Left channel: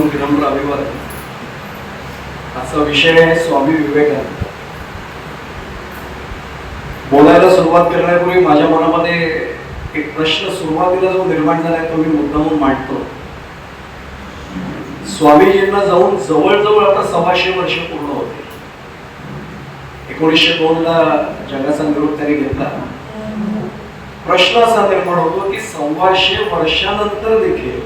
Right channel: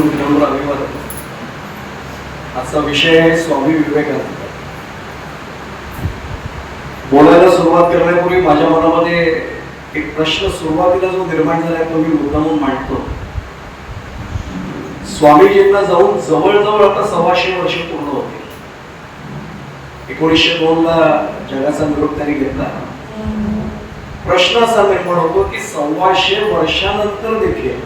करून विनम्र अभिवादन. आजचा विषय आहे स्वामी विवेकानंद. बोलायला सुरुवात करण्यापूर्वी माझ्या मनामध्ये एक प्रश्न सुरुवातीला जो निर्माण झालाय तो मी मुद्दामून मांडतो. स्वामीजींना जाऊन जवळजवळ आता 125 वर्ष पूर्ण होते. 1902 ला जगाचा निरोप त्यांनी घेतला. प्रश्न असा निर्माण होतो की 125 वर्षानंतर देखील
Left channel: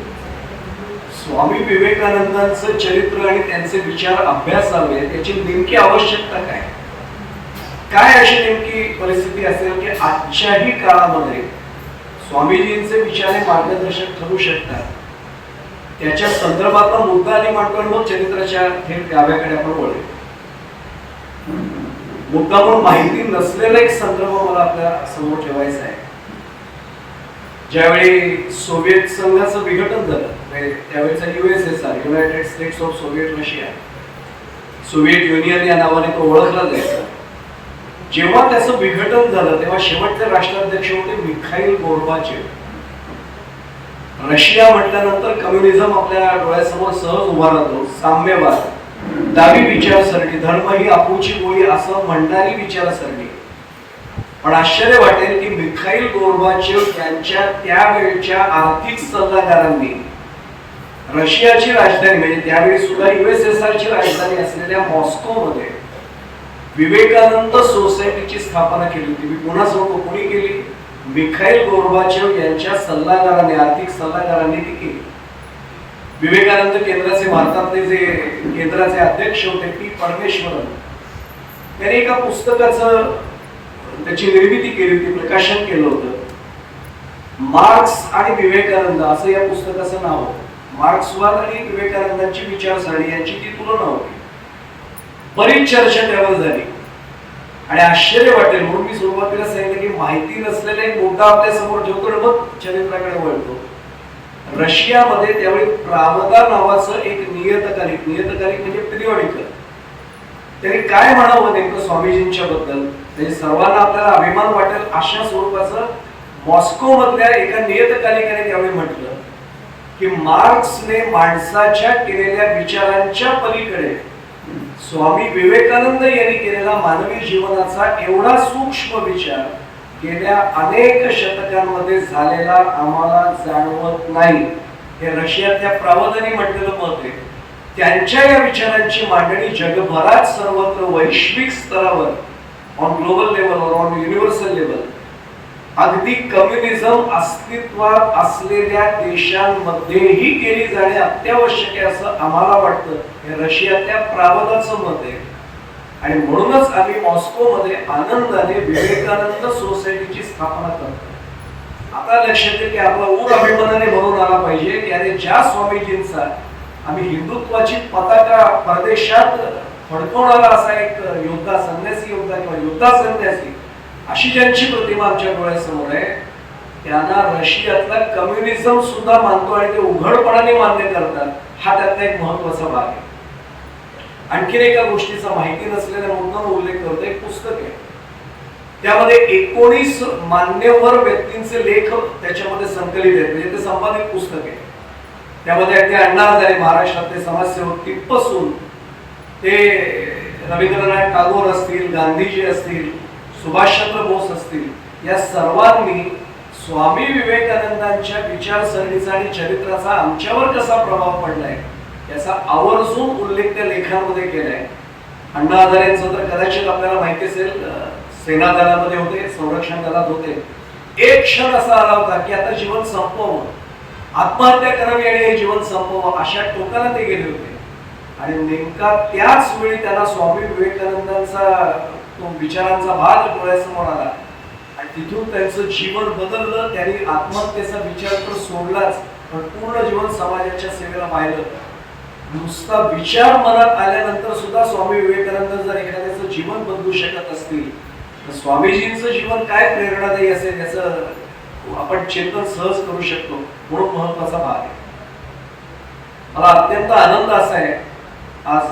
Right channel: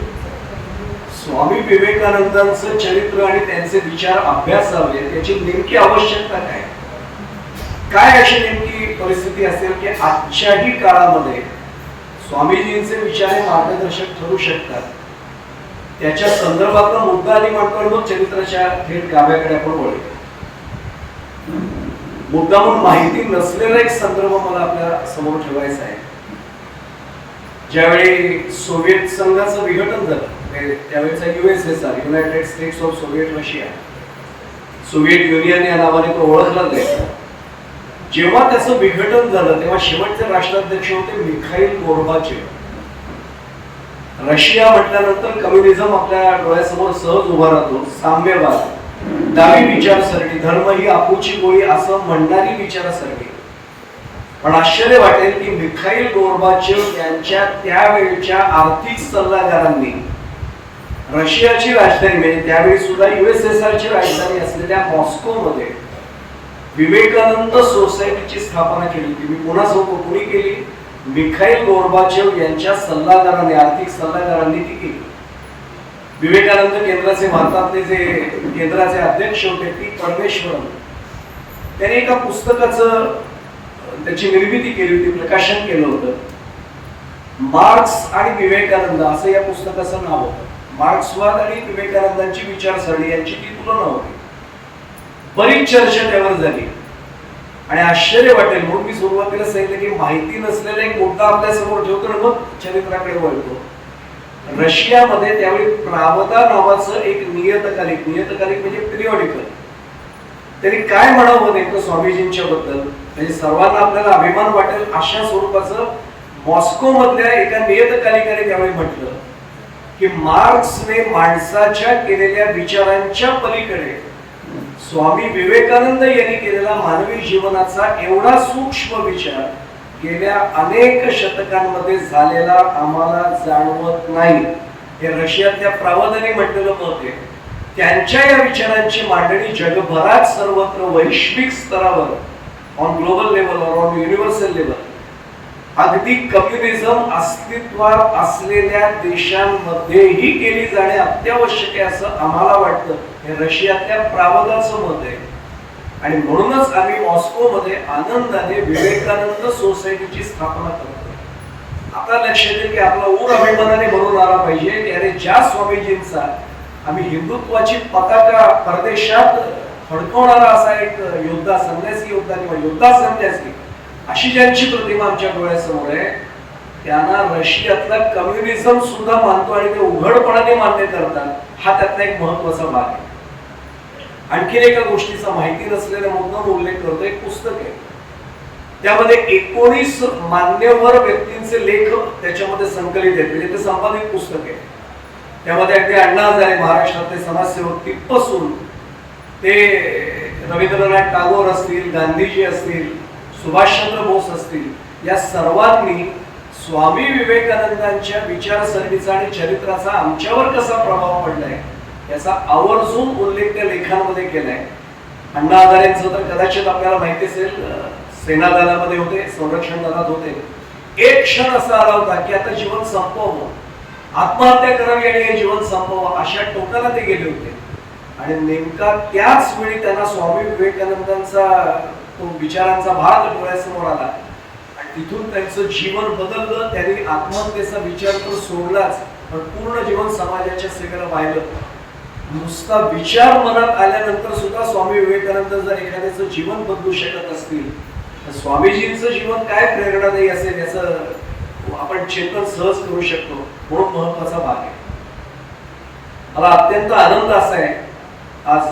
स्वामी विवेकानंदांचं चरित्र आणि त्यांचे विचार अभ्यासावे याची नेमकी आवश्यकता काय? काय अशी नेमकी परिस्थिती असेल की आजच्याही काळामध्ये स्वामीजींचे विचार हे मार्गदर्शक ठरू शकतात? त्याच्या संदर्भातला मुद्दा आधी मांडतो आणि मग चरित्राच्या थेट गाभ्याकडे आपण वळू. मुद्दा म्हणून माहिती नसलेला एक संदर्भ मला आपल्या समोर ठेवायचा आहे. ज्यावेळी सोव्हिएत संघाचं विघटन झालं, त्यावेळेचा USSR, United states of Soviet Russia, Soviet union या नावाने तो ओळखला जायचा. जेव्हा त्याचं विघटन झालं तेव्हा शेवटचे राष्ट्राध्यक्ष होते मिखाईल गोर्बाचेव. रशिया म्हटल्यानंतर कम्युनिझम आपल्या डोळ्यासमोर सहज उभा राहतो. साम्यवाद, डावी विचारसरणी, धर्म ही आपुची गोळी असं म्हणणारी विचारसरणी. पण आश्चर्य वाटेल की मिखाईल गोर्बाचेव यांच्या त्यावेळच्या आर्थिक सल्लागारांनी रशियाची राजधानी म्हणजे त्यावेळी सुद्धा USSR ची राजधानी असलेल्या मॉस्कोमध्ये विवेकानंद सोसायटीची स्थापना केली होती. मी पुन्हा सांगतो, कोणी केली? मिखाईल गोर्बाचेव यांच्या सल्लागारांनी, आर्थिक सल्लागारांनी ती केली. विवेकानंद केंद्राचे भारतातले जे केंद्राचे अध्यक्ष होते टी परमेश्वरन, त्यांनी एका पुस्तकाचं त्याची निर्मिती केली होती, प्रकाशन केलं होतं. मार्क्स आणि विवेकानंद असं या पुस्तकाचं नाव होतं. मार्क्सवाद आणि विवेकानंदांची विचारसरणी यांची ती तुलना होती. बरीच चर्चा त्यावर झाली आणि आश्चर्य वाटेल म्हणून मी सुरुवातीला सांगितलं की माहिती नसलेला एक मुद्दा आपल्या समोर ठेवतो आणि मग चरित्राकडे वळतो. रशियामध्ये त्यावेळी प्रावदा नावाचं एक नियतकालिक म्हणजे पिरियॉडिकल, त्यांनी काय म्हणावं नेमकं स्वामीजींच्या बद्दल म्हणजे सर्वांना आपल्याला अभिमान वाटेल अशा स्वरूपाचं मॉस्को मधल्या एका नियतकालिकाने त्यावेळी म्हटलं की मार्क्सने माणसाच्या केलेल्या विचारांच्या पलीकडे स्वामी विवेकानंद यांनी केलेला मानवी जीवनाचा एवढा सूक्ष्म विचार गेल्या अनेक शतकांमध्ये झालेला आम्हाला जाणवत नाही. हे रशियातल्या प्रावदाने म्हटलेलं मत आहे. त्यांच्या या विचारांची मांडणी जगभरात सर्वत्र वैश्विक स्तरावर, ऑन ग्लोबल लेवल और ऑन युनिव्हर्सल लेवल, अगदी कम्युनिझम अस्तित्वात असलेल्या देशांमध्येही केली जाणे अत्यावश्यक आहे असं आम्हाला वाटतं. हे रशियातल्या प्रावदाचं मत आहे आणि म्हणूनच आम्ही मॉस्कोमध्ये आनंदाने विवेकानंद सोसायटीची स्थापना करतो. आता लक्षात येईल की आपला ऊर अभिमानाने भरून आला पाहिजे की अरे ज्या स्वामीजींचा आम्ही हिंदुत्वाची पताका परदेशात फडकवणारा असा एक योद्धा, संन्यासी योद्धा किंवा योद्धा संन्यासी अशी ज्यांची प्रतिमा आमच्या डोळ्यासमोर आहे, त्यांना रशियातला कम्युनिझम सुद्धा मानतो आणि ते उघडपणाने मान्य करतात. हा त्यातला एक महत्वाचा भाग आहे. आणखीन एका गोष्टीचा माहिती नसलेल्या मुद्दाम उल्लेख करतो. एक पुस्तक आहे, त्यामध्ये 19 मान्यवर व्यक्तींचे लेख त्याच्यामध्ये संकलित आहेत. म्हणजे ते संपादित पुस्तक आहे. त्यामध्ये अगदी अण्णा हजारे, महाराष्ट्रातले समाजसेवक तिथपासून ते रवींद्रनाथ टागोर असतील, गांधीजी असतील, सुभाषचंद्र बोस असतील, या सर्वांनी स्वामी विवेकानंदांच्या विचारसरणीचा आणि चरित्राचा आमच्यावर कसा प्रभाव पडलाय याचा आवर्जून उल्लेख त्या लेखांमध्ये केलाय. अण्णा हजारेंचं तर कदाचित आपल्याला माहिती असेल, सेना दलामध्ये होते, संरक्षण दलात होते. एक क्षण असा आला होता की आता जीवन संपवावं, आत्महत्या करावी आणि हे जीवन संपवावं अशा टोकाला ते गेले होते. आणि नेमका त्याच वेळी त्यांना स्वामी विवेकानंदांचा तो विचारांचा भाग डोळ्यासमोर आला आणि तिथून त्यांचं जीवन बदललं. त्यांनी आत्महत्येचा विचार तर सोडलाच, पण पूर्ण जीवन समाजाच्या सेवेला वाहिलं. नुसता विचार मनात आल्यानंतर सुद्धा स्वामी विवेकानंद जर एखाद्याचं जीवन बदलू शकत असतील तर स्वामीजींचं जीवन काय प्रेरणादायी असेल याचं आपण चिंतन सहज करू शकतो. म्हणून महत्वाचा भाग आहे. मला अत्यंत आनंद असा आहे, आज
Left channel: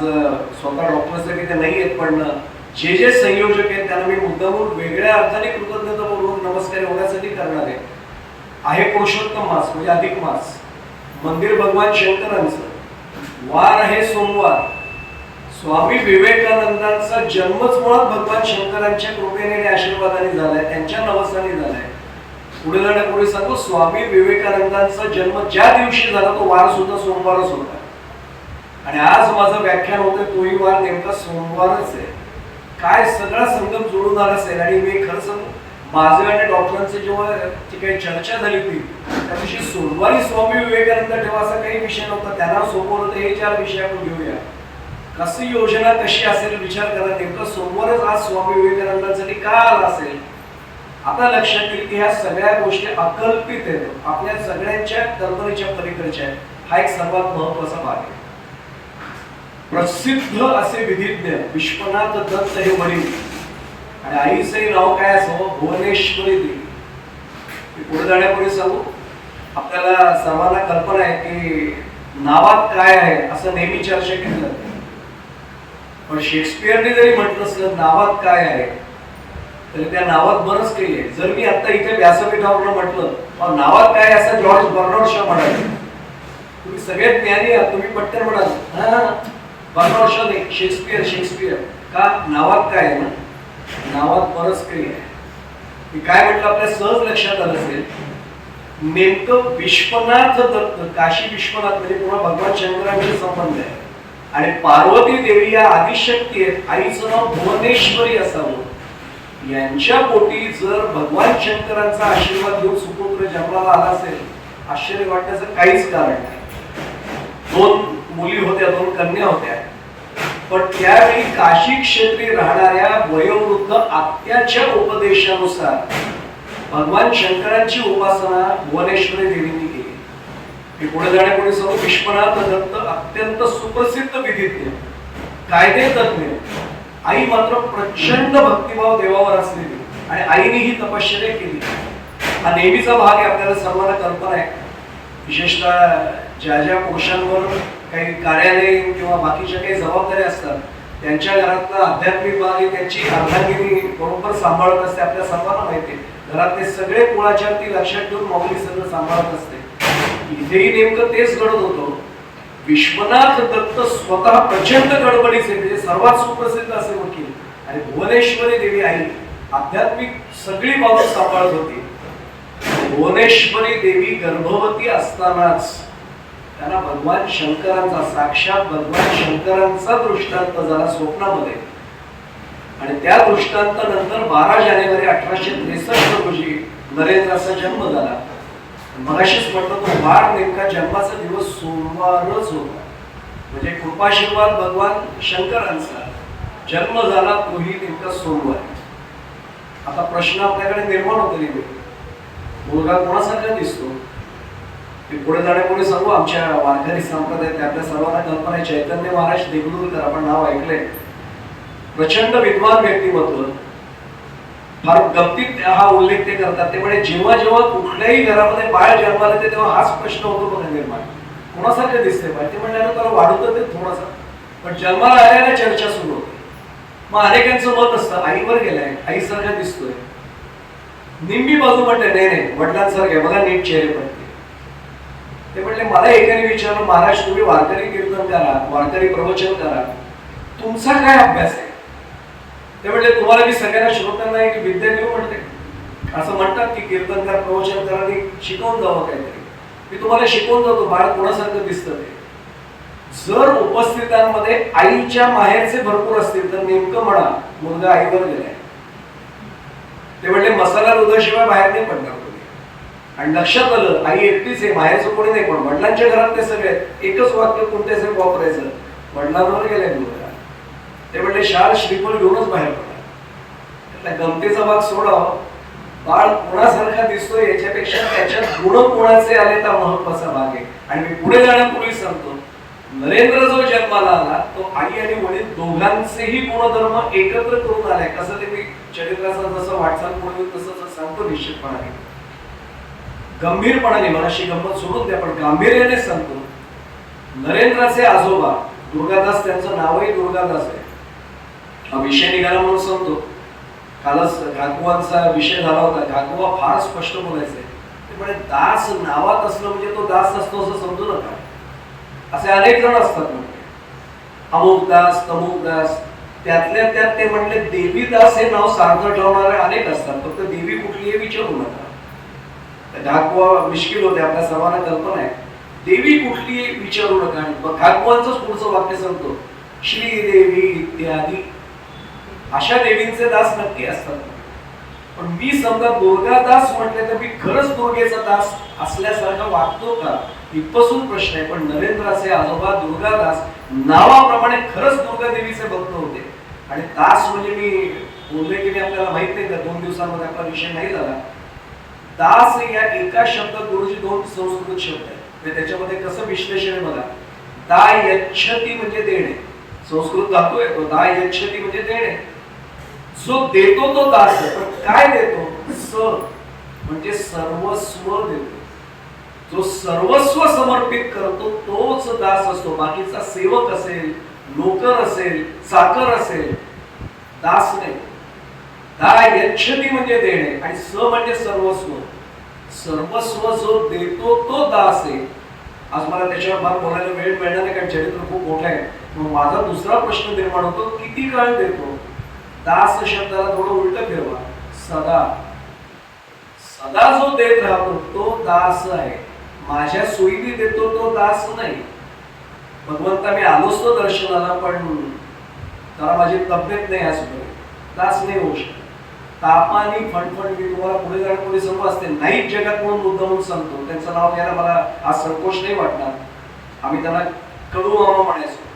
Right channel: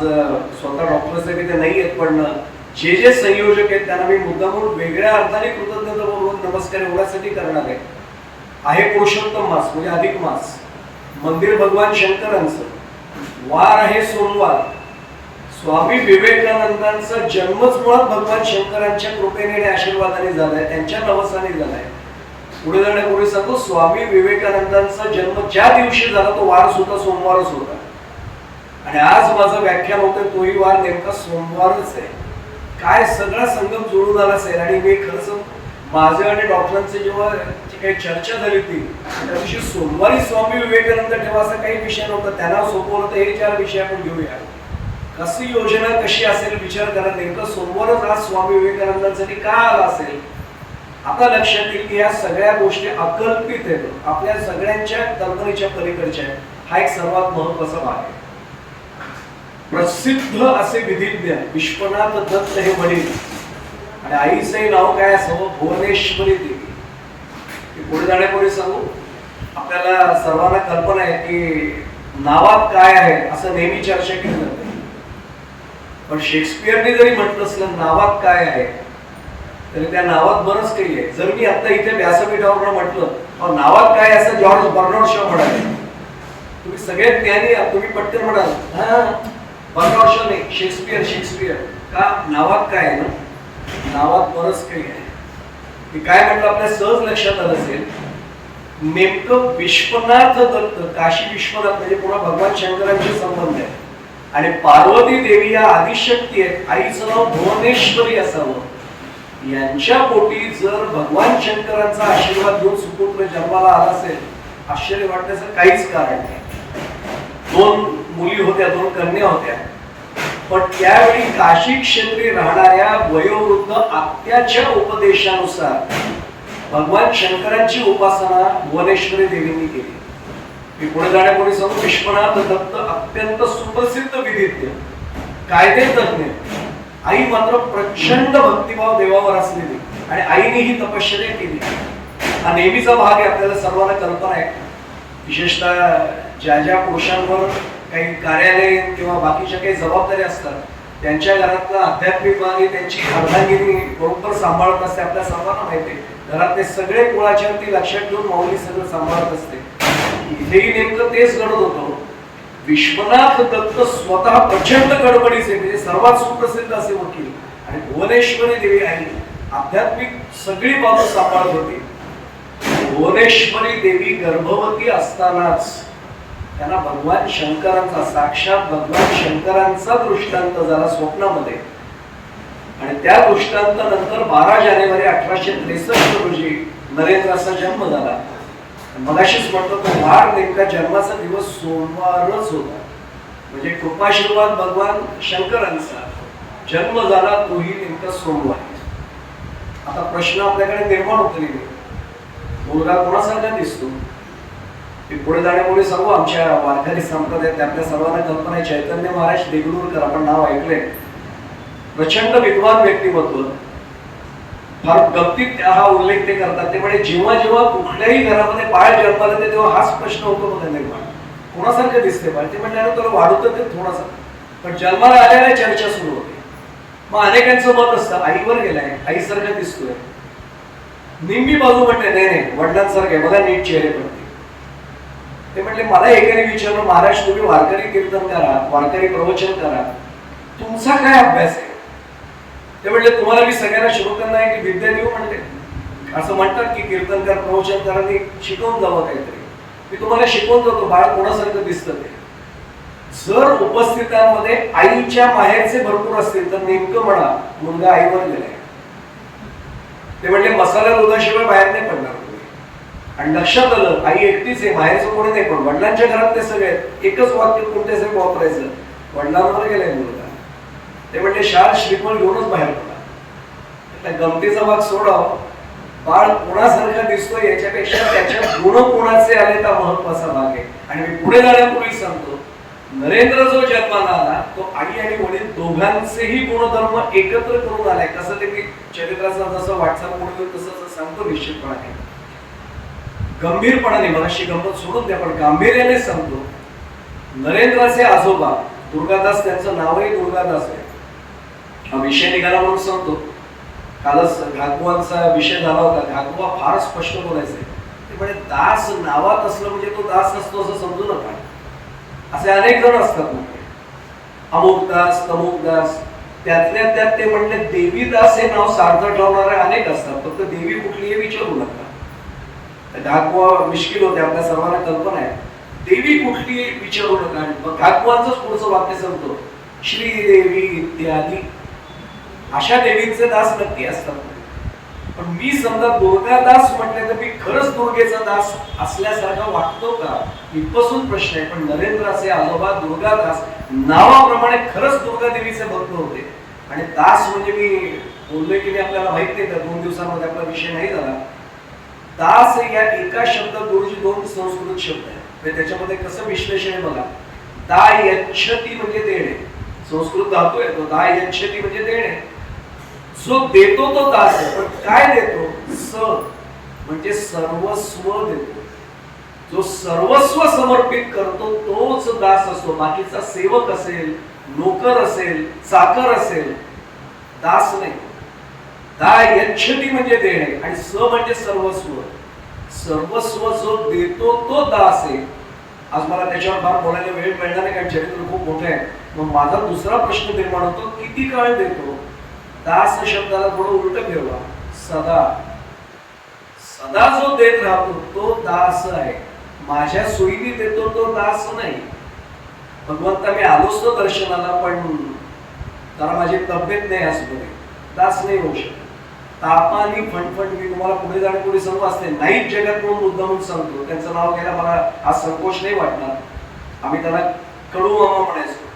स्वतः डॉक्टरचे ते नाही आहेत, पण जे संयोजक आहेत त्यांना मी मुद्दामून वेगळ्या अर्थाने कृतज्ञता बोलून नमस्कार एवढ्यासाठी करणार आहे. पुरुषोत्तम मास म्हणजे अधिक मास, मंदिर भगवान शंकरांचं वार आहे सोमवार. स्वामी विवेकानंदांचा जन्मच मुळात भगवान शंकरांच्या कृपेने आणि आशीर्वादाने झालाय, त्यांच्या नवसाने झालाय. पुढे जाण्यापूर्वी सांगतो, स्वामी विवेकानंदांचा जन्म ज्या दिवशी झाला तो वार सुद्धा सोमवारच होता. आणि आज माझं व्याख्यान होतंय तोही वार नेमका सोमवारच आहे. काय सगळा संगम जोडून आला असेल. आणि मी खरं सांगू, माझं आणि डॉक्टरांचे जेव्हा काही चर्चा झाली होती त्या दिवशी सोमवारी स्वामी विवेकानंद ठेवा असा काही विषय नव्हता. त्यांना सोपवलं तर हे 4 विषय आपण घेऊया. कशी योजना कशी असेल विचार करा. नेमकं सोमवारच आज स्वामी विवेकानंदांसाठी का आला असेल. आता लक्षात येईल की ह्या सगळ्या गोष्टी अकल्पित आहेत, आपल्या सगळ्यांच्या कल्पनेच्या पलीकडच्या आहेत. हा एक सर्वात महत्वाचा भाग आहे. प्रसिद्ध असे विधिज्ञ विश्वनाथ दत्त हे वडील आणि आईचे नाव काय असावं, भुवनेश्वरी देवी. पुढे जाण्यापूर्वी सांगू, आपल्याला सर्वांना कल्पना आहे की नावात काय आहे असं नेहमी चर्चा केली जाते. पण शेक्सपियरने जरी म्हटलं असलं नावात काय आहे तरी त्या नावात बरंच काही आहे. जर मी आता इथे व्यासपीठावरनं म्हटलं नावात काय असं जॉर्ज बर्नार्ड शॉ म्हणाले, तुम्ही सगळे ज्ञानी आहात, तुम्ही पटकन म्हणाल बर्नार्ड शॉ नाही, शेक्सपियर. शेक्सपियर का, नावात काय आहे ना, नावात बरंच काही आहे. मी काय म्हटलं आपल्या सहज लक्षात आलं असेल. नेमकं विश्वनाथ दत्त, काशी विश्वनाथ म्हणजे पुन्हा भगवान शंकरांशी संबंध आहे. आणि पार्वती देवी या आदिशक्ती आहेत, आईचं नाव भुवनेश्वरी असावं. यांच्या पोटी जर भगवान शंकरांचा आशीर्वाद घेऊन सुपुत्र जन्माला आला असेल, आश्चर्य वाटण्याचं काहीच कारण नाही. 2 मुली होत्या, 2 कन्या होत्या. पण त्यावेळी काशी क्षेत्री राहणाऱ्या वयोवृद्ध आत्याच्या उपदेशानुसार भगवान शंकरांची उपासना भुवनेश्वरी देवींनी केली. मी पुढे जाण्यापूर्वी सांगू, विश्वनाथ दत्त अत्यंत सुप्रसिद्ध विधिज्ञ, कायदे तज्ञ. आई मात्र प्रचंड भक्तिभाव देवावर असलेली आणि आईने ही तपश्चर्या केली. हा नेहमीचा भाग आहे, आपल्याला सर्वांना कल्पना आहे. विशेषतः ज्या ज्या पुरुषांवर काही कार्यालय किंवा बाकीच्या काही जबाबदारी असतात त्यांच्या घरातला आध्यात्मिक भाग ही त्यांची अर्धांगिनी बरोबर सांभाळत असते. आपल्या सर्वांना माहिती आहे, घरातले सगळे कुळाचार ती लक्षात ठेवून माऊली सगळं सांभाळत असते. इथेही नेमकं तेच घडत होतं. विश्वनाथ दत्त स्वतः प्रचंड गडबडीचे म्हणजे सर्वात सुप्रसिद्ध असे वकील आणि भुवनेश्वरी देवी आई आध्यात्मिक सगळी बाजू सांभाळत होती. भुवनेश्वरी देवी गर्भवती असतानाच त्यांना भगवान शंकरांचा, साक्षात भगवान शंकरांचा दृष्टांत झाला स्वप्नामध्ये. आणि त्या दृष्टांतानंतर 12 जानेवारी 1863 रोजी नरेंद्राचा जन्म झाला. मगाशीच म्हटलं तो वार नेमका जन्माचा दिवस सोमवारच होता. म्हणजे कृपाशीर्वाद भगवान शंकरांचा जन्म झाला तोही नेमका सोमवारी. आता प्रश्न आपल्याकडे निर्माण होतो नेहमी, मुलगा कोणासारखा दिसतो. ते पुढे जाण्यापूर्वी सांगू, आमच्या वारकरी संप्रदायात आपल्या सर्वांना कल्पना आहे, चैतन्य महाराज देगलूरकर आपण नाव ऐकलंय. प्रचंड विद्वान व्यक्तिमत्व. फार गमतीत हा उल्लेख ते करतात. ते म्हणजे जेव्हा जेव्हा कुठल्याही घरामध्ये बाळ जन्माला येते तेव्हा हाच प्रश्न होतो बघा निर्माण, कोणासारखं दिसते बाळ. ते म्हणजे त्याला वाढवतं ते थोडासा, पण जन्माला आल्याने चर्चा सुरू होते. मग अनेकांचं मत असतं आईवर गेलाय, आईसारखं दिसतोय. निम्मी बाजू म्हणते नाही नाही वडिलांसारखं बघा नीट चेहरे पडते. ते म्हटले मला एकाने विचारलं, महाराज तुम्ही वारकरी कीर्तन करा, वारकरी प्रवचन करा, तुमचा काय अभ्यास आहे. ते म्हटले तुम्हाला मी सगळ्यांना श्रोत्यांना एक विद्या देऊ म्हटले. असं म्हणतात की कीर्तनकार प्रवचनकारांनी शिकवून जावं काहीतरी. मी तुम्हाला शिकवून जातो बाळ कोणासारखं दिसतं ते. जर उपस्थितांमध्ये आईच्या माहेरचे भरपूर असतील तर नेमकं म्हणा मुलगा आईवर गेलाय. ते म्हटले मसाला दुधाशिवाय बाहेर नाही पडणार तुम्ही. आणि लक्षात आलं आई एकटीच आहे, माहेरचं कोणी नाही. पण वडिलांच्या घरात ते सगळे एकच वाक्य कोणत्याच वापरायचं, वडिलांवर गेलाय मुलगा. ते म्हणले शाळ श्रीफळ घेऊनच बाहेर पडा. गमतीचा भाग सोडाव, बाळ कोणासारखा दिसतो याच्यापेक्षा त्याच्यात गुण कोणाचे आले हा महत्वाचा भाग आहे. आणि मी पुढे जाण्यापूर्वी सांगतो, नरेंद्र जो जन्माला आला तो आई आणि वडील दोघांचेही गुणधर्म एकत्र करून आलाय. कसं ते मी चरित्राचा जसं वाटचाल पुढे तसं सांगतो निश्चितपणाने, गंभीरपणाने. मला अशी गंमत सोडून द्या पण गांभीर्याने सांगतो. नरेंद्राचे आजोबा दुर्गादास, त्यांचं नावही दुर्गादास आहे. हा विषय निघाला म्हणून सांगतो. कालच घागोबांचा विषय झाला होता. घागोबा फार स्पष्ट बोलायचे. ते म्हणे दास नावात असलं म्हणजे तो दास असतो असं समजू नका. असे अनेक जण असतात ना, अमुक दास तमुक दास, त्यातल्या त्यात ते म्हणले देवीदास हे नाव सार्थ ठेवणारे अनेक असतात, फक्त देवी कुठली हे विचारू नका. घागवा मिश्किल होते, आपल्या सर्वांना कल्पना आहे. देवी कुठली विचारू नका. आणि घागवांचंच पुढचं वाक्य सांगतो, श्रीदेवी इत्यादी. अशा देवींचे दास नक्की असतात. पण मी समजा दुर्गादास म्हटले तर मी खरंच दुर्गेचा दास असल्यासारखा वागतो का, इथपासून प्रश्न आहे. पण नरेंद्राचे आजोबा दुर्गादास नावाप्रमाणे खरंच दुर्गा देवीचे भक्त होते. आणि दास म्हणजे मी बोलले की आपल्याला माहित नाही, तर 2 दिवसांमध्ये आपला विषय नाही झाला. दास या एका शब्दात गुरुजी 2 संस्कृत शब्द आहेत. त्याच्यामध्ये कसं विश्लेषण आहे बघा. दा यच्छती म्हणजे देणे, संस्कृत धातू आहे तो. दा यच्छती म्हणजे देणे. जो देतो तो दास आहे. पण काय देतो? स म्हणजे सर्वस्व देतो. जो सर्वस्व समर्पित करतो तोच दास असतो. बाकीचा सेवक असेल, नोकर असेल, चाकर असेल, दास नाही. दा यच्छती म्हणजे देणे आणि स म्हणजे सर्वस्व. सर्वस्व जो देतो तो दास आहे. आज मला त्याच्यावर फार बोलायला वेळ मिळणार नाही, कारण चरित्र खूप मोठं आहे. मग माझा दुसरा प्रश्न निर्माण होतो, किती काळ देतो? दास शब्दाला थोडं उलट फिरवा. सदा. सदा जो देत राहतो तो दास आहे. माझ्या सोयीने देतो तो दास नाही. भगवंता मी आलोच तो दर्शनाला, पण जरा माझी तब्येत नाही आजपर्यंत, दास नाही होऊ शकत. तापानी फणफण मी तुम्हाला पुढे जाण्यापूर्वी सांगू असते नाही जगात म्हणून मुद्दा म्हणून सांगतो. त्यांचं नाव घ्यायला मला आज संकोच नाही वाटणार. आम्ही त्यांना कडू मामा म्हणायचो.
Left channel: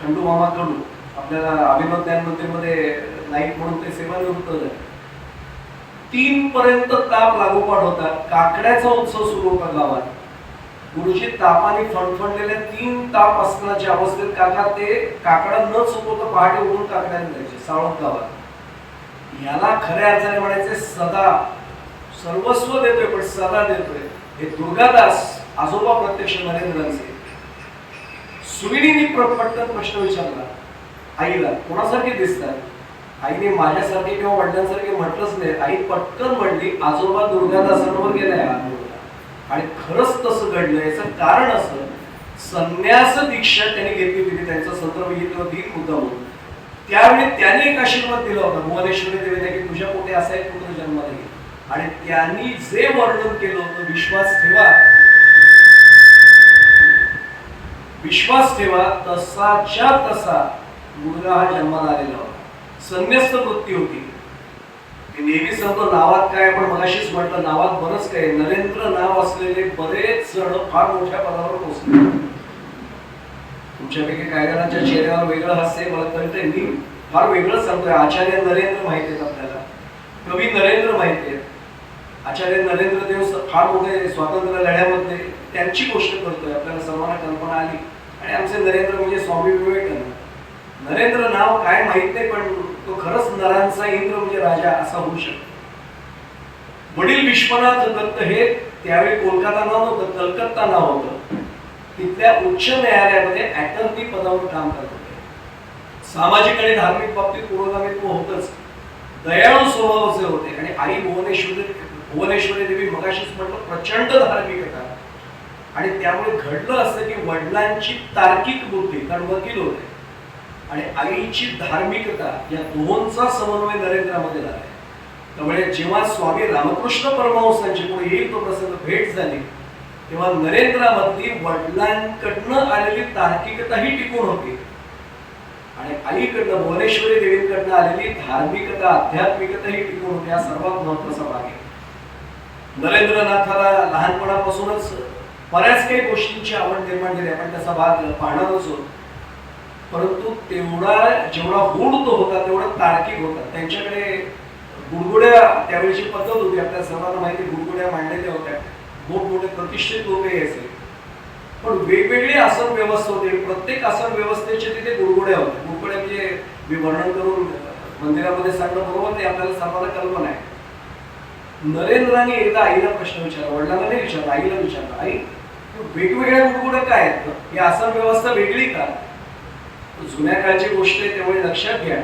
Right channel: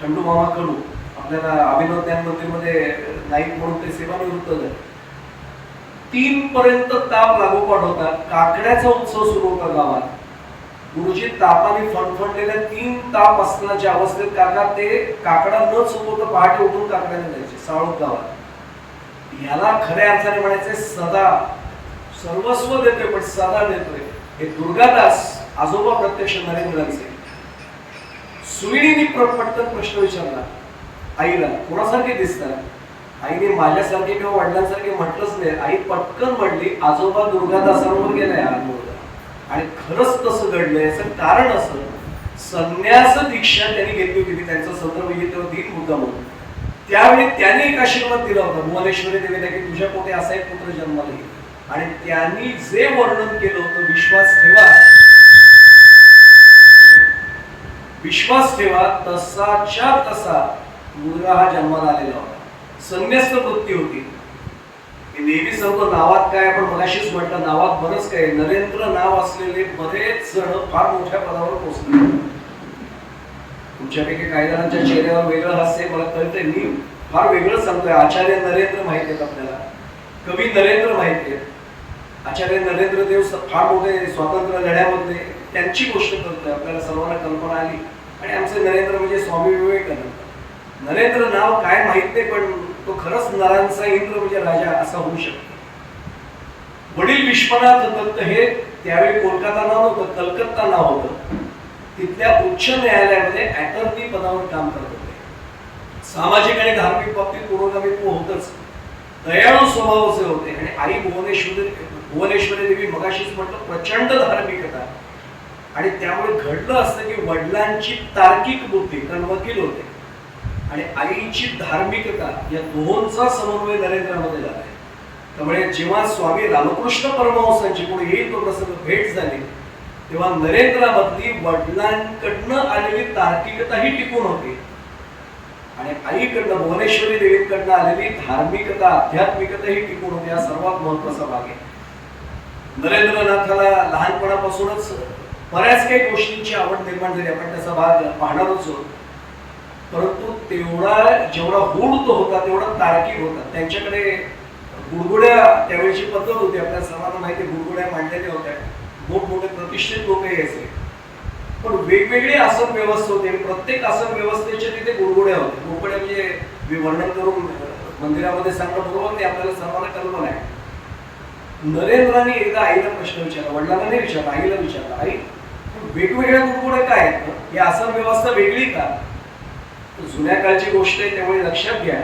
खंडू मामा कडू. आपल्याला अभिनव ज्ञान मंदिरमध्ये नाईक म्हणून ते सेवानिवृत्त झाले. 3 पर्यंत ताप लागोपाठ होता. काकड्याचा उत्सव सुरू होता गावात. गुरुजी तापाने फणफणलेल्या 3 ताप असतानाच्या अवस्थेत काका ते काकडा न चुकवता पहाटे उठून काकड्याला जायचे साळूक गावात. याला खऱ्या अर्थाने म्हणायचंय सदा. सर्वस्व देतोय पण सदा देतोय. हे दुर्गादास आजोबा प्रत्यक्ष नरेंद्रांचे. सुनिधींनी पटकन प्रश्न विचारला आईला, कोणासारखे दिसतात? आईने माझ्यासारखे किंवा वडिलांसारखे म्हटलंच नाही. आई पटकन म्हणली, आजोबा दुर्गादासांवर गेलाय हा मुलगा. आणि खरंच तसं घडलं. याचं कारण असं, संन्यास दीक्षा त्यांनी घेतली होती. त्यांचा संदर्भ घेतला दिन मुद्दा म्हणून. त्यावेळी त्याने एक आशीर्वाद दिला होता भुवनेश्वरी देवीने, की तुझ्या पोटी असा एक पुत्र जन्माला येईल. आणि त्यांनी जे वर्णन केलं होतं, विश्वास ठेवा, विश्वास ठेवा, तसाच्या तसा मुलगा हा जन्माला आलेला होता. संन्यस्त वृत्ती होती. मी नेहमी सांगतो नावात काय, आपण मगाशीच म्हटलं नावात बरंच काय. नरेंद्र नाव असलेले बरेच जण फार मोठ्या पदावर पोहोचले. तुमच्यापैकी काही जणांच्या चेहऱ्यावर वेगळं हास्य मला कळतंय. मी फार वेगळं सांगतोय. आचार्य नरेंद्र माहिती आहेत आपल्याला, कवी नरेंद्र माहिती आहेत. आचार्य नरेंद्र देव फार मोठे स्वातंत्र्य लढ्यामध्ये त्यांची गोष्ट करतोय. आपल्याला सर्वांना कल्पना आली. आणि आमचे नरेंद्र म्हणजे स्वामी विवेकानंद. नरेंद्र नाव काय माहित नाही, पण तो खरंच नरांचा इंद्र म्हणजे राजा असा होऊ शकतो. वडील विश्वनाथ दत्त हे त्यावेळी कोलकाता नाव नव्हतं, कलकत्ता नाव होतं. तिथल्या उच्च न्यायालयामध्ये अटर्नी पदावर काम करत होते. सामाजिक आणि धार्मिक बाबतीत पुरोगामित्व होतच. दयाळू स्वभावाचे होते. आणि आई भुवनेश्वरी देवी मगाशीच म्हटलं प्रचंड धार्मिकता. आणि त्यामुळे घडलं असतं की वडिलांची तार्किक बुद्धी, कारण वकील होते, आणि आईची धार्मिकता या दोहोंचा समन्वय नरेंद्रामध्ये झाला. त्यामुळे जेव्हा स्वामी रामकृष्ण परमहंसांची पुढे येईल तो प्रसंग भेट झाली, तेव्हा नरेंद्रामधली वडिलांकडनं आलेली तार्किकता ही टिकून होती. आणि आईकडनं भुवनेश्वरी देवींकडनं आलेली धार्मिकता, आध्यात्मिकता ही टिकून होती. हा सर्वात महत्वाचा भाग आहे. नरेंद्रनाथाला लहानपणापासूनच बऱ्याच काही गोष्टींची आवड निर्माण झाली. आपण त्याचा भाग पाहणारच होतो. परंतु जेवढा गूढ तो होता तेवढा तार्किक होता. त्यांच्याकडे गुडगुड्या त्यावेळीची पद्धत होती. आपल्या सर्वांना माहिती, गुडगुड्या मांडलेल्या होत्या. मोठमोठे प्रतिष्ठित लोक यायचे. पण वेगवेगळी आसन व्यवस्था होती. प्रत्येक आसन व्यवस्थेच्या तिथे गुडगुड्या होत्या. गुडगुड्या म्हणजे मी वर्णन करून मंदिरामध्ये सांगणं बरोबर नाही, आपल्याला सर्वांना कल्पना आहे. नरेंद्रांनी एकदा आईला प्रश्न विचारला, वडिलांना नाही विचारला, आईला विचारला, आई वेगवेगळ्या गुडगुड्या काय आहेत? ही आसन व्यवस्था वेगळी का? जुन्या काळची गोष्ट आहे, त्यामुळे लक्षात घ्या.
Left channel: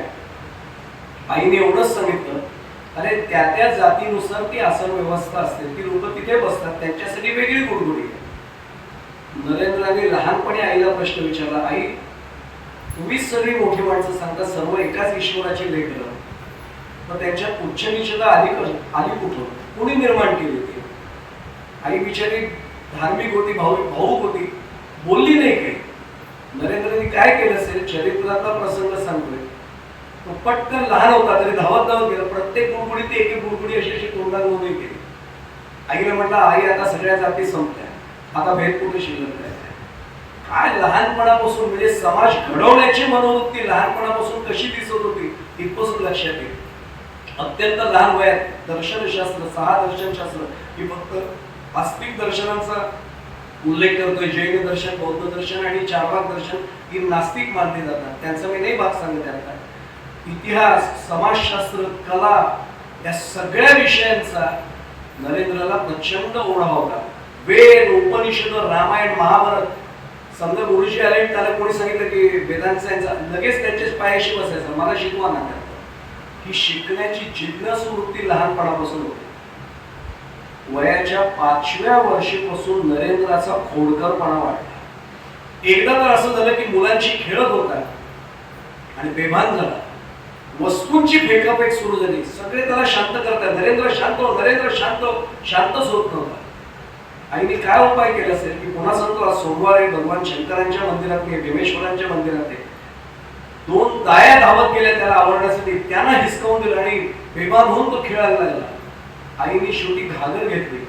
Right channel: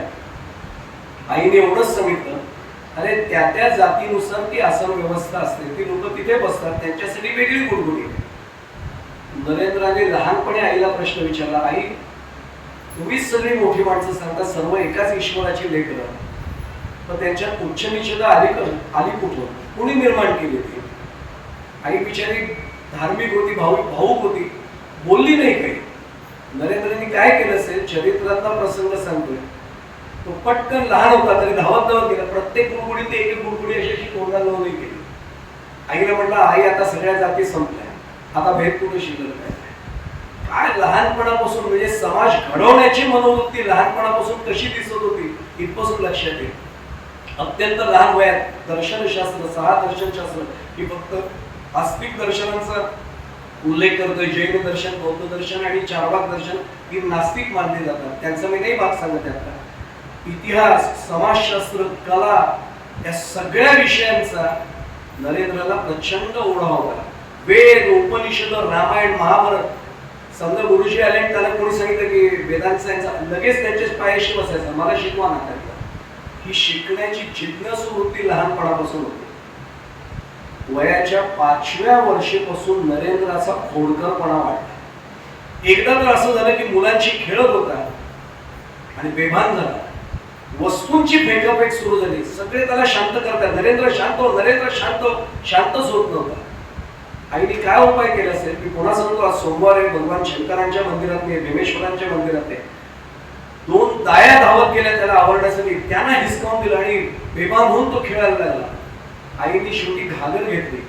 आईने एवढंच सांगितलं, अरे त्या त्या जातीनुसार ती आसन व्यवस्था असते. ती लोक तिथे बसतात, त्यांच्यासाठी वेगळी गुडगुडी. नरेंद्राने लहानपणी आईला प्रश्न विचारला, आई तुम्हीच सगळी मोठी माणसं सांगता सर्व एकाच ईश्वराची लेकरं, पण त्यांच्यात उच्च निश्चिता आली कुठून, कुणी निर्माण केली होती? आई बिचारी धार्मिक होती, भाऊक होती, बोलली नाही काही. नरेंद्रने काय केलं असेल, चरित्रातला प्रसंग सांगतोय, तो पटकन लहान होता तरी धावत गेला, प्रत्येक गुडगुडी ते एक गुडगुडी अशी तोंडाला नोंदणी केली. आईला म्हटलं, आई आता सगळ्या जाती संपल्या, आता भेद कुठे शिल्लक नाही. काय लहानपणापासून म्हणजे समाज घडवण्याची मनोवृत्ती लहानपणापासून कशी दिसत होती इथपासून लक्षात येईल. अत्यंत लहान वयात दर्शनशास्त्र, 6 दर्शनशास्त्र ही फक्त आस्तिक दर्शनांचा उल्लेख करतोय. जैन दर्शन, बौद्ध दर्शन आणि चारवाक दर्शन ही नास्तिक मानली जातात, त्यांचा मी नाही भाग सांगत. आता इतिहास, समाजशास्त्र, कला या सगळ्या विषयांचा नरेंद्रला प्रचंड ओढा होता. वेद, उपनिषद, रामायण, महाभारत. समजा गुरुजी आले आणि त्याला कोणी सांगितलं की वेदांचा यांचा, लगेच त्यांच्याच पायाशी बसायचा, मला शिकवा ना. ही शिकण्याची जिज्ञास वृत्ती लहानपणापासून होती. वयाच्या 5व्या वर्षीपासून नरेंद्राचा खोडकरपणा वाढला. एकदा तर असं झालं की मुलांची खेळत होता आणि बेभान झाला. वस्तूंची फेकाफेक सुरू झाली. सगळे त्याला शांत करतात, नरेंद्र शांत हो, नरेंद्र शांत हो. शांतच होत नव्हता. आईने काय उपाय केला असेल की पुन्हा सांगतो, आज सोमवार आहे, भगवान शंकरांच्या मंदिरात नाही, भीमेश्वरांच्या मंदिरात आहे. 2 दाया धावत गेल्या त्याला आवरण्यासाठी, त्यांना हिसकावून दिलं आणि बेभान होऊन तो खेळायला लागला. आईने शेवटी घागर घेतली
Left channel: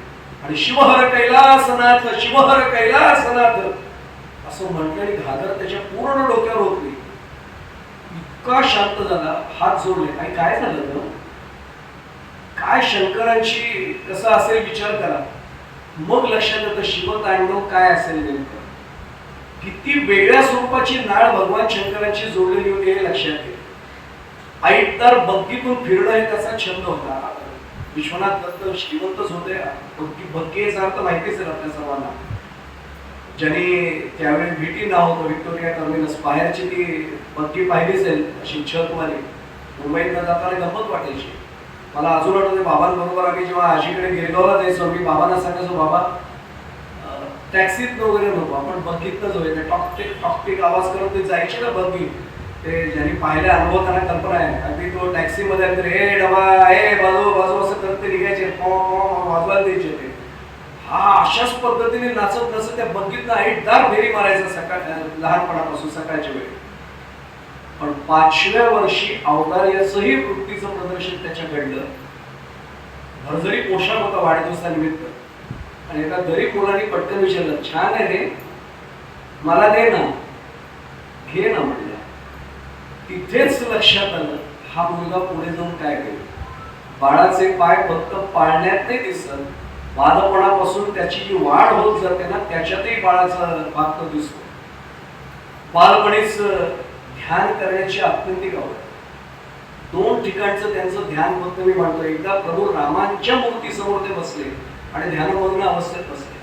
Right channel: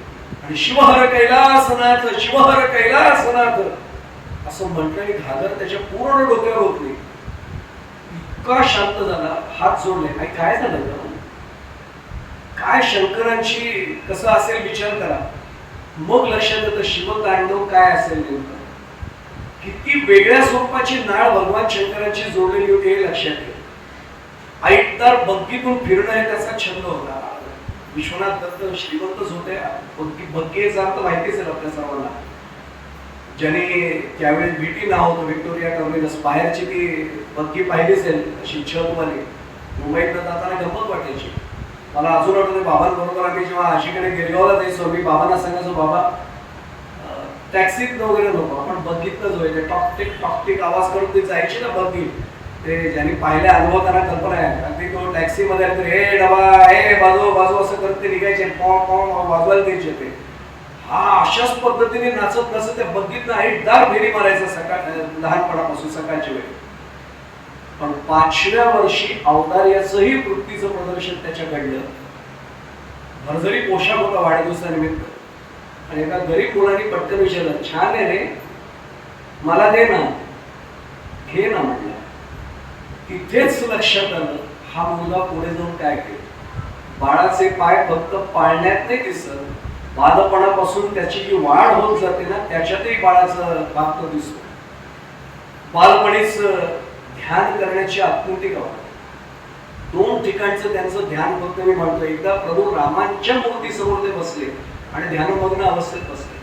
आणि शिवहर कैलासनाथ, शिवहर कैलासनाथ असं म्हटलं आणि घागर त्याच्या पूर्ण डोक्यावर होतली. इतका शांत झाला, हात जोडले. आई काय झालं तर काय, शंकरांची कसं असेल विचार करा. मग लक्षात येतं शिवतांडव काय असेल नेमकं. किती वेगळ्या स्वरूपाची नाळ भगवान शंकरांची जोडलेली होती हे लक्षात येईल. ऐटदार बग्गीतून फिरणं हे त्याचा छंद होता. विश्वनाथ दत्त श्रीमंतच होते. बग्गीचा अर्थ माहितीच आहे आपल्या सर्वांना. ज्यांनी त्यावेळी व्हीटी नाव होतं, व्हिक्टोरिया टर्मिनस, बाहेरची ती बग्गी पाहिली असेल अशी छतवाली, मुंबईतनं जाताना गंमत वाटायची. मला अजून आठवते, बाबांबरोबर आम्ही जेव्हा आजीकडे गिरगावला जायचो, मी बाबांना सांगायचो, बाबा टॅक्सीत वगैरे नको, आपण बग्गीतनं जाऊया. टॉकटिक टॉकटिक आवाज करत ते जायची ना बग्गी. ते ज्यांनी पाहिल्या अनुभव त्यांना कल्पना आहे. अगदी तो टॅक्सीमध्ये आले तर हे डबा, हे बाजू बाजू असं करत ते निघायचे, वाजवायला द्यायचे ते. हा अशाच पद्धतीने नाचत नसत त्या बग्गीतनं ऐटदार फेरी मारायचं लहानपणापासून सकाळच्या वेळी. पण 5व्या वर्षी औदार्याचंही वृत्तीचं प्रदर्शन त्याच्या घडलं. भरजरी पोशाख होता वाढदिवसानिमित्त आणि एका गरीब मुलाने पटकन विचारलं, छान आहे रे, मला दे ना, घे ना म्हणलं. तिथेच लक्षात आलं, हा मुलगा पुढे जाऊन काय केलं. बाळाचे पाय फक्त पाळण्यात नाही दिसत, बालपणापासून त्याची जी वाढ होत जाते ना, त्याच्यातही बाळाचा भाग तो दिसतो. बालपणीच ध्यान करण्याची आत्यंतिक आवड. 2 ठिकाणचं त्यांचं ध्यान फक्त मी म्हणतो. एकदा प्रभू रामांच्या मूर्तीसमोर ते बसले आणि ध्यानमग्न अवस्थेत बसले.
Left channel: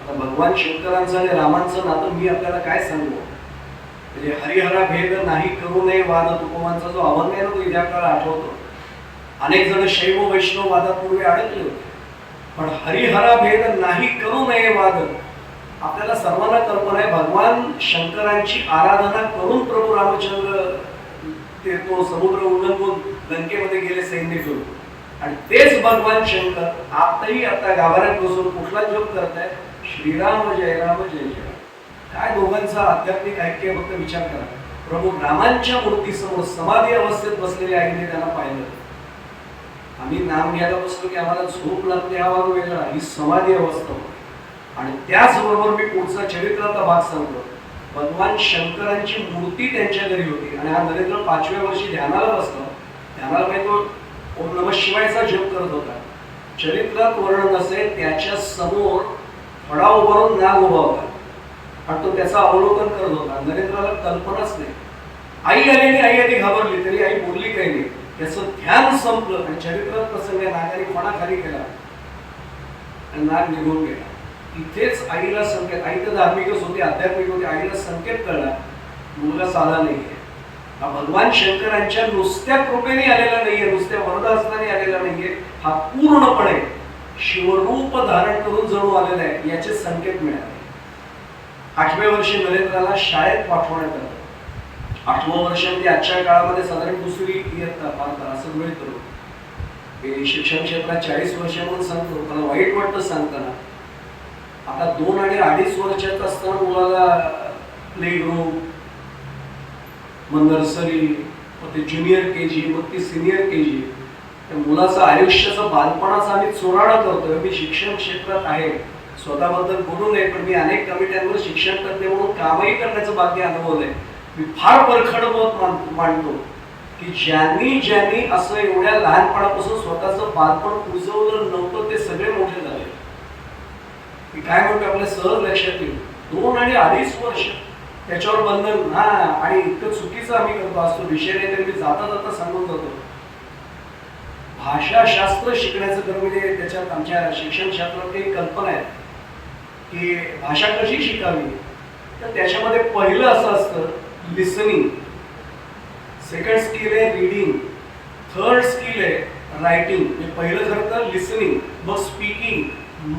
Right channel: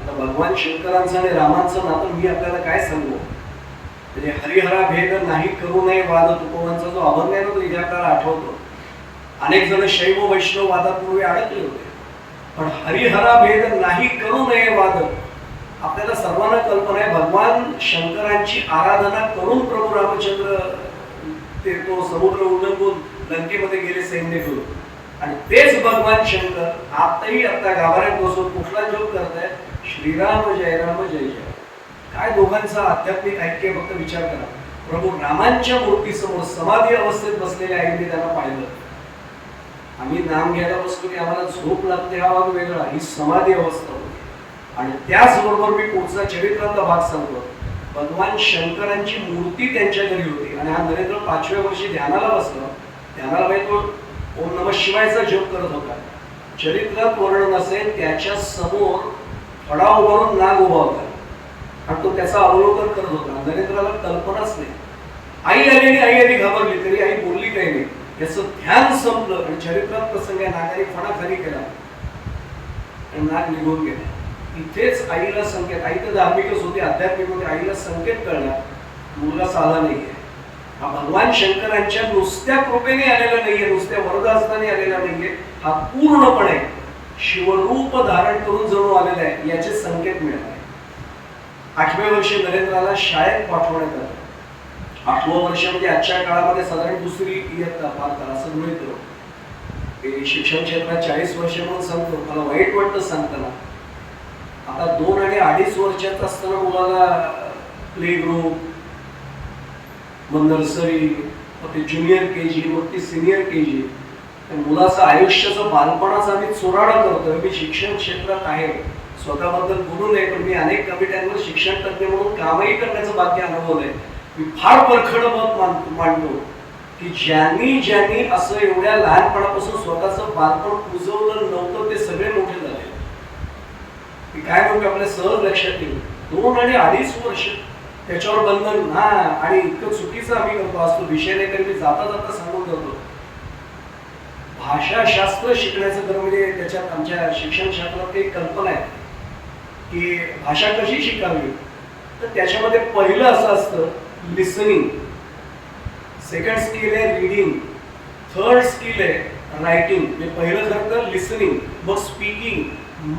आता भगवान शंकरांचं आणि रामांचं नातं मी आपल्याला काय सांगू. म्हणजे हरिहरा भेद नाही करू नये वाद, तुकोबांचा जो अभंग आहे ना, तो इथे आपल्याला आठवतो. अनेक जण शैव वैष्णव वादात पूर्वी अडकले होते, पण हरिहरा भेद नाही करू नये वाद. आपल्याला सर्वांना कल्पना आहे, भगवान शंकरांची आराधना करून प्रभू रामचंद्र ते तो समुद्र उल्लंघून लंकेमध्ये गेले सैन्य घेऊन. आणि तेच भगवान शंकर आताही आता गाभाऱ्यात बसून कुठला जप करतायत, श्रीराम जय राम जय जय. काय दोघांचा आध्यात्मिक ऐक्य, फक्त विचार करा. प्रभू रामांच्या मूर्तीसमोर समाधी अवस्थेत बसलेल्या आईने त्यांना पाहिलं. आम्ही नाम घ्यायला बसलो की आम्हाला झोप लागते, हा भाग वेगळा, ही समाधी अवस्था होती. आणि त्याचबरोबर मी पुढचा चरित्राचा भाग सांगतो. भगवान शंकरांची मूर्ती त्यांच्या घरी होती आणि हा नरेंद्र 5व्या वर्षी ध्यानाला बसला. ध्यानाला बाई तो ओम नमः शिवायचा जप करत होता. चरित्रात वर्णन असेल, त्याच्या समोर फडा उभारून नाग उभा होता आणि तो त्याचं अवलोकन करत होता. नरेंद्राला कल्पनाच नाही. आई आली आणि आई आधी घाबरली, तरी आई बोलली काही नाही. त्याचं ध्यान संपलं आणि चरित्रात प्रसंग आहे, नागाने फणा खाली केला आणि नाग निघून गेला. इथेच आईला संकेत, आई तर धार्मिकच होती, आध्यात्मिक होती, आईला संकेत कळला, मुलगा साला नाहीये. हा भगवान शंकरांच्या नुसत्या कृपेने आलेला नाहीये, नुसत्या वरदास्ताने आलेला नाहीये, हा पूर्णपणे शिवरूप धारण करून जणू आलेला आहे, याचे संकेत मिळाले. 8व्या वर्षी नरेंद्राला शाळेत पाठवण्यात आलं. 8वं वर्ष म्हणजे आजच्या काळामध्ये साधारण दुसरी इयत्ता फार असं गृहीत धरू. हे शिक्षण क्षेत्रात 40 वर्ष म्हणून सांगतो, मला वाईट वाटतं सांगताना. आता 2 आणि 2.5 वर्षाचा असताना मुलाला प्ले ग्रुप, मग नर्सरी, मग ते ज्युनियर KG, मग ती सिनियर KG. मुलाचं आयुष्याचं बालपणाचं आम्ही चोराडं करतोय. मी शिक्षण क्षेत्रात आहे, स्वतःबद्दल बोलू नये, पण मी अनेक कमिट्यांवर शिक्षण तज्ञ म्हणून कामही करण्याचं भाग्य अनुभवलंय. मी फार परखड मत मांडतो की ज्यांनी असं एवढ्या लहानपणापासून स्वतःचं बालपण उजवलं नव्हतं ते सगळे मोठे झाले. मी काय म्हणतो आपल्या सहज लक्षात येईल, 2 आणि 2.5 वर्ष त्याच्यावर बंधन. हा, आणि इतकं चुकीचं आम्ही करतो असतो विषय नाही तरी मी जाता जाता सांगून जातो. भाषाशास्त्र शिकण्याचं खरं म्हणजे त्याच्यात आमच्या शिक्षण क्षेत्रात एक कल्पना आहे की भाषा कशी शिकावी. तर त्याच्यामध्ये पहिलं असं असतं लिसनिंग, सेकंड स्किल आहे रीडिंग, थर्ड स्किल आहे रायटिंग. म्हणजे पहिलं खरं तर लिसनिंग, मग स्पीकिंग,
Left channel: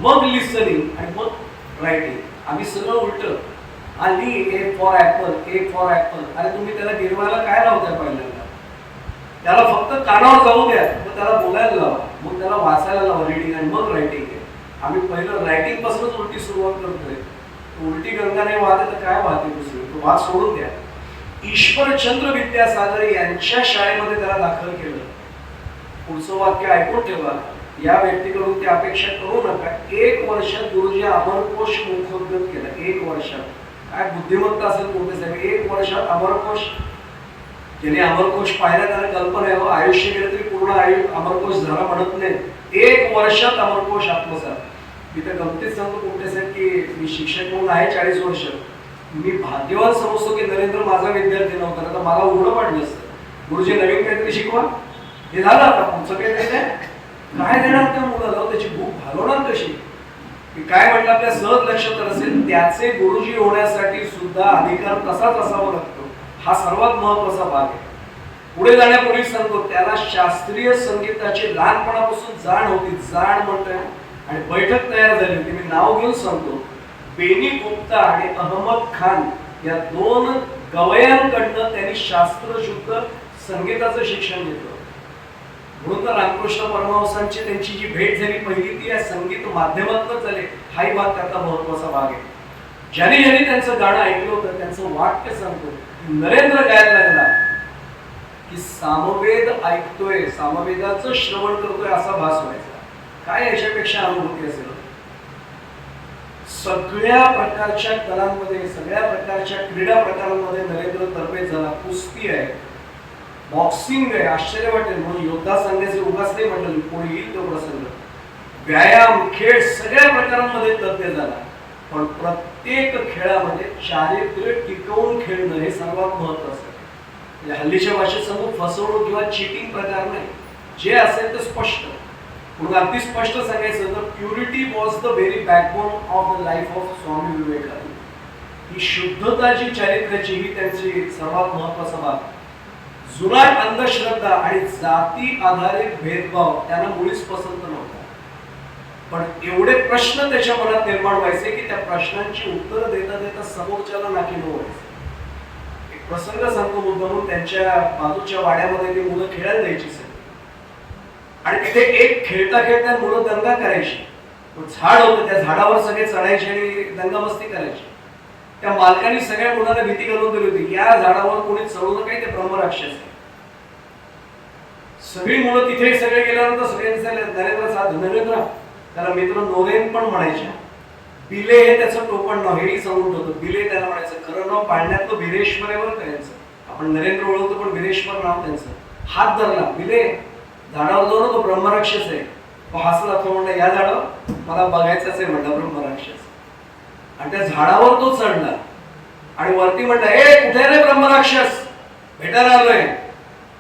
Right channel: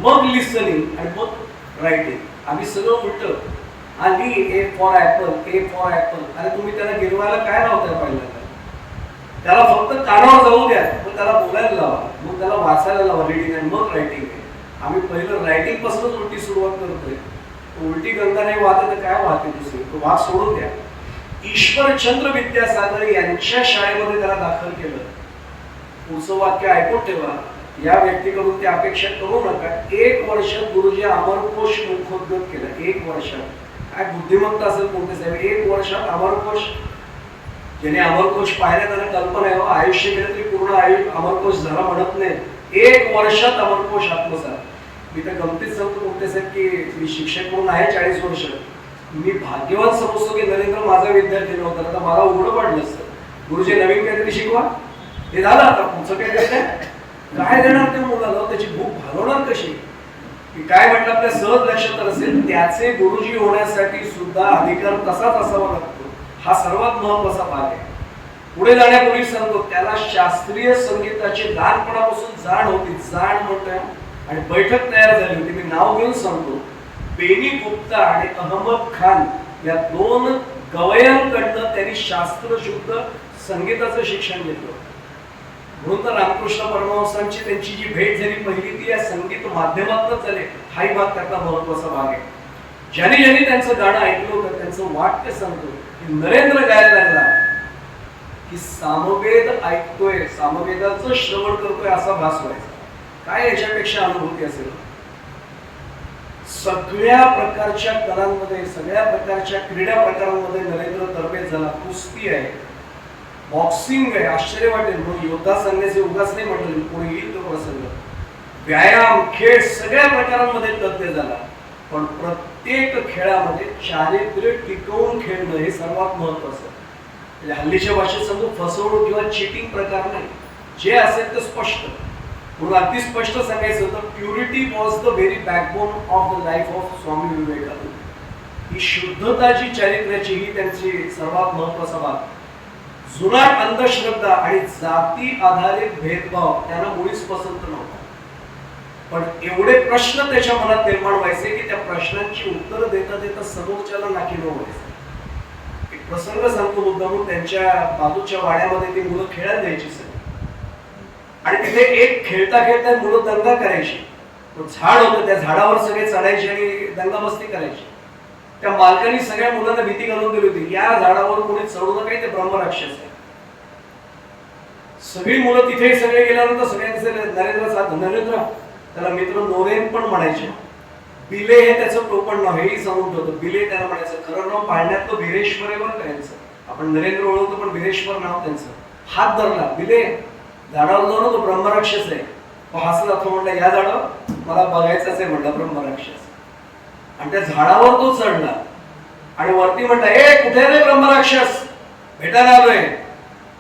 मग लिसनिंग आणि मग रायटिंग. आम्ही सगळं उलट. आली A for Apple, A for Apple. आणि तुम्ही त्याला गिरवायला काय लावताय पहिल्यांदा? त्याला फक्त कानावर जाऊ द्या, मग त्याला बोलायला लावा, मग त्याला वाचायला लावा रीडिंग आणि मग रायटिंग आहे. आम्ही पहिलं रायटिंग पासूनच उलटी सुरुवात करतोय. उलटी गंगा नाही वाहते तर काय वाहते दुसरी, तो वाद सोडून द्या. ईश्वरचंद्र विद्यासागर यांच्या शाळेमध्ये त्याला दाखल केलं. पुढचं वाक्य ऐकून ठेवा, या व्यक्तीकडून ते अपेक्षा करू नका. 1 वर्षात गुरुजी अमरकोश मुखोद्गत केला. 1 वर्षात. काय बुद्धिमत्ता असेल कोणते साहेब, 1 वर्षात अमरकोश. ज्याने अमरकोश पाहिला त्यांना कल्पना आहे, आयुष्य गेलं तरी पूर्ण अमरकोश झाला म्हणत नाही. 1 वर्षात अमरकोश आत्मसात. मी तर गमतीत सांगतो कोणते साहेब की मी शिक्षक म्हणून आहे 40 वर्ष. मी भाग्यवान समजतो की नरेंद्र माझा विद्यार्थी नव्हता, तर मला उघडं पडलं असतं. गुरुजी नवीन काहीतरी शिकवा, हे झालं, आता पुढचं काही देत काय देणार त्या मुलाला, त्याची भूक घालवणार कशी. मी काय म्हटलं आपल्या सहज लक्षात असेल, त्याचे गुरुजी होण्यासाठी सुद्धा अधिकार तसाच असावा लागतो. हा सर्वात महत्वाचा भाग आहे. पुढे जाण्यापूर्वी सांगतो, त्याला शास्त्रीय संगीताची लहानपणापासून जाण होती. जाण म्हणतोय आणि बैठक तयार झाली होती. मी नाव घेऊन सांगतो, बेनी गुप्ता आणि अहमद खान या 2 गवयांकडनं त्यांनी शास्त्रशुद्ध संगीताचं शिक्षण घेतलं. म्हणून तर रामकृष्ण परमहंसांची त्यांची जी भेट झाली पहिली ती या संगीत माध्यमातून झाली. हाही भाग त्यातला महत्वाचा भाग आहे. ज्याने त्यांचं गाणं ऐकलं होतं त्यांचं वाक्य सांगतो की नरेंद्र गायला लागला की सामवेद ऐकतोय, सामवेदाचं श्रवण करतोय असा भास व्हायचा. काय याच्यापेक्षा अनुभूती असेल. सगळ्या प्रकारच्या कलांमध्ये, सगळ्या प्रकारच्या क्रीडा प्रकारांमध्ये नरेंद्र तरबेज झाला. कुस्ती आहे, बॉक्सिंग आहे, आश्चर्य वाटेल म्हणून योद्धा सांगण्याचे उगाच नाही म्हटलं, कोणी येईल तो प्रसंग. व्यायाम, खेळ सगळ्या प्रकारांमध्ये तज्ञ झाला. पण प्रत्येक खेळामध्ये चारित्र्य टिकवून खेळणं हे सर्वात महत्वाचं आहे. म्हणजे हल्लीच्या भाषेत सांगू, फसवणूक किंवा चिटिंग प्रकार नाही. जे असेल ते स्पष्ट. म्हणून अगदी स्पष्ट सांगायचं तर purity was the very backbone of the life of Swami Vivekananda. ही शुद्धता जी चारित्र्याची ही त्यांची सर्वात महत्वाचा भाग. जुनाट अंधश्रद्धा आणि जाती आधारित भेदभाव त्यांना मुळीच पसंत नव्हता. पण एवढे प्रश्न त्याच्या मनात निर्माण व्हायचे की त्या प्रश्नांची उत्तरं देता देता समोरच्याला नाकीनऊ व्हायचं. एक प्रसंग सांगतो मुद्दामून, त्यांच्या बाजूच्या वाड्यामध्ये ती मुलं खेळायला द्यायची सगळी. आणि तिथे एक खेळता खेळता मुलं दंगा करायची. झाड होतं, त्या झाडावर सगळे चढायचे आणि दंगामस्ती करायची. त्या मालकाने सगळ्या मुलांना भीती घालून दिली होती, या झाडावर कोणी चढू नका, ते ब्रह्मराक्षस आहे. सगळी मुलं तिथे सगळे गेल्यानंतर सगळे नरेंद्र त्याला मित्र नोरेन पण म्हणायचे. बिले हे त्याचं टोपण नाव, हेही सांगून ठेवतो. बिले त्याला म्हणायचं. खरं नाव पाळण्यातलं भिरेश्वर आहे बरं त्यांचं. आपण नरेंद्र ओळखतो पण भिरेश्वर नाव त्यांचं. हात धरला, बिले झाडावर जाऊ ना, तो ब्रह्मराक्षस आहे. हसला, तो म्हणला या झाडावर मला बघायचंच आहे म्हणला ब्रह्मराक्षस. आणि त्या झाडावर तो चढला आणि वरती म्हणला, ए कुठे रे ब्रह्मराक्षस, भेटायला आलोय.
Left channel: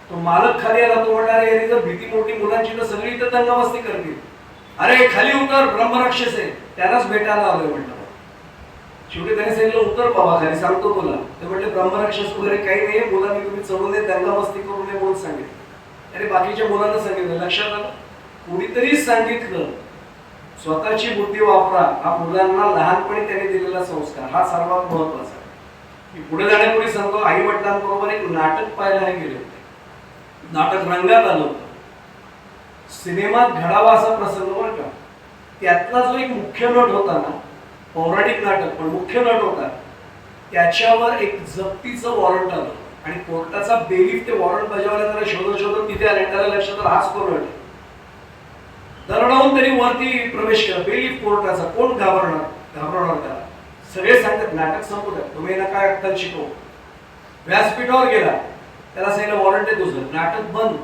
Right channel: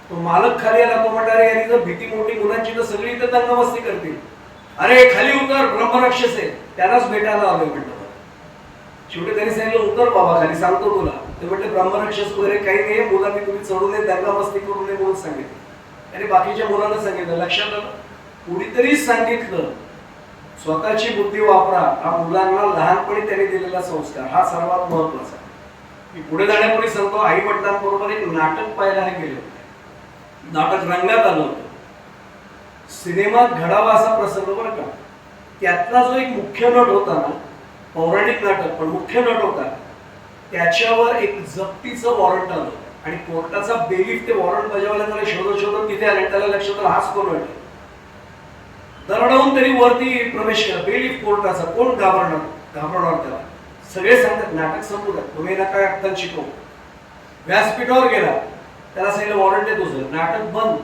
तो मालक खाली आला. तो म्हणला, अरे यारी जर भीती मोठी मुलांची तर सगळी इथं दंगामस्ती करतील. अरे खाली उतर, ब्रह्मराक्षस आहे, त्यालाच भेटायला आलोय म्हटलं. शेवटी त्यांनी सांगितलं, उतर बाबा खाली, सांगतो तुला. ते म्हटले ब्रह्मराक्षस वगैरे काही नाही, मुलांनी तुम्ही चढू नये, दंगामस्ती करू नये म्हणून सांगितलं. अरे बाकीच्या मुलांना सांगितलं. लक्षात आलं, कुणीतरी सांगितलं. स्वतःची बुद्धी वापरा हा मुलांना लहानपणी त्यांनी दिलेला संस्कार हा सर्वात महत्वाचा. मी पुढे जाण्यापूर्वी सांगतो, आई वडिलांबरोबर एक नाटक पाहायला गेले होते. नाटक रंगात आलं होतं. सिनेमात घडावा असा प्रसंग बरं का. त्यातला जो एक मुख्य नट होता ना, पौराणिक नाटक पण मुख्य नट होता, त्याच्यावर एक जप्तीचं वॉरंट आलं आणि कोर्टाचा बेलीफ ते वॉरंट बजावला. त्याला शोधत शोधत तिथे आले. त्याला लक्षात आलं हाच कोण आहे. दरडावून त्यांनी वरती प्रवेश केला. बेलीफ कोर्टाचा. कोण घाबरणार त्याला. सगळे सांगतात नाटक संपू द्या, तुम्ही ना काय अक्कल शिकव. व्यासपीठावर गेला. त्याला सांगितलं वॉरंट आहे तुझं. नाटक बंद.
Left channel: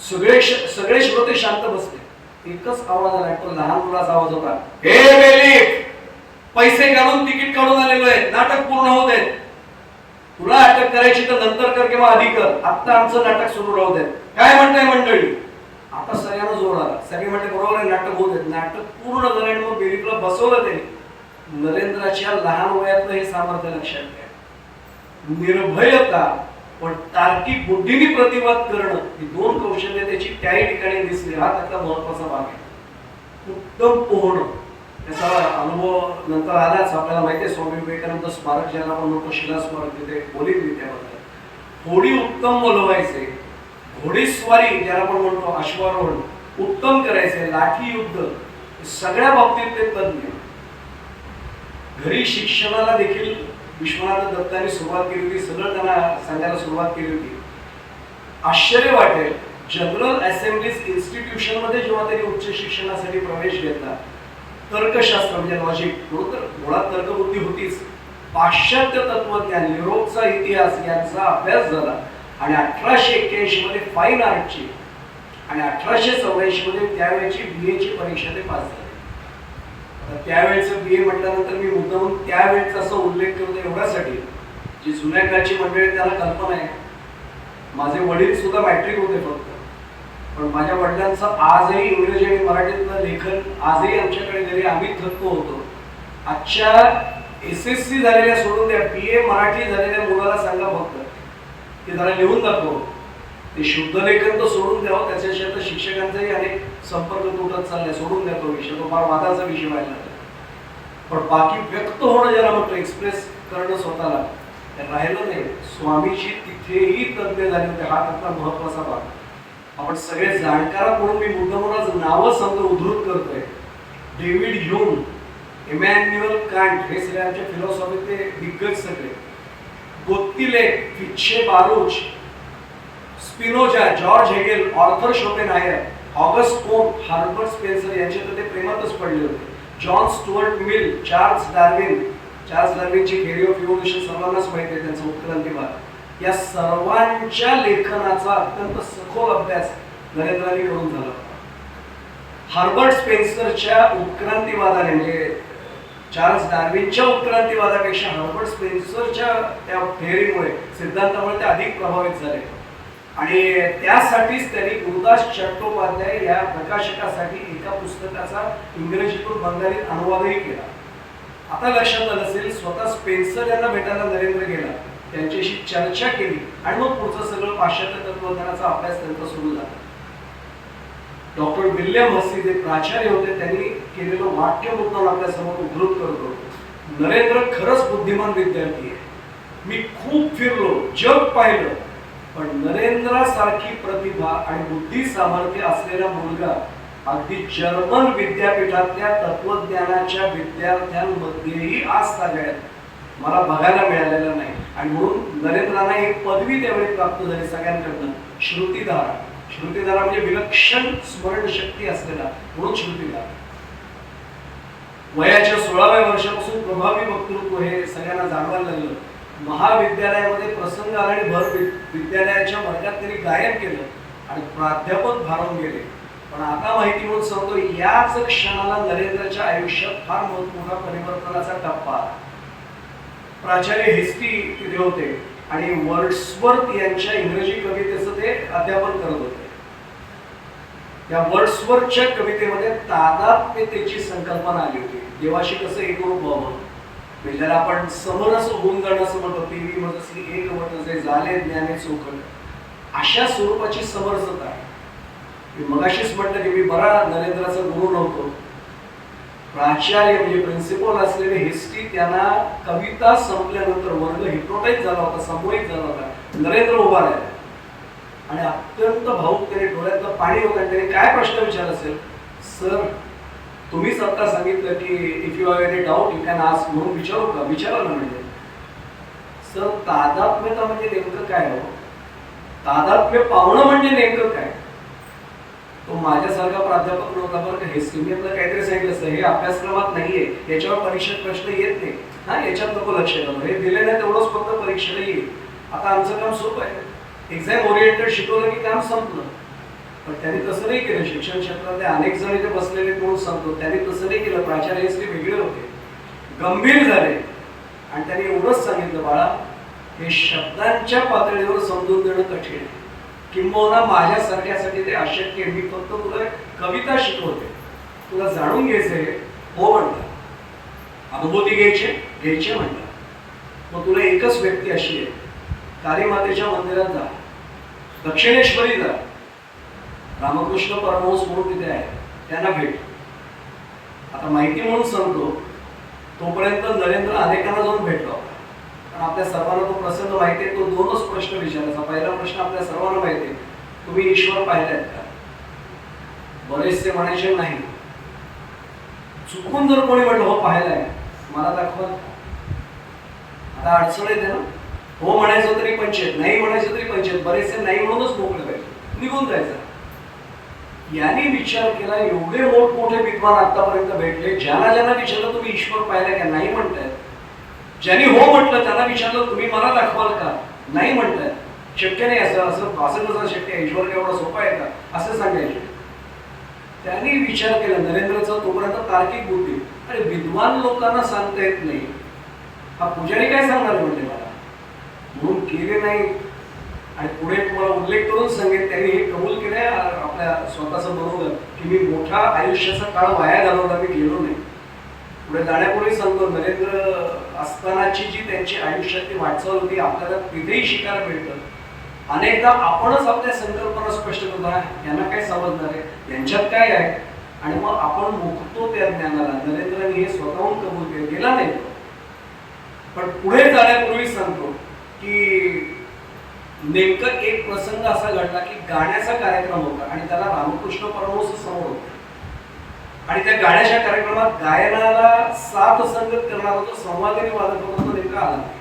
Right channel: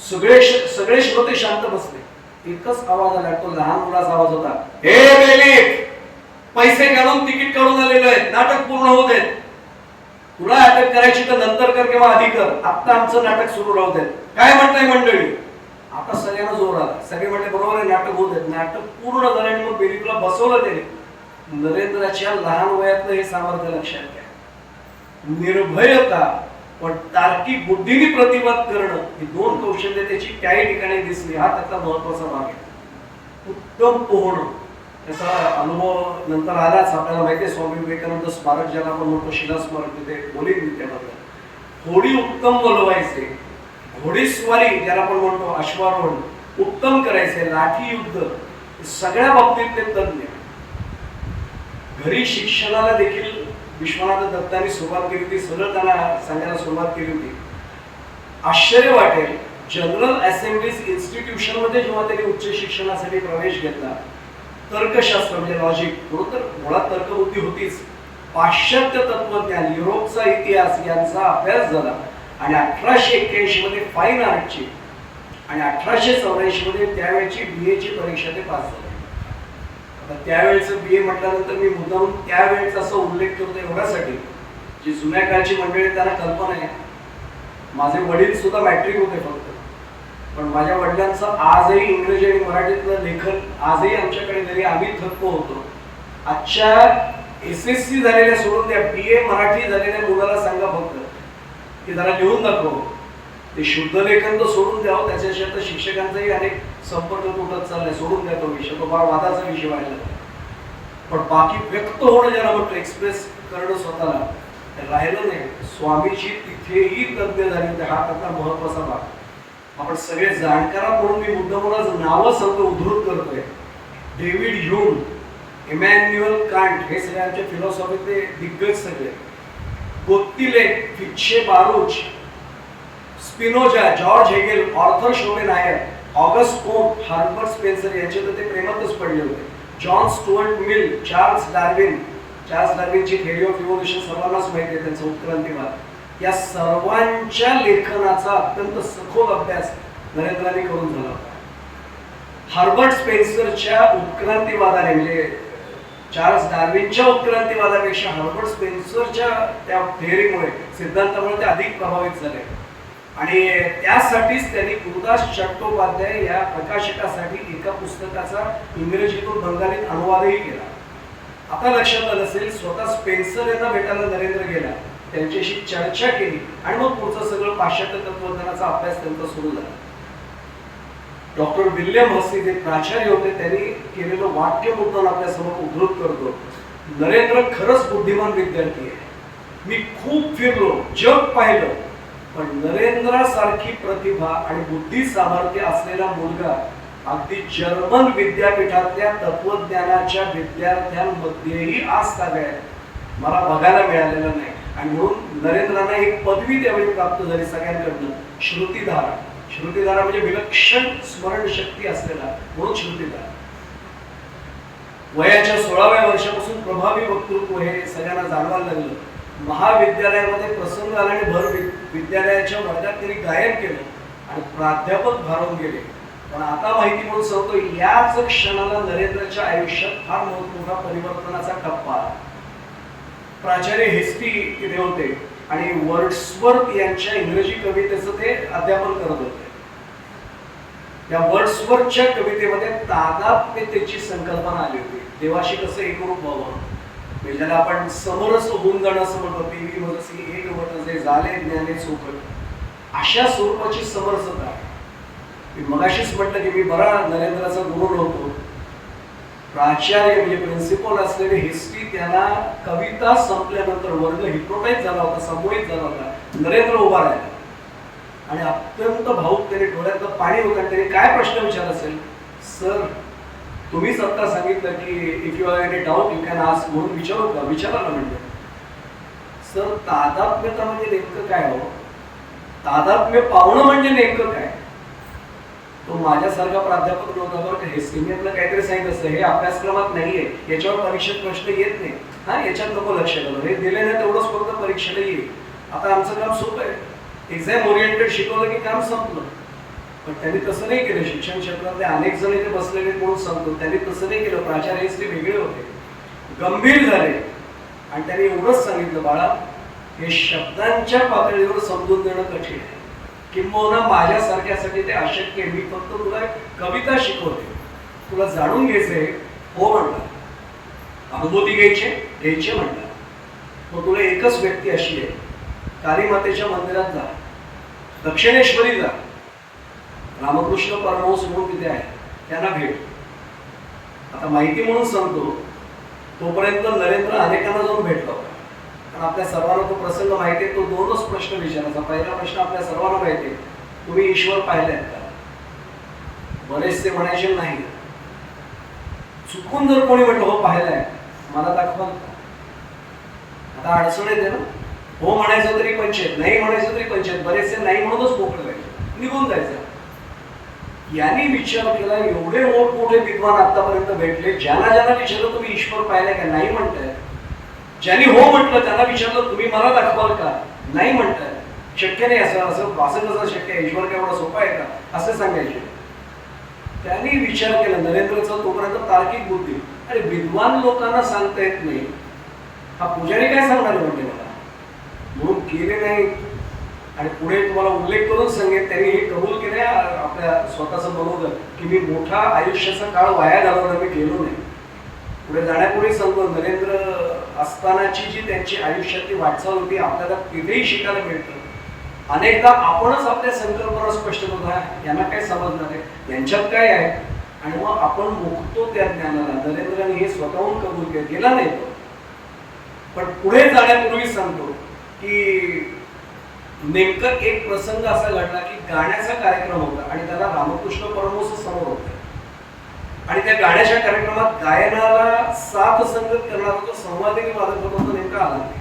सगळे श्रोते शांत बसले. एकच आवाज आला. तो लहान मुलाचा आवाज होता. हे बेलीफ, पैसे काढून तिकीट काढून आलेलो आहे, नाटक पूर्ण होत आहेत. तुला अटक करायची तर नंतर कर किंवा आधी कर, आता आमचं नाटक सुरू राहू देत. काय म्हणताय मंडळी. आता सगळ्यांना जोर आला. सगळे म्हणले बरोबर आहे, नाटक होत आहेत. नाटक पूर्ण झालं आणि मग बेलीफला बसवलं त्यांनी. नरेंद्राच्या लहान वयातलं हे सामर्थ्य लक्षात घ्या. निर्भयता पण तार्किक बुद्धीने प्रतिवाद करणं ही दोन कौशल्य त्याची त्याही ठिकाणी दिसली. हा त्याचा महत्वाचा भाग आहे. उत्तम पोहणं त्याचा अनुभव नंतर आलाच. आपल्याला माहिती आहे स्वामी विवेकानंद स्मारक ज्याला आपण म्हणतो, शिला स्मारक, तिथे बोलीन मी त्यामध्ये. होडी उत्तम बोलवायचे, घोडेस्वारी ज्याला आपण म्हणतो अश्वारोहण उत्तम करायचे, लाठी युद्ध सगळ्या बाबतीत ते तज्ञ. घरी शिक्षणाला देखील विश्वनाथ दत्तांनी सुरुवात केली होती. सगळं त्यांना सांगायला सुरुवात केली होती. आश्चर्य वाटेल, जनरल असेंब्लीज इन्स्टिट्यूशन मध्ये जेव्हा त्यांनी उच्च शिक्षणासाठी प्रवेश घेतला, तर्कशास्त्र म्हणजे लॉजिक, तर मुळात तर्कबुद्धी होतीच. पाश्चात्य तत्वज्ञान, युरोपचा इतिहास यांचा अभ्यास झाला आणि 1881 मध्ये फाईन आर्टची आणि 1884 मध्ये त्यावेळेची BA ची परीक्षा ते पास झाले. त्यावेळेचं BA म्हटल्यानंतर मी मुद्दाम त्यावेळेचा असा उल्लेख करतो एवढ्यासाठी, जी जुन्या काळची मंडळी त्यांना कल्पना आहे. माझे वडील सुद्धा मॅट्रिक होते फक्त, पण माझ्या वडिलांचं आजही इंग्रजी आणि मराठीतलं लेखन आजही आमच्याकडे घरी आम्ही थक्क होतो. आजच्या SSC झालेल्या सोडून द्या, BA मराठी झालेल्या मुलाला सांगा फक्त की जरा लिहून दाखव. ते शुद्ध लेखन तर सोडून द्यावं, त्याच्याशी आता शिक्षकांचाही अनेक संपर्क तुटत चाललाय. सोडून द्या तो विषय, तो फार वादाचा विषय व्हायला. पण बाकी व्यक्त होणं ज्याला म्हणतो, एक्सप्रेस करणं स्वतःला, राहिलं नाही. स्वामीजी तिथेही तज्ञ झाले होते. हा त्यातला महत्वाचा भाग. आपण सगळे जाणकार म्हणून मी मुद्दामूनच नावं सांगतो, उद्धृत करतोय. डेव्हिड ह्यूम, इमॅन्युअल कांट हे सगळे आमच्या फिलॉसॉफीतले दिग्गज सगळे. Gottlieb, Fichte Baruch, Spinoza, George Hegel, Arthur Schopenhauer, Auguste Comte, Herbert Spencer यांचे तर ते प्रेमातच पडले होते. जॉन स्टुअर्ट मिल, चार्ल्स डार्विनची थिअरी ऑफ इव्होल्यूशन सर्वांनाच माहिती आहे, त्यांचा उत्क्रांतीवाद. या सर्वांच्या लेखनाचा अत्यंत सखोल अभ्यास नरेंद्रांनी करून झाला होता. हर्बर्ट स्पेन्सरच्या उत्क्रांतीवादाने, म्हणजे चार्ल्स डार्विनच्या उत्क्रांतीवादापेक्षा हर्बर्ट स्पेन्सरच्या त्या थिअरीमुळे, सिद्धांतामुळे ते अधिक प्रभावित झाले. आणि त्यासाठीच त्यांनी गुरुदास चट्टोपाध्याय या प्रकाशकासाठी एका पुस्तकाचा इंग्रजीतून बंगालीत अनुवादही केला. आता लक्षात आलं असेल, स्वतः स्पेन्सर यांना भेटायला नरेंद्र गेला, त्यांच्याशी चर्चा केली आणि मग पुढचं सगळं पाश्चात्य तत्वज्ञानाचा अभ्यास त्यांचा सुरू झाला. डॉक्टर विल्यम हसी जे प्राचार्य होते, त्यांनी केलेलं वाक्य मुद्दाम आपल्यासमोर उद्धृत करतो. नरेंद्र खरंच बुद्धिमान विद्यार्थी आहे. मी खूप फिरलो, जग पाहिलं, पण नरेंद्रासारखी प्रतिभा आणि बुद्धी सामर्थ्य असलेला मुलगा अगदी जर्मन विद्यापीठातल्या तत्वज्ञानाच्या विद्यार्थ्यांमध्येही आज तागायत मला बघायला मिळालेलं नाही. आणि म्हणून नरेंद्रांना एक पदवी त्यावेळी प्राप्त झाली सगळ्यांकडून, श्रुतिधारा. श्रुतिधारा म्हणजे विलक्षण स्मरणशक्ती असलेला, म्हणून श्रुतिधारा. वयाच्या 16व्या वर्षापासून प्रभावी वक्तृत्व हे सगळ्यांना जाणवायला लागलं. महाविद्यालयामध्ये प्रसंग आला आणि भर विद्यालयाच्या वर्गात त्यांनी गायन केलं आणि प्राध्यापक भारावून गेले. पण आता माहिती म्हणून सांगतो, याच क्षणाला नरेंद्रच्या आयुष्यात फार मोठा परिवर्तनाचा टप्पा आला. प्राचार्य हेस्टी तिथे होते आणि वर्ड्सवर्थ यांच्या इंग्रजी कवितेचं ते अध्यापन करत होते. या वर्ड्सवर्थच्या कवितेमध्ये तादात्म्यतेची संकल्पना आली होती. देवाशी कसं एकरूप व्हावं, ज्याला आपण समरस होऊन जाणं असं म्हणतो, तेही म्हणजे एक वट जे झाले ज्ञाने चोखट, अशा स्वरूपाची समरसता आहे. मी मगाशीच म्हटलं की मी बरा नरेंद्राचा गुरु नव्हतो, प्राचार्य म्हणजे प्रिन्सिपल असलेले हिस्ट्री त्यांना कविता संपल्यानंतर वर्ग हिप्नोटाईज झाला होता, संमोहित झाला होता. नरेंद्र उभा राहिला आणि अत्यंत भाऊक त्याने डोळ्यातलं पाणी होतं आणि त्याने काय प्रश्न विचारला असेल, सर तुम्हीच आता सांगितलं की if you have any doubt you can ask, म्हणून विचारू का? विचारा ना म्हणजे. सर तादात्म्यता म्हणजे नेमकं काय हो? तादात्म्य पावणं म्हणजे नेमकं काय? तो माझ्यासारखा प्राध्यापक नव्हता बरं का. हिस्ट्रीतलं काहीतरी सांगितलं असतं, हे अभ्यासक्रमात नाहीये, याच्यावर परीक्षेत प्रश्न येत नाही, हा याच्यात नको लक्ष घालू, हे दिलं नाही तेवढंच फक्त परीक्षेला येईल. आता आमचं काम सोपं आहे, एक्झाम ओरिएंटेड शिकवलं की काम संपलं. पण त्यांनी तसं नाही केलं. शिक्षण क्षेत्रातले अनेक जण इथे बसलेले म्हणून सांगतो, त्यांनी तसं नाही केलं. प्राचार्य हिस्ट्री वेगळे होते, गंभीर झाले आणि त्यांनी एवढंच सांगितलं, बाळा हे शब्दांच्या पातळीवर समजून देणं कठीण आहे, किंबहुना माझ्यासारख्यासाठी ते अशक्य आहे. मी फक्त तुला कविता शिकवते, तुला जाणून घ्यायचंय, हो म्हणतात, अनुभूती घ्यायचे म्हणतात. मग तुला एकच व्यक्ती अशी आहे, काली मातेच्या मंदिरात जा, दक्षिणेश्वरी जा, रामकृष्ण परमहंस म्हणून तिथे आहे, त्यांना भेट. आता माहिती म्हणून सांगतो, तोपर्यंत नरेंद्र अनेकांना जाऊन भेटला होता. पण आपल्या सर्वांना तो प्रसंग माहिती आहे. तो दोनच प्रश्न विचारायचा. पहिला प्रश्न आपल्या सर्वांना माहिती आहे, तुम्ही ईश्वर पाहिलेत का? बरेचसे म्हणायचे नाही. चुकून जर कोणी म्हटलं हो पाहिलाय, मला दाखवाल का? आता अडचण येते ना. हो म्हणायचं तरी पंचायत, नाही म्हणायचं तरी पंचायत. बरेचसे नाही म्हणूनच मोकळे व्हायचे, निघून जायचं. यांनी विचार केला, एवढे मोठमोठे विद्वान आतापर्यंत भेटले, ज्यांना विचारलं तुम्ही ईश्वर पाहिलाय का? नाही म्हणताय. ज्यांनी हो म्हटलं त्यांना विचारलं तुम्ही मला दाखवाल का? नाही म्हणताय. शक्य नाही, असं असं असं कसं शक्य आहे? ईश्वर काय एवढा सोपा आहे का? असं सांगायचे. त्यांनी विचार केला नरेंद्रचा, तोपर्यंत तार्किक बुद्धी. अरे विद्वान लोकांना सांगता येत नाही, हा पुजारी काय सांगणार म्हणजे मला? म्हणून केले नाही. आणि पुढे तुम्हाला उल्लेख करून सांगेन, त्यांनी हे कबूल केलंय आपल्या स्वतःचं बनवलं की मी मोठा आयुष्याचा काळ वाया घालवला, मी गेलो नाही. पुढे जाण्यापूर्वी सांगतो, नरेंद्र असतानाची जी त्यांची आयुष्यातली वाटचाल होती आपल्याला तिथेही शिकायला मिळतं. अनेकदा आपणच आपल्या संकल्पना स्पष्ट करतो, यांना काय समजणार आहे, यांच्यात काय आहे, आणि मग आपण मुक्तो त्या ज्ञानाला. नरेंद्रने हे स्वतःहून कबूल केलं, गेला नाही तो. पण पुढे जाण्यापूर्वी सांगतो की नेमकं एक प्रसंग असा घडला की गाण्याचा कार्यक्रम होता आणि त्याला रामकृष्ण परमहंस समोर होते. आणि त्या गाण्याच्या कार्यक्रमात गायनाला साथ संगत करणारा जो संवादिनी वादक होता तो नेमका आला नाही.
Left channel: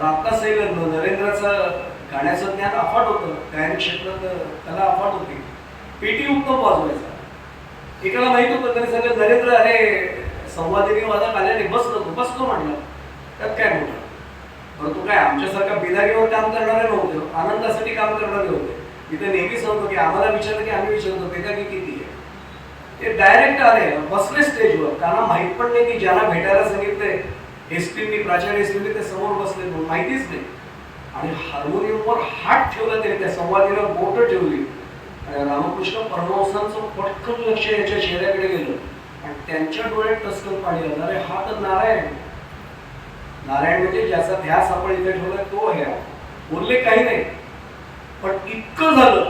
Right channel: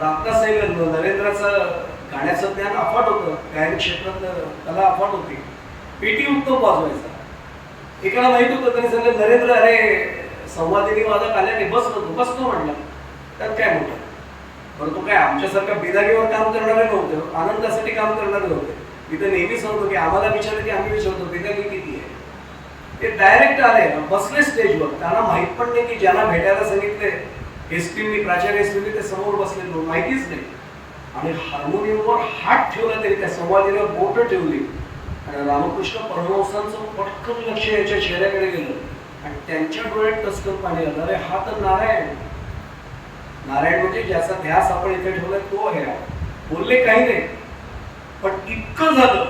रात्तासाहेब नरेंद्राचं गाण्याचं ज्ञान अफाट होतं, गायन क्षेत्रात कला अफाट होती, पेटी उत्तम वाजवायचा. एकाला माहित होतं, त्याने सांगितलं नरेंद्र अरे संवादिनी वादक आले नाही, बसतो म्हणलं. त्यात काय म्हणलं, परंतु काय आमच्यासारख्या बिदारीवर काम करणारे नव्हते, आनंदासाठी काम करणारे होते. मी तर नेहमी सांगतो की आम्हाला विचारलं की आम्ही विचारतो बिदारी किती आहे. ते डायरेक्ट आले, बसले स्टेजवर. त्यांना माहित पण नाही की ज्यांना भेटायला सांगितले हिस्ट्रीनी, प्राचार्य हिस्ट्रीनी, ते समोर बसले, माहितीच नाही. आणि हार्मोनियमवर हात ठेवला तरी त्या संवादीला बोट ठेवली आणि रामकृष्ण परमहंसांचं पटकन लक्ष याच्या चेहऱ्याकडे गेलं आणि त्यांच्या डोळ्यात टचकन पाणी आलं. अरे हा तर नारायण. नारायण म्हणजे ज्याचा ध्यास आपण इथे ठेवला तो आहे. बोलले काही नाही, पण इतकं झालं.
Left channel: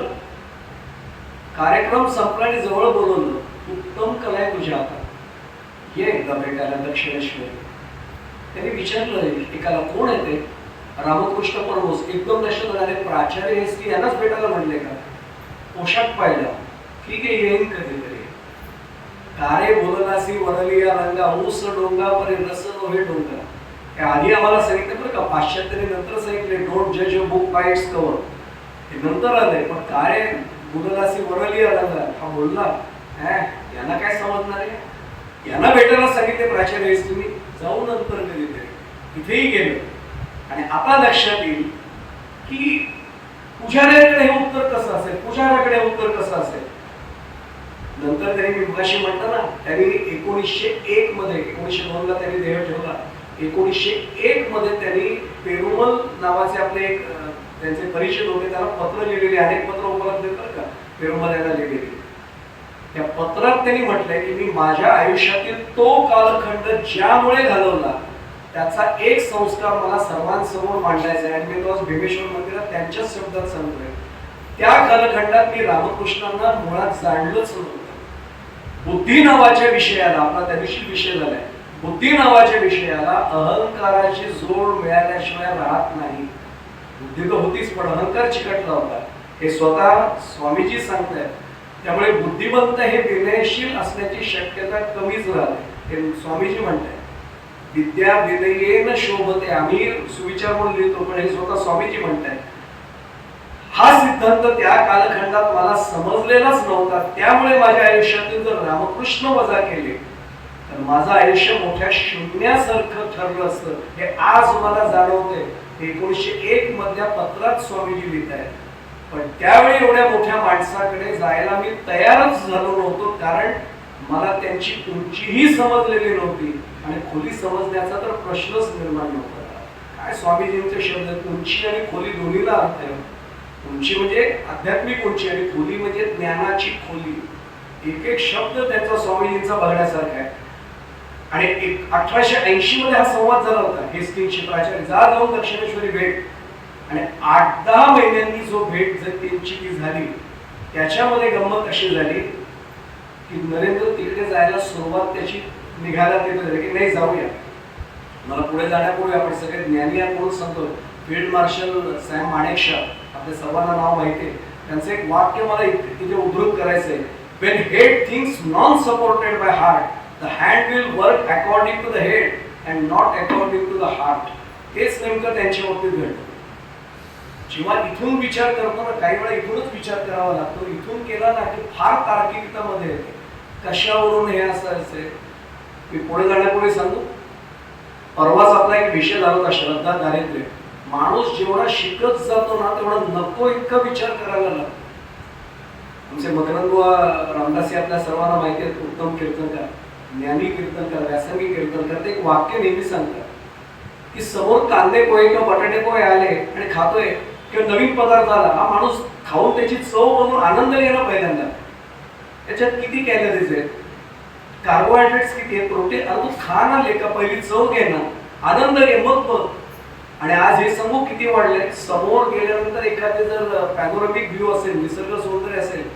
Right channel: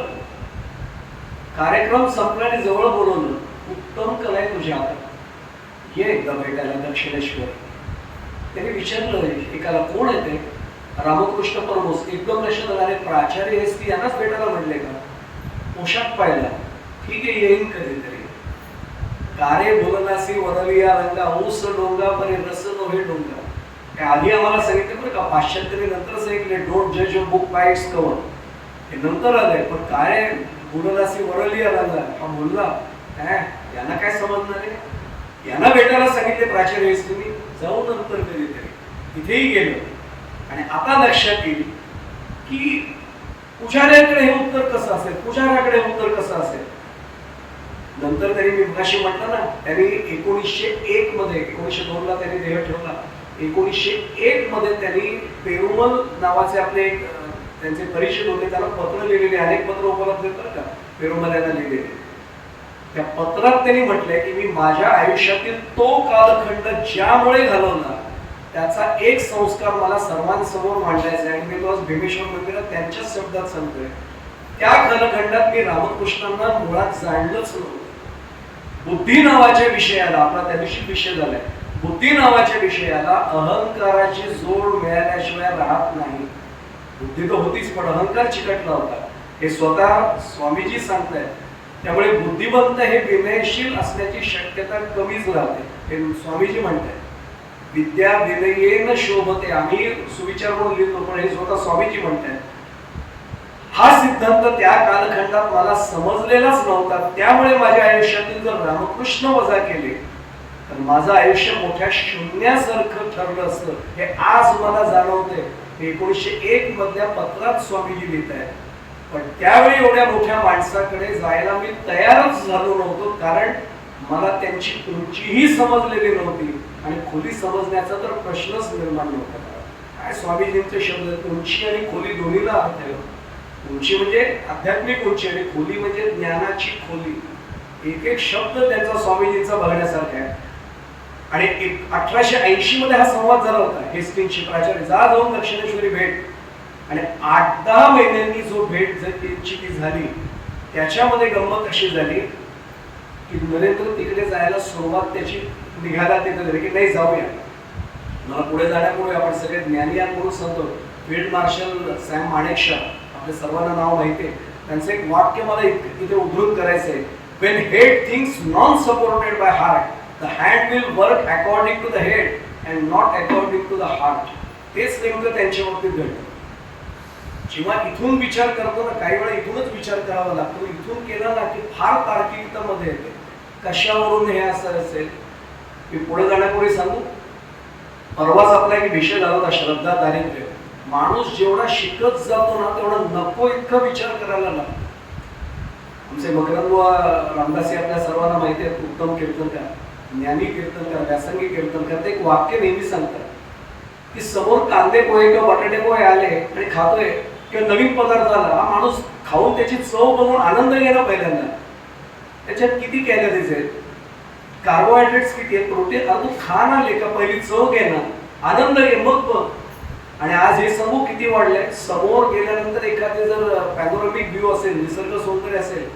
कार्यक्रम संपला आणि जवळ बोलवलं, उत्तम कला आहे तुझ्या हातात, ये एकदा भेटायला दक्षिणेश्वर. त्याने विचारलं एकाला, कोण येते? रामकृष्ण परमहंस. एकदम लक्षात आले, प्राचार्य हिस्ट्री यांनाच भेटायला म्हणले का? पोशाख पाहिला, ठीक आहे येईन कधीतरी. कारे बोललासी वनलिया रंगा, ऊस डोंगा परे रस नव्हे डोंगा. आधी आम्हाला सांगितलं बरं का, पाश्चात्याने नंतर सांगितले डोंट जज a book by it's cover, हे नंतर आलंय. पण काय बोललासी वनलिया रंगा हा बोलला, यांना काय समजणार आहे? यांना भेटायला सांगितले प्राचार्य हिस्ट्रीनी, जाऊ नंतर कधीतरी. इथेही गेलं आणि आता लक्षात येईल की पुजाऱ्याकडे हे उत्तर कसं असेल, पुजाऱ्याकडे हे उत्तर कसं असेल. नंतर त्यांनी मी मगाशी म्हटलं ना, त्यांनी 1901 मध्ये, 1902 ला त्यांनी देह ठेवला. 1901 मध्ये त्यांनी पेरुमल नावाचे आपले एक त्यांचे परिचित होते, त्याला पत्र लिहिलेले, अनेक पत्र उपलब्ध आहेत बरं का पेरुमल यांना लिहिलेले. त्या पत्रात त्यांनी म्हटलंय की मी माझ्या आयुष्यातील तो कालखंड ज्यामुळे घालवला त्याचा एक संस्कार मला सर्वांसमोर मांडायचा आहे. आणि मी तो आज भीमेश्वर मंदिरात त्यांच्याच शब्दात सांगतोय, त्या कालखंडात मी रामकृष्णांना मुळात जाणलंच नव्हतं. बुद्धी नावाच्या विषयाला, आपला त्या दिवशी विषय झालाय, बुद्धी नावाच्या विषयाला अहंकाराची जोड मिळाल्याशिवाय राहत नाही. बुद्धी तर होतीच पण अहंकार चिकटला होता, हे स्वतः स्वामीजी सांगतायत. त्यामुळे बुद्धिमंत हे विनयशील असण्याची शक्यता कमीच राहते, हे स्वामीजी म्हणतायत. विद्या विनयेन शोभते, आम्ही सुविचार म्हणून लिहितो पण हे स्वतः स्वामीजी म्हणतायत. हा सिद्धांत त्या कालखंडात मला समजलेलाच नव्हता, त्यामुळे माझ्या आयुष्यातून जर रामकृष्ण वजा केले तर माझं आयुष्य मोठ्या शून्यासारखं ठरलं असतं, हे आज मला जाणवते. 1901 मधल्या पत्रात स्वामीजी लिहित आहेत. पण त्यावेळी एवढ्या मोठ्या माणसाकडे जायला मी तयारच झालो नव्हतो, कारण मला त्यांची उंचीही समजलेली नव्हती आणि खोली समजण्याचा तर प्रश्नच निर्माण नव्हता. काय स्वामीजींचे शब्द आहेत, उंची आणि खोली दोन्हीला अर्थ आहे. उंची म्हणजे आध्यात्मिक उंची आणि खोली म्हणजे ज्ञानाची खोली. एक एक शब्द त्यांचा स्वामीजींचा बघण्यासारखा आहे. आणि 1880 मध्ये हा संवाद झाला होता हेस्टिंगची प्राचार्य जा जाऊन दक्षिणेश्वरी भेट, आणि 8-10 महिन्यांनी जो भेट त्यांची ती झाली त्याच्यामध्ये गंमत अशी झाली की नरेंद्र तिकडे जायला सुरुवात त्याची निघाला तिथे झाली की नाही जाऊया. मला पुढे जाण्यापूर्वी आपण सगळे ज्ञानी आहात म्हणून सांगतो, फील्ड मार्शल सॅम माणेकशॉ आपल्या सर्वांना नाव माहिती आहे, त्यांचं एक वाक्य मला इथे उद्धृत करायचं आहे. When head thinks non-supported by heart, the hand will work according to the head and not according to the heart. तेच नेमकं त्यांच्या बाबतीत घडतं. जेव्हा इथून विचार करतो ना, काही वेळा इथूनच विचार करावा लागतो, इथून केला ना की फार तार्किकतामध्ये येते. कशावरून हे असं असेल, मी पुढे जाण्यापूर्वी सांगू. परवाच आपला एक विषय झाला होता श्रद्धा दारिद्र्य. माणूस जेवढा शिकत जातो ना तेवढा नको इतका विचार करायला लागतो. आमचे मकरंद रामदासी आपल्या सर्वांना माहिती आहेत, उत्तम कीर्तनकार, ज्ञानी कीर्तनकार, व्यासंगी कीर्तनकार. ते एक वाक्य नेहमी सांगतात की समोर कांदे पोहे किंवा बटाटे पोहे आले आणि खातोय किंवा नवीन पदार्थ आला, हा माणूस खाऊन त्याची चव बघून आनंद घेणं पहिल्यांदा. त्याच्यात किती कॅलरीज आहेत, कार्बोहायड्रेट्स किती आहेत, प्रोटीन, तू खा ना लेका, पहिली चव घे ना, आनंद घे, मग बघ. आणि आज हे समूह किती वाढलंय. समोर गेल्यानंतर एखादे जर पॅनोरमिक व्ह्यू असेल, निसर्ग सौंदर्य असेल,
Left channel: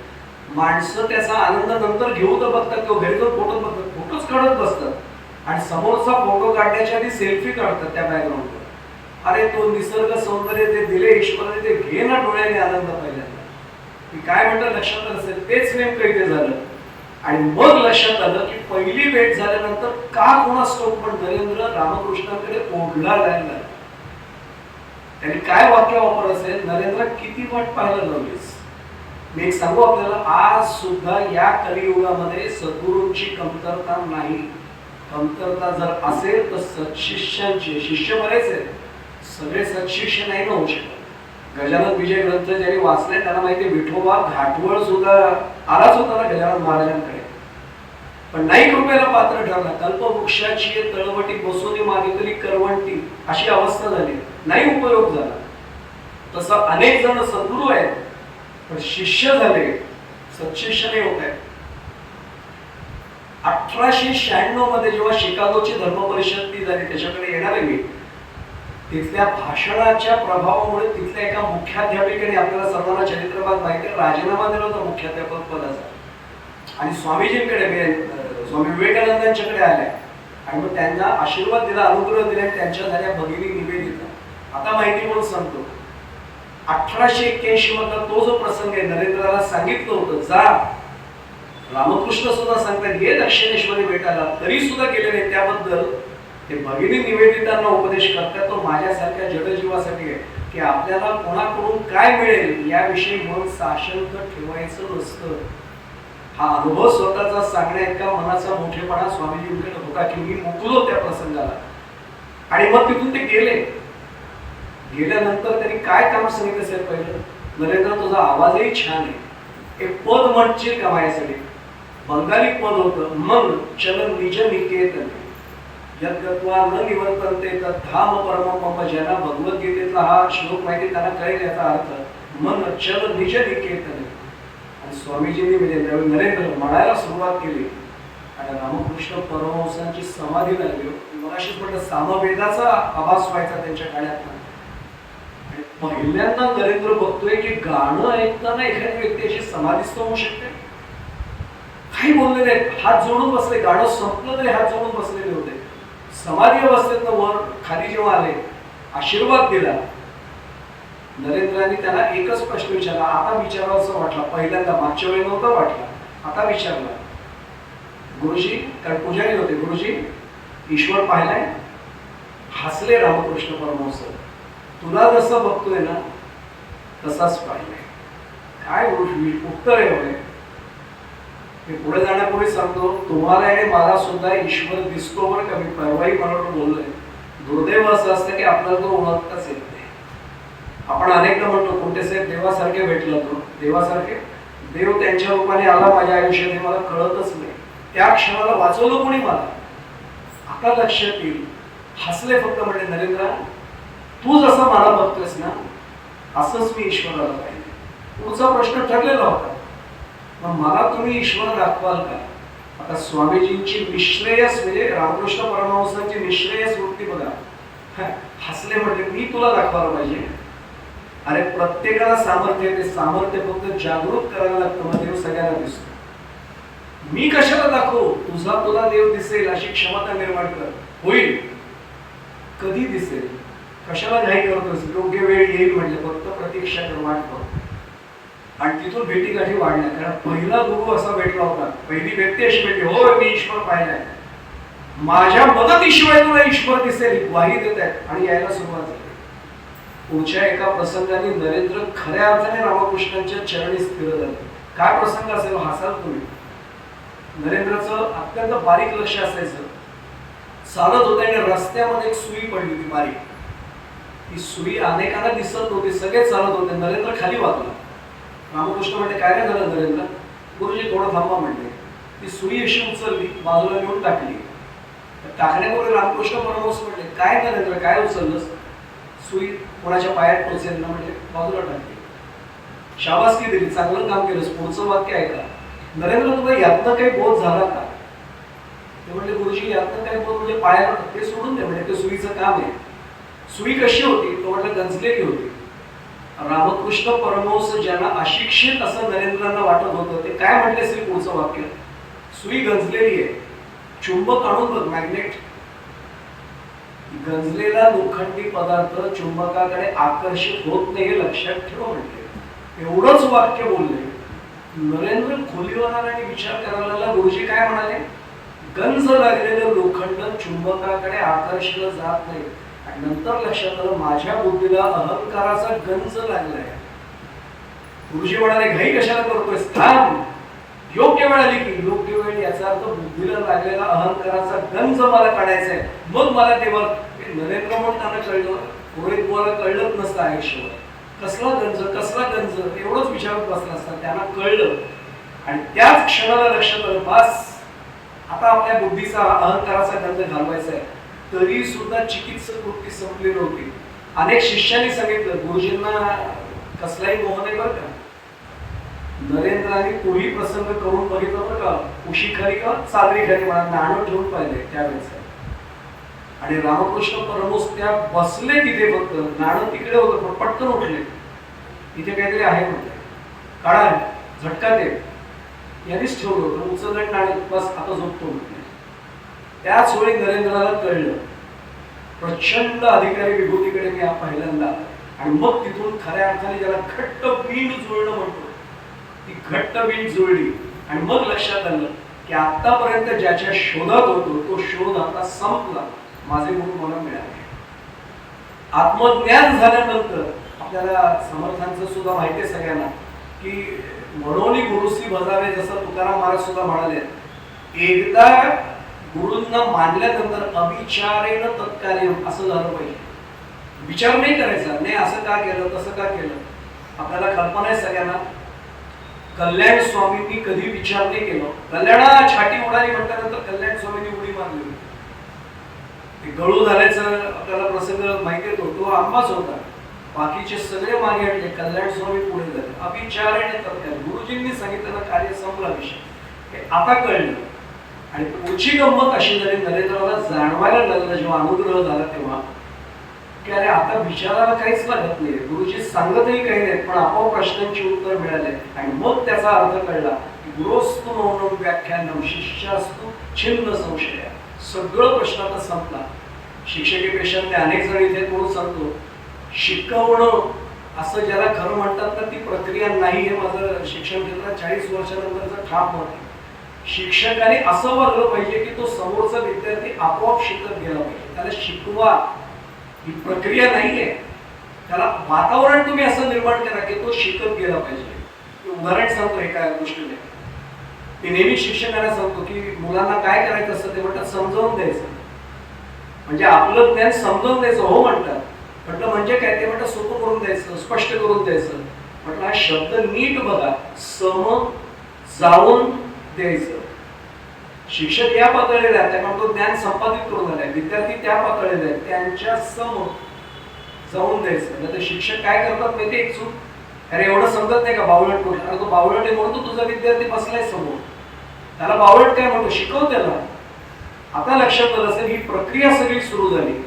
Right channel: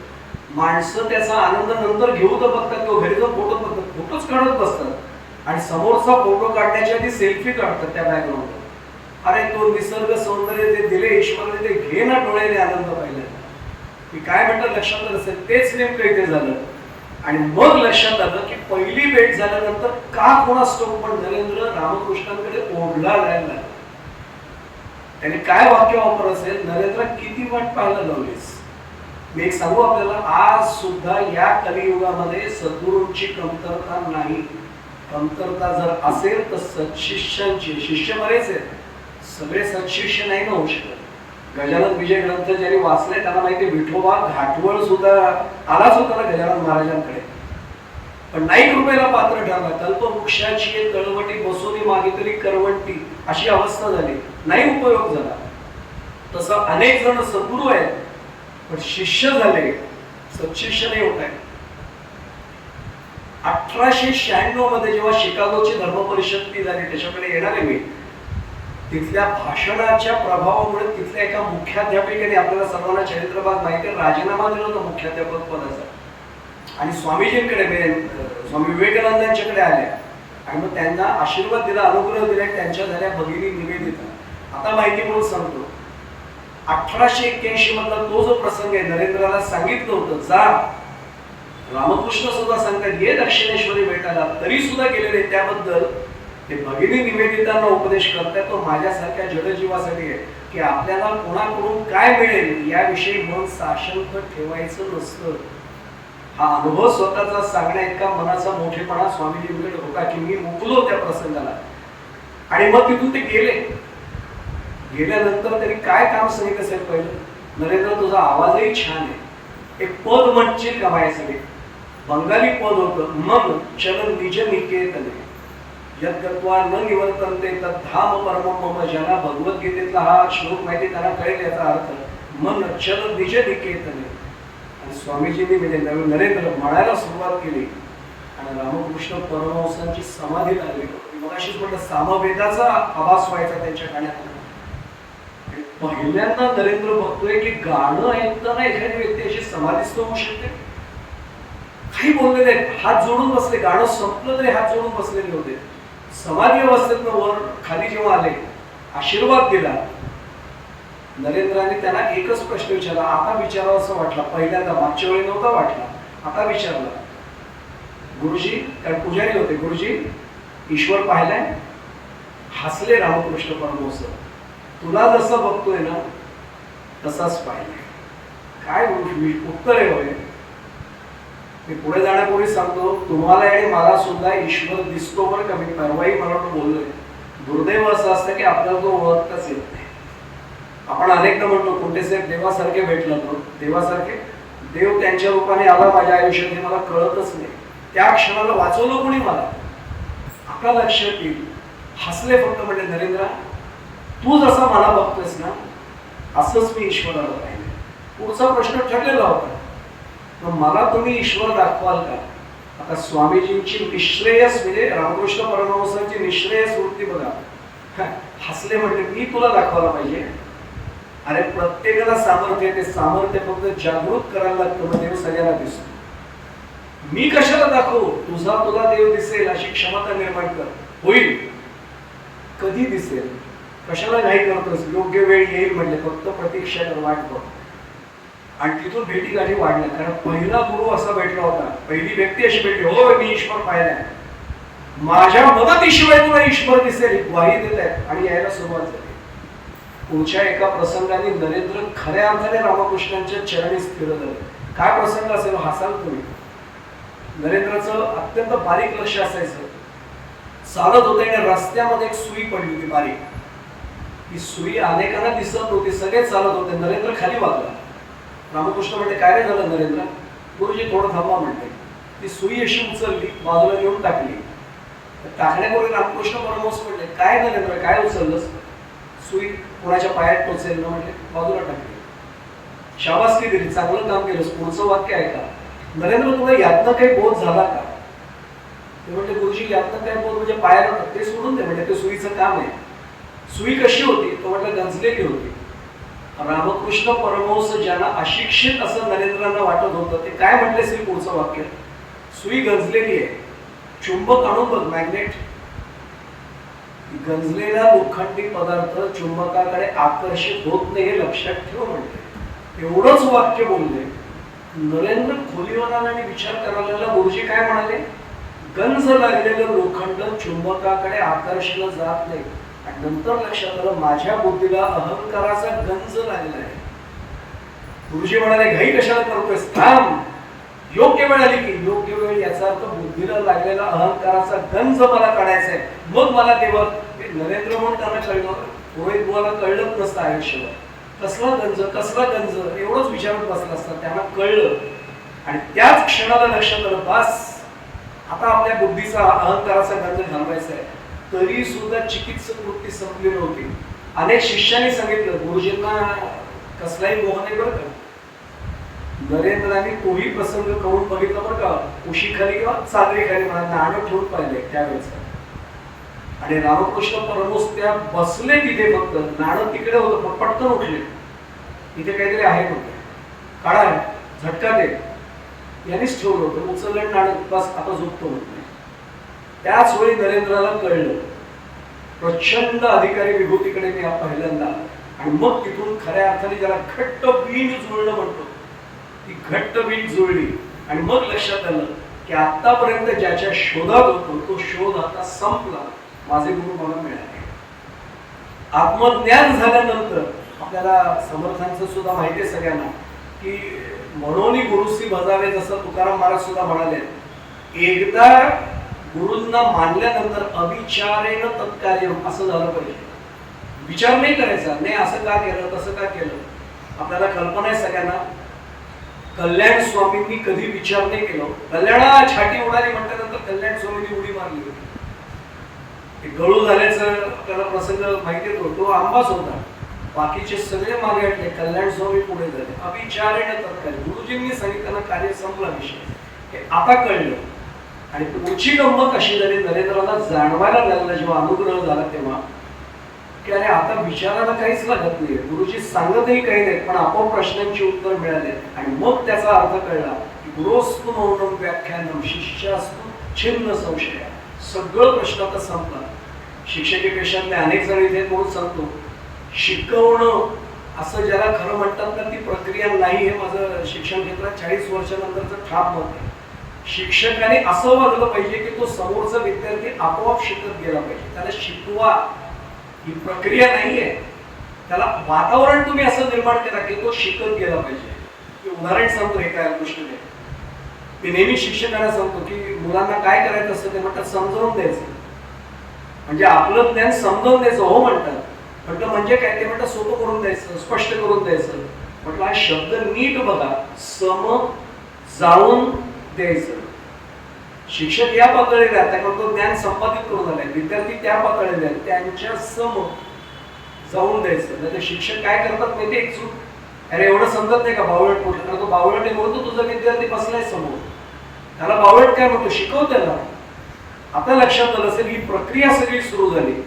माणसं त्याचा आनंद नंतर घेऊ तर बघतात किंवा घरी जाऊन फोटो बघतात, फोटोच काढत बसतात आणि समोरचा फोटो काढण्याच्या आधी सेल्फी काढतात त्या बॅकग्राऊंडवर. अरे तो निसर्ग सौंदर्य जे दिले ईश्वराने ते घे ना डोळ्याने आनंद पहिल्यांदा. मी काय म्हणतो लक्षात आलं असेल, तेच नेमकं इथे झालं. आणि मग लक्षात आलं की पहिली भेट झाल्यानंतर का कोणास ठाऊक पण नरेंद्र रामकृष्णांकडे ओढला जायला. त्यांनी काय वाक्य वापर असेल, नरेंद्र किती वाट पाहायला लावलीस. मी एक सांगू आपल्याला, आज सुद्धा या कलियुगामध्ये सद्गुरूंची कमतरता नाही. कमतरता जर असेल तर सत्शिष्यांची. शिष्य बरेच आहेत, सगळे सत्शिष्य नाही ना होऊ शकत. गजानन विजय ग्रंथ ज्यांनी वाचले त्यांना माहिती, विठोबा घाटवळ सुद्धा आलाच होता ना गजानन महाराजांकडे, पण नाही कृपेला पात्र ठरला. कल्पवृक्षाची तळवटी बसून मागितली करवंटी, अशी अवस्था झाली, नाही उपयोग झाला. तसं अनेक जण सद्गुरू आहेत पण शिष्य झाले, सत्शिष्य नाही होत आहेत. 1896 मध्ये जेव्हा शिकागोची धर्म परिषद ती झाली, त्याच्याकडे येणार आहे मी. तिथल्या भाषणाच्या प्रभावामुळे तिथल्या एका मुख्याध्यापिकेने, आपल्याला सर्वांना चरित्रभाग माहिती आहे, राजीनामा दिला होता मुख्याध्यापक पदाचा आणि स्वामीजींकडे, स्वामी विवेकानंदांच्याकडे आल्या आणि मग त्यांना आशीर्वाद दिला, अनुग्रह दिला. त्यांच्या झाल्या भगिनी निवेदिता. आता माहिती म्हणून सांगतो, 1881 मधला तो जो प्रसंग आहे, नरेंद्राला सांगितलं होतं जा. रामकृष्ण सुद्धा सांगतात ये दक्षिणेश्वरी भेटायला, तरी सुद्धा गेलेले. त्याबद्दल ते भगिनी निवेदितांना उपदेश करतात, तो माझ्यासारख्या जडजीवासाठी आहे की आपल्याला कोणाकडून काय मिळेल याविषयी म्हणून साशंक ठेवायचं नसतं. हा अनुभव स्वतःचा सांगण्या इतका मनाचा मोठेपणा स्वामीजींकडे होता की मी मुकलो त्या प्रसंगाला. आणि मग तिथून ते गेले. गेल्यानंतर त्यांनी काय काम सांगितलं असेल, पहिलं, नरेंद्र तुझा आवाजही छान आहे, एक पद म्हणशील का माझ्यासाठी. बंगाली पद होतं, मन चलन निज निकेतने यद्गत्वा न निवर्तन्ते तद्धाम परमं मम. ज्यांना भगवद्गीतेतला हा श्लोक माहिती त्यांना कळेल याचा अर्थ. मन चल निज निकेतने. आणि स्वामीजींनी म्हणजे नरेंद्र म्हणायला सुरुवात केली आणि रामकृष्ण परमहंसांची समाधी लागली. मग अशीच म्हटलं, सामवेदाचा आभास व्हायचा त्यांच्या गाण्यात. आणि पहिल्यांदा नरेंद्र बघतोय की गाणं ऐकताना एखादी व्यक्ती अशी समाधीस्थ होऊ शकते. काही बोलले नाहीत, हात जोडून बसले. गाणं संपलं तरी हात जोडून बसलेले होते. समाधी अवस्थेतनं वर खाली जेव्हा आले, आशीर्वाद दिला. नरेंद्राने त्यांना एकच प्रश्न विचारला, आता विचारावं असं वाटला. पहिल्यांदा मागच्या वेळी नव्हता वाटला, आता विचारला. गुरुजी, कारण पुजारी होते, गुरुजी ईश्वर पाहिलाय? हसले रामकृष्ण परमहंस. तुला जसं बघतोय ना तसाच पाहिलाय. काय उत्तर आहे होय. मी पुढे जाण्यापूर्वी सांगतो, तुम्हाला आणि मला सुद्धा ईश्वर दिसतो बरं का. मी परवाही मला बोललोय, दुर्दैव असं असतं की आपल्याला तो ओळखताच येत नाही. आपण अनेकदा म्हणतो कुठे साहेब देवासारखे भेटला तो. देवासारखे? देव त्यांच्या रूपाने आला माझ्या आयुष्यात हे मला कळतच नाही. त्या क्षणाला वाचवलं कोणी मला? आपल्या लक्षात येईल. हसले फक्त, म्हणजे नरेंद्र तू जसं मला बघतोयस ना असंच मी ईश्वराला पाहिजे. पुढचा प्रश्न ठरलेला होता, मग मला तुम्ही ईश्वर दाखवाल का? आता स्वामीजींची निश्रेयस म्हणजे रामकृष्ण परमहंसांची निश्रेयस वृत्ती बघा. हसले, म्हणजे मी तुला दाखवायला पाहिजे? अरे प्रत्येकाला सामर्थ्य आहे, ते सामर्थ्य फक्त जागृत करायला लागतं, मग देव सगळ्यांना दिसतो. मी कशाला दाखवू? तुझा तुला देव दिसेल अशी क्षमता निर्माण कर. होईल. कधी दिसेल? कशाला नाही करतोस? योग्य वेळ येईल म्हणजे फक्त प्रतीक्षा कर, वाट बघ. आणि तिथून भेटी गाठी वाढल्या. कारण पहिला गुरु असा भेटला होता, पहिली व्यक्ती अशी भेटली, होय मी ईश्वर पाहिलाय, माझ्या मदतीशिवाय तुला ईश्वर दिसेल, ग्वाही देत आहेत. आणि यायला सुरुवात झाली. पुढच्या एका प्रसंगाने नरेंद्र खऱ्या अर्थाने रामकृष्णांच्या चरणी स्थिर झाले. काय प्रसंग असेल हसाल तुम्ही. नरेंद्रचं अत्यंत बारीक लक्ष असायचं. चालत होते आणि रस्त्यामध्ये एक सुई पडली होती बारीक. ती सुई अनेकांना दिसत नव्हती, सगळे चालत होते. नरेंद्र खाली वाकला. रामकृष्ण म्हणते, काय रे झालं नरेंद्र? गुरुजी थोडं थांबा म्हणते. ती सुई अशी उचलली, बाजूला नेऊन टाकली. टाकण्यापूर्वी रामकृष्ण परमहंस म्हणले, काय नरेंद्र काय उचललंस? सुई कोणाच्या पायात टोचेल ना म्हटले, बाजूला टाकली. शाबासकी दिली, चांगलं काम केलंस. पुढचं वाक्य आहे का, नरेंद्र तुला यातनं काही बोध झाला का? ते म्हणले, गुरुजी यातनं काय बोध म्हणजे पायाला ते सोडून दे, म्हणजे ते सुईचं काम आहे. सुई कशी होती? तो म्हटलं गंजलेली होती. रामकृष्ण परमहंस ज्यांना अशिक्षित असं नरेंद्रांना वाटत होतं, ते काय म्हटले असेल पुढचं वाक्य? सुई गंजलेली आहे, चुंबक आणून बघ, मॅग्नेट. गंजलेला लोखंडी पदार्थ चुंबकाकडे आकर्षित होत नाही हे लक्षात ठेव म्हणते. एवढंच वाक्य बोलले. नरेंद्र खोलीवर आला आणि विचार करायला लागला, गुरुजी काय म्हणाले? गंज लागलेलं लोखंड चुंबकाकडे आकर्षलं जात नाही. आणि नंतर लक्षात आलं, माझ्या बुद्धीला अहंकाराचा गंज लागलाय. गुरुजी म्हणाले, घाई कशाला करतोयस? थांब, योग्य वेळ आली की. योग्य वेळ याचा अर्थ बुद्धीला लागलेला अहंकाराचा गंज मला काढायचा आहे, मग मला देवा. नरेंद्र म्हणून त्यांना कळलं, रोहित बुवाला कळलंच नसतं आयुष्यभर. कसला गंज, कसला गंज एवढंच विचारत बसला असता. त्यांना कळलं आणि त्याच क्षणाला लक्षात आलं, बस आता आपल्या बुद्धीचा अहंकाराचा गंज घालवायचा आहे. तरी सुद्धा चिकित्सक वृत्ती संपली नव्हती. अनेक शिष्यांनी सांगितलं, गुरुजींना कसलाही मोह नाही बरं का. नरेंद्रांनी तोही प्रसंग करून बघितलं बरं का. उशीखाली किंवा चादरीखाली म्हणा नाणं ठेवून पाहिले त्यावेळेस. आणि रामकृष्ण परमहंस त्या बसले तिथे, फक्त नाणं तिकडे होतं पण पटकन उठले. इथे काहीतरी आहे म्हणते, काढा झटका दे. यांनीच ठेवलं होतं, उचललं नाणं, बस आता झोपतो म्हटलं. त्याच वेळी नरेंद्राला कळलं, प्रचंड अधिकारी विभूतीकडे मी पहिल्यांदा. आणि मग तिथून खऱ्या अर्थाने ज्याला घट्ट वीण जुळणं म्हणतो, ती घट्ट वीण जुळली. आणि मग लक्षात आलं की आतापर्यंत ज्याच्या शोधात होतो तो शोध आता संपला. माझे गुरु मला मिळाले. आत्मज्ञान झाल्यानंतर आपल्याला समर्थांचं सुद्धा माहिती आहे सगळ्यांना की म्हणून गुरुसी भजावे, जसं तुकाराम महाराज सुद्धा म्हणाले, एकदा गुरूंना मानल्यानंतर अविचारेण तत्कार्य असं झालं पाहिजे. विचार नाही करायचा, नाही असं का केलं तसं का केलं. आपल्याला कल्पना आहे सगळ्यांना, कल्याण स्वामींनी कधी विचार नाही केला. कल्याणा छाटी उडाली म्हटल्यानंतर कल्याण स्वामींनी उडी मारली होती. ते गळू झाल्याचं आपल्याला प्रसंग माहिती येतो, तो आंबाच होता. बाकीचे सगळे मागे हटले, कल्याण स्वामी पुढे झाले. अविचारेण तत्कार्य, गुरुजींनी सांगितलं कार्य संपला विषय. हे आता कळलं. आणि पुढची गंमत अशी झाली, नरेंद्राला जाणवायला लागला जेव्हा अनुग्रह झाला तेव्हा, की अरे आता विचारायला काहीच लागत नाही, गुरुजी सांगतही काही नाही, पण आपोआप प्रश्नांची उत्तर मिळाले. आणि मग त्याचा अर्थ कळला गुरोस्तु मौनम व्याख्यानम शिष्यास्तु छिन्न संशय. सगळं प्रश्न आता संपला. शिक्षकेपेक्षा अनेक जण इथे म्हणून सांगतो, शिकवणं असं ज्याला खरं म्हणतात ना, ती प्रक्रिया नाही. हे माझं शिक्षण क्षेत्रात 40 वर्षानंतरचं ठाम मत आहे. शिक्षकाने असं वागलं पाहिजे की तो समोरचा विद्यार्थी आपोआप शिकत गेला पाहिजे. त्याला शिकवा ही प्रक्रिया नाहीये. त्याला वातावरण तुम्ही असं निर्माण करा की तो शिकत गेला पाहिजे. उदाहरण सांगतो एका गोष्टीने. मी नेहमी शिक्षकांना सांगतो की मुलांना काय करायचं असतं ते म्हणतात समजावून द्यायचं. म्हणजे आपलं ज्ञान समजावून द्यायचं. हो म्हणतात. म्हटलं म्हणजे काय? ते म्हणतात सोपं करून द्यायचं, स्पष्ट करून द्यायचं. म्हटलं हा शब्द नीट बघा. सम जाऊन द्यायचं. शिक्षक या पातळीला आहेत कारण तो ज्ञान संपादित करून आलाय. विद्यार्थी त्या पातळीला आहेत, त्यांच्या सम जाऊन द्यायचं. नाही तर शिक्षक काय करतात माहिती एक चूक, अरे एवढं समजत नाही का बावळट कुठला? अरे तो बावळट आहे म्हणून तो तुझा विद्यार्थी बसलाय समोर. त्याला बावळट काय म्हणतो? शिकव त्याला. आता लक्षात आलं असेल ही प्रक्रिया सगळी सुरू झाली.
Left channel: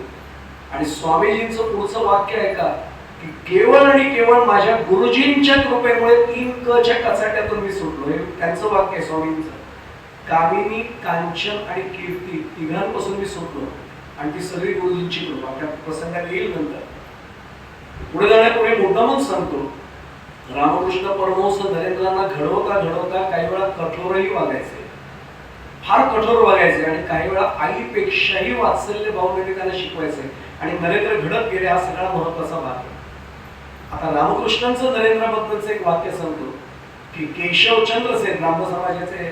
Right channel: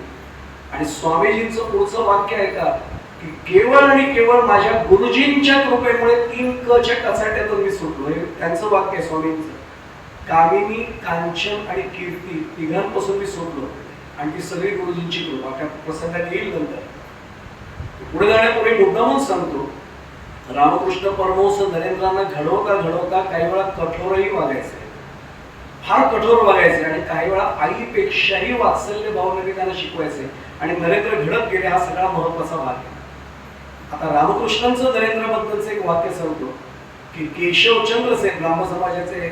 आणि स्वामीजींचं पुढचं वाक्य आहे का की केवळ आणि केवळ माझ्या गुरुजींच्या कृपेमुळे 3 कच्या कचाट्यातून मी सुटलो. हे त्यांचं वाक्य आहे स्वामींचं. कामिनी, कांचन आणि कीर्ती तिघांपासून मी सुटलो आणि ती सगळी गुरुजींची कृपा. त्या प्रसंगात येईल नंतर. पुढे जाण्यापूर्वी मुद्दामून सांगतो, रामकृष्ण परमहंस नरेंद्रांना घडवता घडवता काही वेळा कठोरही वागायचे. फार कठोर वागायचे आणि काही वेळा आईपेक्षाही वात्सल्य भावनेने त्यांना शिकवायचे. आणि नरेंद्र घडत गेले. हा सगळा महत्वाचा भाग आहे. आता रामकृष्णांचं नरेंद्राबद्दलचं एक वाक्य सांगतो की केशवचंद्र सेन ब्राह्मण समाजाचे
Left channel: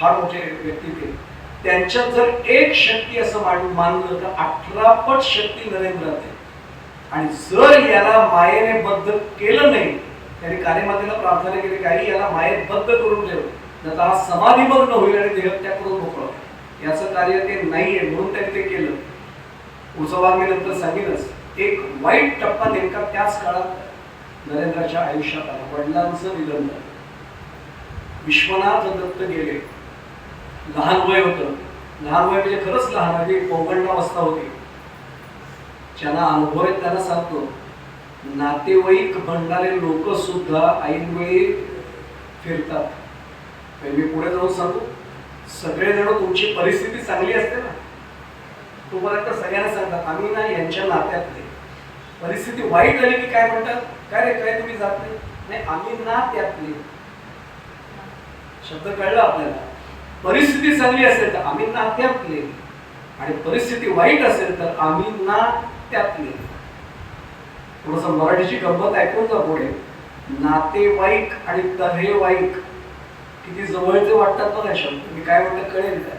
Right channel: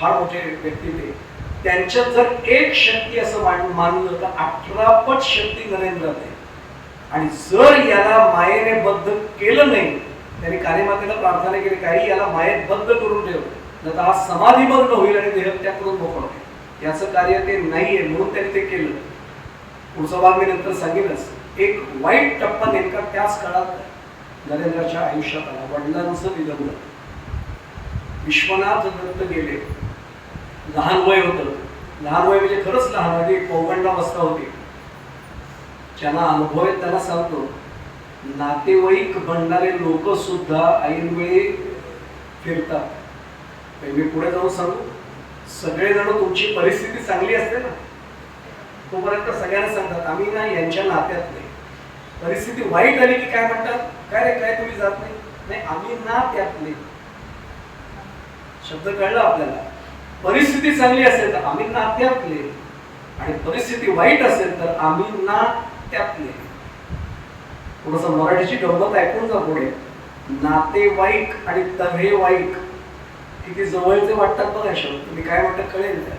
फार मोठे व्यक्ती ते. त्यांच्यात जर एक शक्ती असं मानलं तर 18 पट शक्ती नरेंद्रात आहे. आणि जर याला मायेने बद्ध केलं नाही, त्यांनी कालीमातेला प्रार्थना केली काही याला मायेत बद्ध करून ठेव, तर हा समाधीमग्न होईल आणि देह त्याकडून मोकळा होईल. याचं कार्य ते नाहीये म्हणून त्यांनी ते केलं. पुढचा भाग मी नंतर सांगेनच. एक वाईट टप्पा नेमका त्याच काळात नरेंद्राच्या आयुष्यात आला. वडिलांचं निधन झालं. विश्वनाथ दत्त गेले. लहान वय होतं. लहान वय म्हणजे खरंच लहान वय. ते पौगंडावस्था होती. ज्यांना अनुभव आहेत त्यांना सांगतो, नातेवाईक बनणारे लोक सुद्धा ऐनवेळी फिरतात. मी पुढे जाऊन सांगतो, सगळे जण तुमची परिस्थिती चांगली असते ना तोपर्यंत सगळ्यांना सांगतात आम्ही ना यांच्या नात्यातले. परिस्थिती वाईट आली की काय म्हणतात, काय रे काय तुम्ही जात नाही? नाही आम्ही ना त्यातले. शब्द कळला आपल्याला. परिस्थिती चांगली असेल तर आम्ही नात्यातले आणि परिस्थिती वाईट असेल तर आम्ही ना त्यातले. थोडस मराठीची गंमत ऐकून जा पुढे. नातेवाईक आणि तऱ्हेवाईक किती जवळचे वाटतात बघा शब्द. मी काय म्हणतात कळेल काय?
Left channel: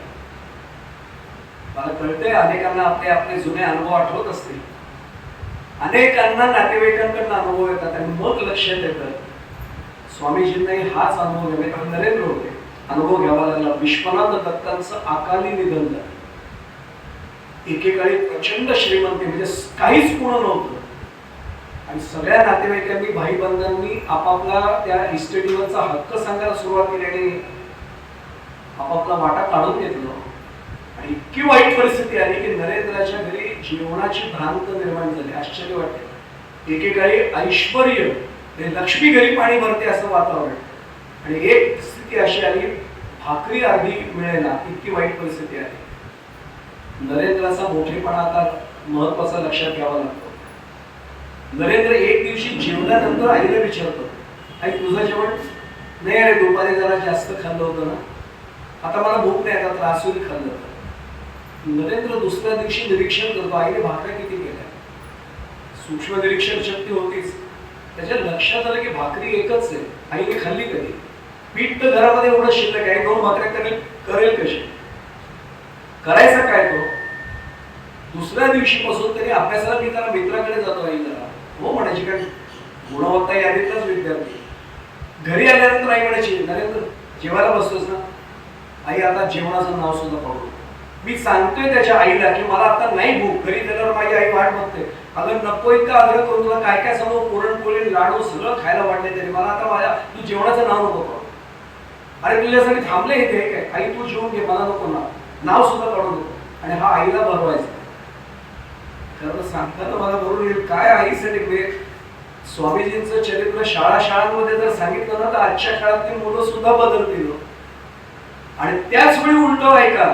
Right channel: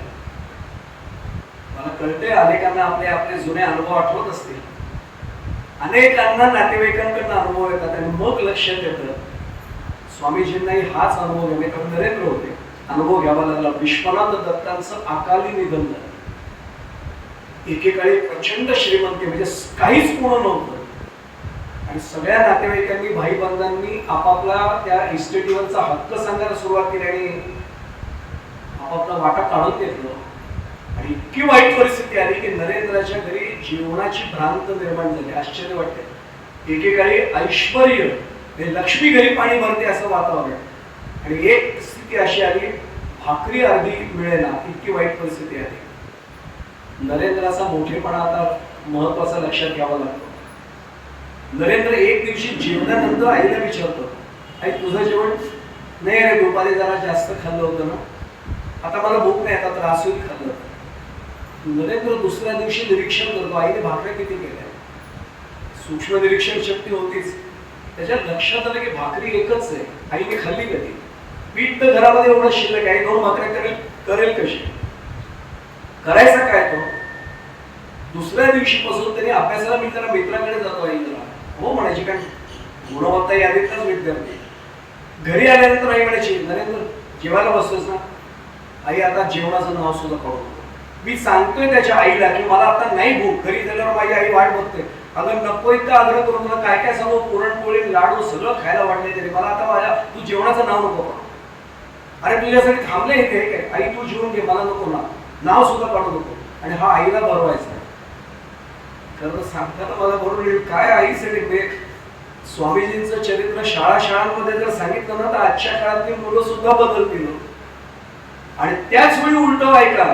मला कळते अनेकांना आपले आपले जुने अनुभव आठवत असतील. अनेकांना नातेवाईकांकडून अनुभव येतात आणि मग लक्षात येतं स्वामीजींनाही हाच अनुभव घ्यावे. कारण नरेंद्र होते. अनुभव घ्यावा लागला. विश्वनाथ दत्तांचं अकाली निधन झालं. एकेकाळी प्रचंड श्रीमंती म्हणजे काहीच पूर्ण नव्हतं आणि सगळ्या नातेवाईकांनी भाईबंधांनी आपापला त्या इस्टेटीवरचा हक्क सांगायला सुरुवात केली आणि आपापला वाटा काढून घेतला. आणि इतकी वाईट परिस्थिती आली की नरेंद्राच्या घरी जीवनाची भ्रांत निर्माण झाली. आश्चर्य वाटते. एकेकाळी ऐश्वर्य लक्ष्मी घरी पाणी भरते असं वातावरण आणि एक स्थिती अशी आली भाकरी अर्धी मिळेना इतकी वाईट परिस्थिती आली. नरेंद्राचा मोठेपणा आता महत्वाचा लक्षात घ्यावा लागतो. नरेंद्र एक दिवशी जेवणानंतर आईला विचारतो, आई तुझं जेवण? नाही रे दुपारी जरा जास्त खाल्लं होतं ना, आता मला भूक नाही, आता त्रास होईल खाल्लं. नरेंद्र दुसऱ्या दिवशी निरीक्षण करतो आईने भाकऱ्या किती केल्या. सूक्ष्म निरीक्षण शक्ती होतीच. त्याच्या लक्षात आलं की भाकरी एकच आहे. आईने खाल्ली कधी? पीठ तर घरामध्ये एवढं शिल्लक आहे, 2 भाकऱ्या करेल कशी? करायचा काय तो? दुसऱ्या दिवशीपासून त्यांनी अभ्यासाला मी जरा मित्राकडे जातो आई जरा हो म्हणायची, कारण गुणवत्ता यादीतलाच विद्यार्थी. घरी आल्यानंतर आई म्हणायची नरेंद्र जेवायला बसतोस ना? आई आता जेवणाचं नाव सुद्धा काढू. मी सांगतोय त्याच्या आईला की मला आता नाही भूक. घरी गेल्यावर माझी आई वाट बघते. अगं नको इतका आग्रह करून तुला काय काय सगळं पुरणपोळी लाडू सगळं खायला वाटले तरी मला आता माझ्या तू जेवणाचं नाव नको काढू. अरे तुझ्यासाठी थांबले इथे काय? आई तू जेवून घे, मला नको नाव सुद्धा काढू नको. आणि हा आईला भरवायचा. खरं तर सांगताना मला बरोबर येईल काय आईसाठी स्वामीजींचं चरित्र शाळांमध्ये जर सांगितलं ना तर आजच्या काळातील मुलं सुद्धा बदलतील. आणि त्याच वेळी उलट ऐका,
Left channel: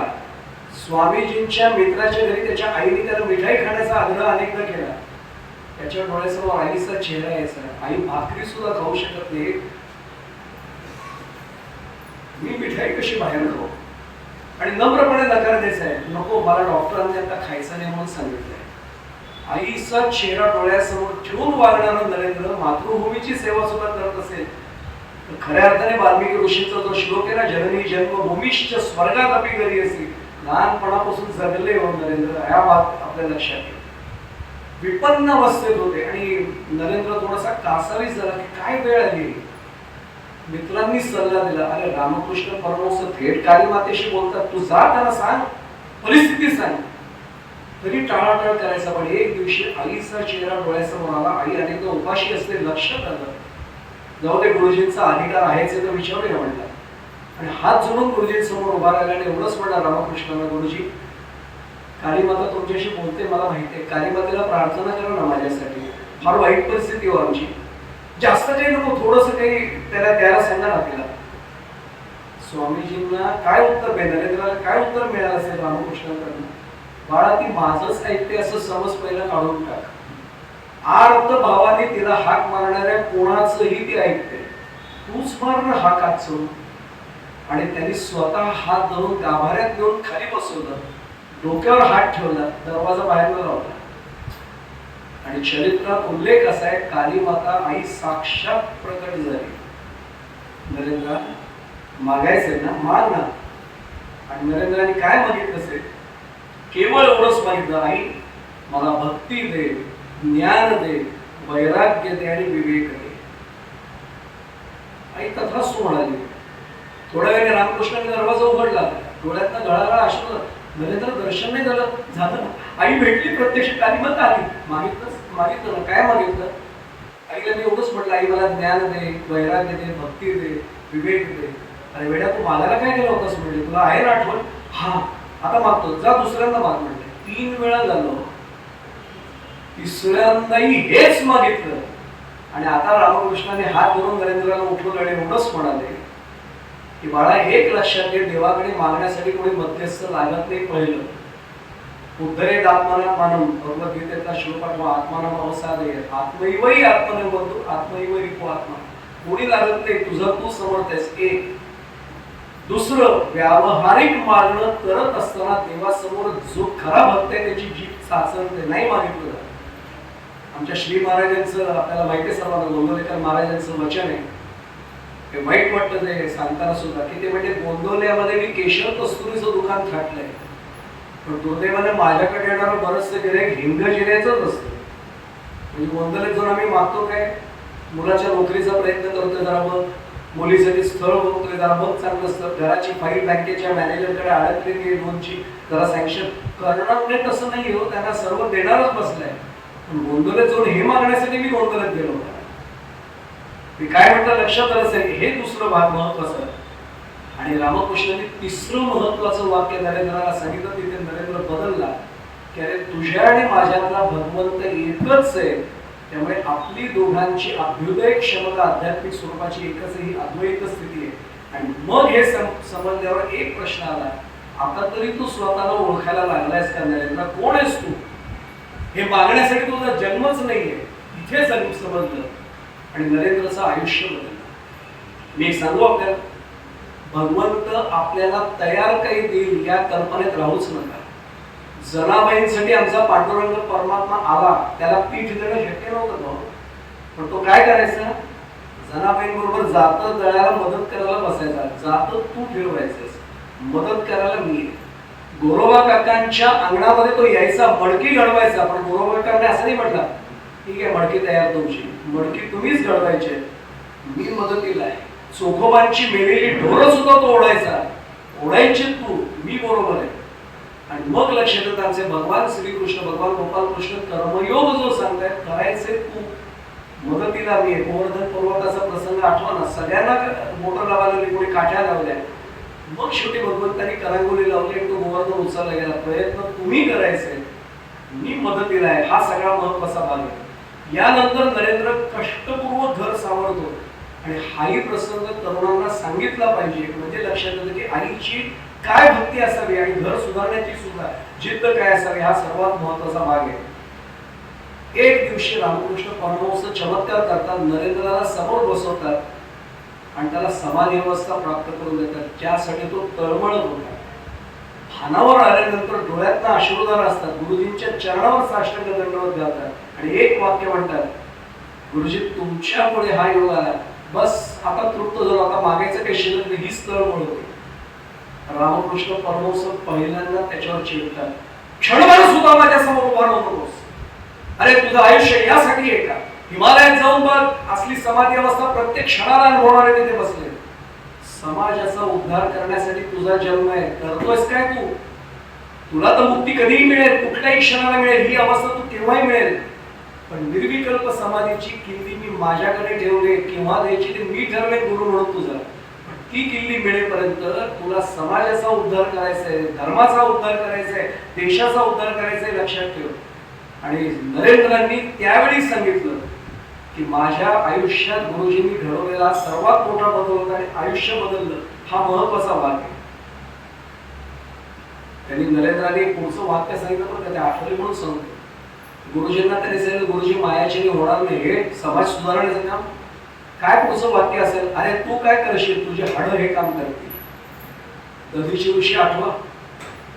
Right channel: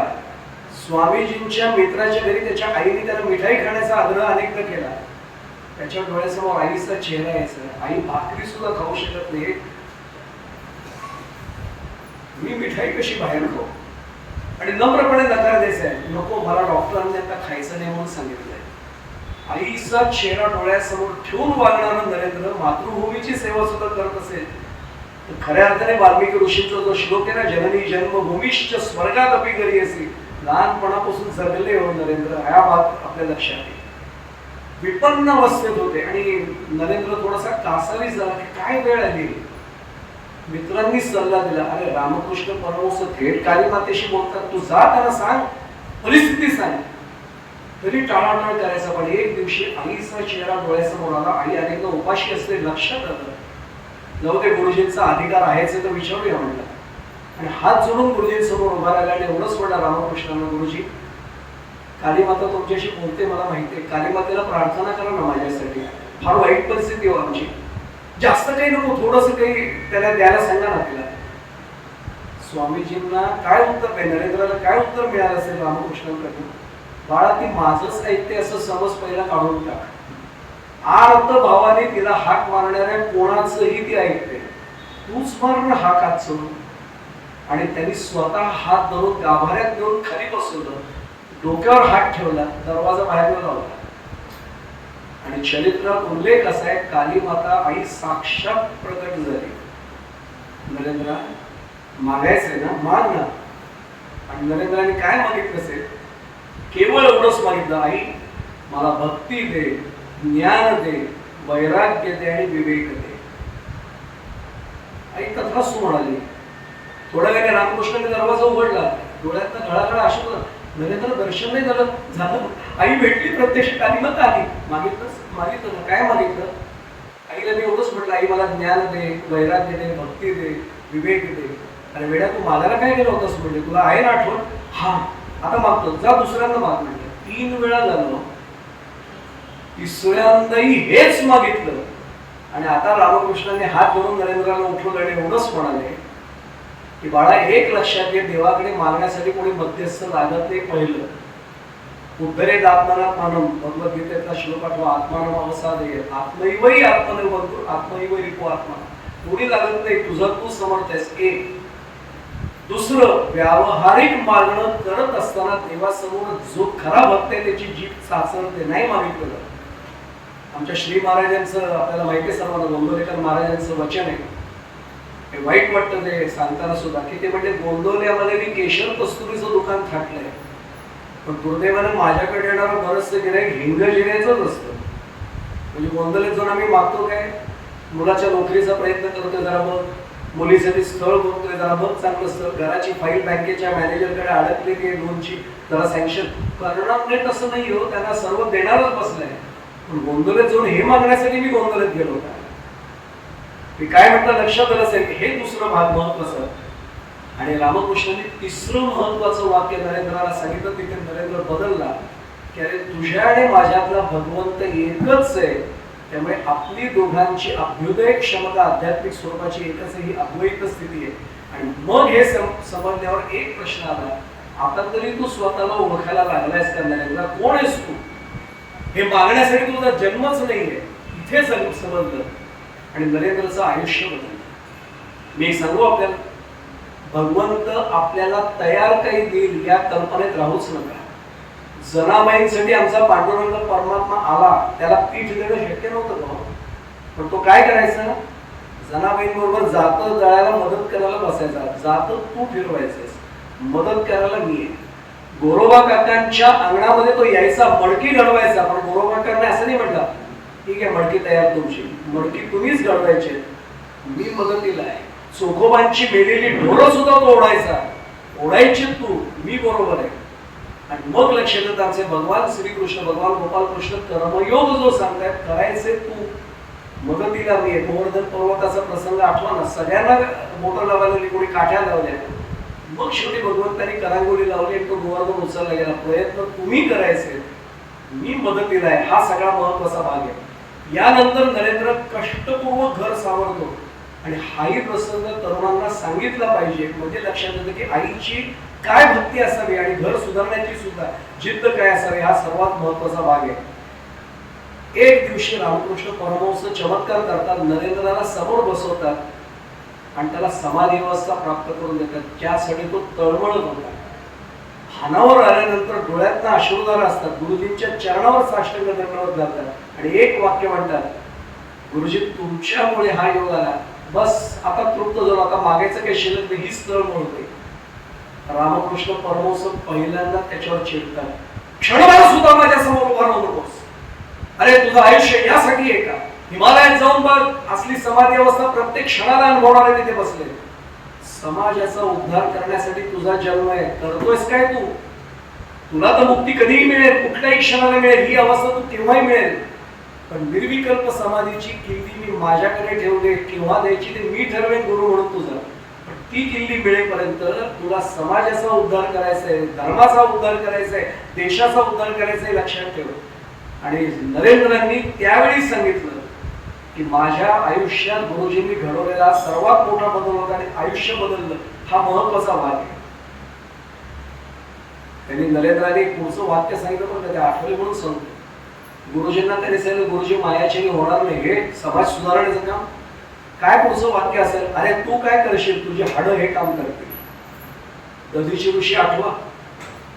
स्वामीजींच्या मित्राच्या घरी त्याच्या आईने त्याला मिठाई खाण्याचा आग्रह अनेकदा केला. त्याच्या डोळ्यासमोर आईचा चेहरा यायचा, आई भाकरी सुद्धा खाऊ शकत नाही, मी मिठाई कशी बाहेर खाऊ? आणि नम्रपणे नकार द्यायचा आहे, नको मला डॉक्टरांनी आता खायचं नाही म्हणून सांगितलंय. आईचा चेहरा डोळ्यासमोर ठेवून वागणारा नरेंद्र मातृभूमीची सेवा सुद्धा करत असेल. खऱ्या अर्थाने वाल्मिकी ऋषींचा जो श्लोक आहे ना, जननी जन्मभूमीश्च स्वर्गात अपि घरी असे, लहानपणापासून जगले हो नरेंद्र, या बात आपल्या लक्षात आहे. विपन्न अवस्थेत होते आणि नरेंद्र थोडासा कासावीस झाला की काय वेळ आली. मित्रांनी सल्ला दिला, अरे रामकृष्ण परमहंस थेट काली मातेशी बोलतात, तू जा त्यांना सांग, परिस्थिती सांग. तरी टाळाटाळ करायचा. पण एक दिवशी आईचा चेहरा डोळ्यासमोर आला. आई अनेकदा उपाशी असते, लक्षात आलं. जाऊ दे, गुरुजींचा अधिकार आहेच तर विचारूया म्हटलं. आणि हात जोडून गुरुजींसमोर उभा राहिला आणि एवढंच म्हणला रामकृष्णांना, गुरुजी कालीमाता तुमच्याशी बोलते मला माहिती आहे, कालीमातेला प्रार्थना करा ना माझ्यासाठी, फार वाईट परिस्थिती हो आमची, जास्त काही नको, थोडस काही त्याला द्यायला सांगा ना तिला. स्वामीजींना काय उत्तर नाही, नरेंद्राला काय उत्तर मिळालं असेल रामकृष्णांकडून? बाळा ती माझंच ऐकते असं समज पहिला काढून टाक. आर्त भावाने तिला हाक मारणाऱ्या कोणाचंही ती ऐकते, तूच मारणार हाक आजचं. आणि त्यांनी स्वतः हात धरून गाभाऱ्यात नेऊन खाली बसवलं, डोक्यावर हात ठेवला, दरवाजा बाहेर लावला. आणि चरित्रात उल्लेख असा आहे, काली माता आई साक्षात प्रकट झाली. नरेंद्रा मागायचंय ना, माग ना. आणि नरेंद्राने काय मागितलं असेल? केवळ एवढंच मागितलं, आई मला भक्ती दे, ज्ञान दे, वैराग्य दे आणि विवेक दे. आई तथास्तु म्हणाली. थोड्या वेळाने रामकृष्णाने दरवाजा उघडला, डोळ्यातनं गळागळा अश्रू. नरेंद्र दर्शन नाही झालं. आई भेटली, प्रत्यक्ष कालीमाता आली. मागितलं ना, काय मागितलं? आईला मी एवढंच म्हटलं, आई मला ज्ञान दे, वैराग्य दे, भक्ती दे, विवेक दे. अरे वेळा तू मागायला काय गेला होतास म्हणजे, तुला आहे ना आठवण? हा आता मागतो, जा दुसऱ्यांदा माग म्हणजे. 3 वेळा झालं, तिसऱ्यांदाही हेच मागितलं. आणि आता रामकृष्णाने हात धरून नरेंद्राला उठवलं आणि एवढंच म्हणाले की बाळा एक लक्षात घे, देवाकडे मागण्यासाठी कोणी मध्यस्थ लागत नाही. पहिलं उद्धरेत आत्मनात मानव, भगवद्गीतेचा श्लोक आठवा, आत्मानम अवसादे, आत्मैवही आत्मदेव बघतो, आत्मैव रिपो आत्मा. कोणी लागत नाही, तुझं तू समर्थ आहेस. एक. दुसरं, व्यावहारिक मागणं करत असताना देवासमोर जो खरा भक्त आहे त्याची जीभ चाचरते, नाही मागितलं. आमच्या श्री महाराजांचं आपल्याला माहिती आहे सर्वांना, गोंदवलेकर महाराजांचं वचन आहे, हे वाईट वाटतं ते सांगताना सुद्धा, की ते म्हणजे गोंदवल्यामध्ये मी केशर कस्तुरीचं दुकान थाटलंय, पण दुर्दैवाने माझ्याकडे येणारं बरंचसं गिऱ्हाईक हिंगजिऱ्याचंच असतं. म्हणजे गोंदवलेत जाऊन आम्ही मागतो काय, मुलाच्या नोकरीचा प्रयत्न करतोय, जरा बघ, मुलीसाठी स्थळ बघतोय, जरा बघ चांगलं स्थळ, घराची फाईल बँकेच्या मॅनेजरकडे अडकलेली आहे, लोनची, जरा सँक्शन करणार नाही. तसं नाही हो, त्यांना सर्व देणारच बसलंय. पण गोंदवलेत जाऊन हे मागण्यासाठी मी गोंदवलेत गेलो होता. मी काय म्हटलं लक्षात आलं असेल, हे दुसरं भाग महत्वाचं. आणि रामकृष्णांनी तिसरं महत्वाचं वाक्य नरेंद्राला सांगितलं. तिथे नरेंद्र बदलला की अरे तुझ्या आणि माझ्यातला भगवंत एकच आहे, त्यामुळे आपली दोघांची अभ्युदय क्षमता आध्यात्मिक स्वरूपाची एकच आहे, ही अद्वैत स्थिती आहे. आणि मग हे समजल्यावर एक प्रश्न आला, आता तरी तू स्वतःला ओळखायला लागलायस का नरेंद्र? कोण आहेस तू? हे मागण्यासाठी तुझा जन्मच नाहीये, इथे समजलं. आणि नरेंद्रचं आयुष्य बदललं. मी एक सांगू आपल्याला, भगवंत आपल्याला तयार काही देईल या कल्पनेत राहूच नका. जनाबाईंसाठी आमचा पांडुरंग परमात्मा आला, त्याला पीठ देणं शक्य नव्हतं का? पण तो काय करायचा, जनाबाईंबरोबर जातं दळायला मदत करायला बसायचा. जातं तू फिरवायचंस, मदत करायला मी आहे. गोरोबा काकांच्या अंगणामध्ये तो यायचा, मडकी घडवायचा. पण गोरोबा काकांनी असं नाही म्हटलं, ठीक आहे मडकी तयार तुमची, मडकी तुम्हीच घडवायची, मी मदतीला आहे. चोखोबांची मेलेली ढोरं सुद्धा तो ओढायचा, ओढायची तू, मी बरोबर आहे. आणि मग लक्ष देत आमचे भगवान श्रीकृष्ण, भगवान गोपालकृष्ण कर्मयोग जो सांगतायत, करायचे तू, मदतीला मी आहे. गोवर्धन पर्वताचा प्रसंग आठवा ना, सगळ्यांना मोटर लावायला कोणी काठ्या लावल्या, मग शेवटी भगवंतांनी करांगोली लावली आणि तो गोवर्धन उचलला गेला. प्रयत्न तुम्ही करायचे, मी मदतीला आहे. हा सगळा महत्वाचा भाग आहे. यानंतर नरेंद्र कष्टपूर्वक घर सावरतो आणि हाही प्रसंग तरुणांना सांगितला पाहिजे, म्हणजे लक्षात येतं की आईची काय भक्ती असावी आणि घर सुधारण्याची सुद्धा जिद्द काय असावी, हा सर्वात महत्वाचा भाग आहे. एक दिवशी रामकृष्ण परमहंस चमत्कार करतात, नरेंद्राला समोर बसवतात आणि त्याला समाधी अवस्था प्राप्त करून देतात. त्यासाठी तो तळमळत होता. भानावर आल्यानंतर डोळ्यातनं अश्रुधार असतात. गुरुजींच्या चरणावर साष्टांग दंडवत घालतात आणि एक वाक्य म्हणतात, गुरुजी तुमच्यामुळे हा योग आला, बस आता तृप्त झालो, आता मागायचं काही शिल्लक नाही, हीच तळमळ होती. रामकृष्ण परमहंस पहिल्यांदा त्याच्यावर चिडतात, क्षणभर सुद्धा माझ्या समोर उभा राहू नकोस. अरे तुझं आयुष्य यासाठी आहे का? हिमालयात जाऊन बघ, असली समाधी अवस्था प्रत्येक क्षणाला अनुभवणारे तिथे बसले. समाजाचा उद्धार करण्यासाठी तुझा जन्म आहे, करतोयस काय तू? तुला तर मुक्ती कधीही मिळेल, कुठल्याही क्षणाला मिळेल, ही अवस्था तू केव्हाही मिळेल. पण निर्विकल्प समाधीची किल्ली मी माझ्याकडे ठेवले, केव्हा द्यायची ते मी ठरवेन गुरु म्हणून तुझा. पण ती किल्ली मिळेपर्यंत तुला समाजाचा उद्धार करायचा आहे, धर्माचा उद्धार करायचा आहे, देशाचा उद्धार करायचा आहे, लक्षात ठेव. आणि नरेंद्रांनी त्यावेळी सांगितलं की माझ्या आयुष्यात गुरुजींनी घडवलेला सर्वात मोठा बदल होता आणि आयुष्य बदललं, हा महत्वाचा भाग आहे. त्यांनी नरेंद्रांनी पुढचं वाक्य सांगितलं, पण कधी आठवले म्हणून सांगतो. गुरुजींना त्यांनी सांगितलं, गुरुजी मायाचेने होणार नाही, हे समाज सुधारण्याचं काम. काय पुढचं वाक्य असेल? अरे तू काय करशील, तुझे हाडं हे काम करतील. दधीची ऋषी आठवा,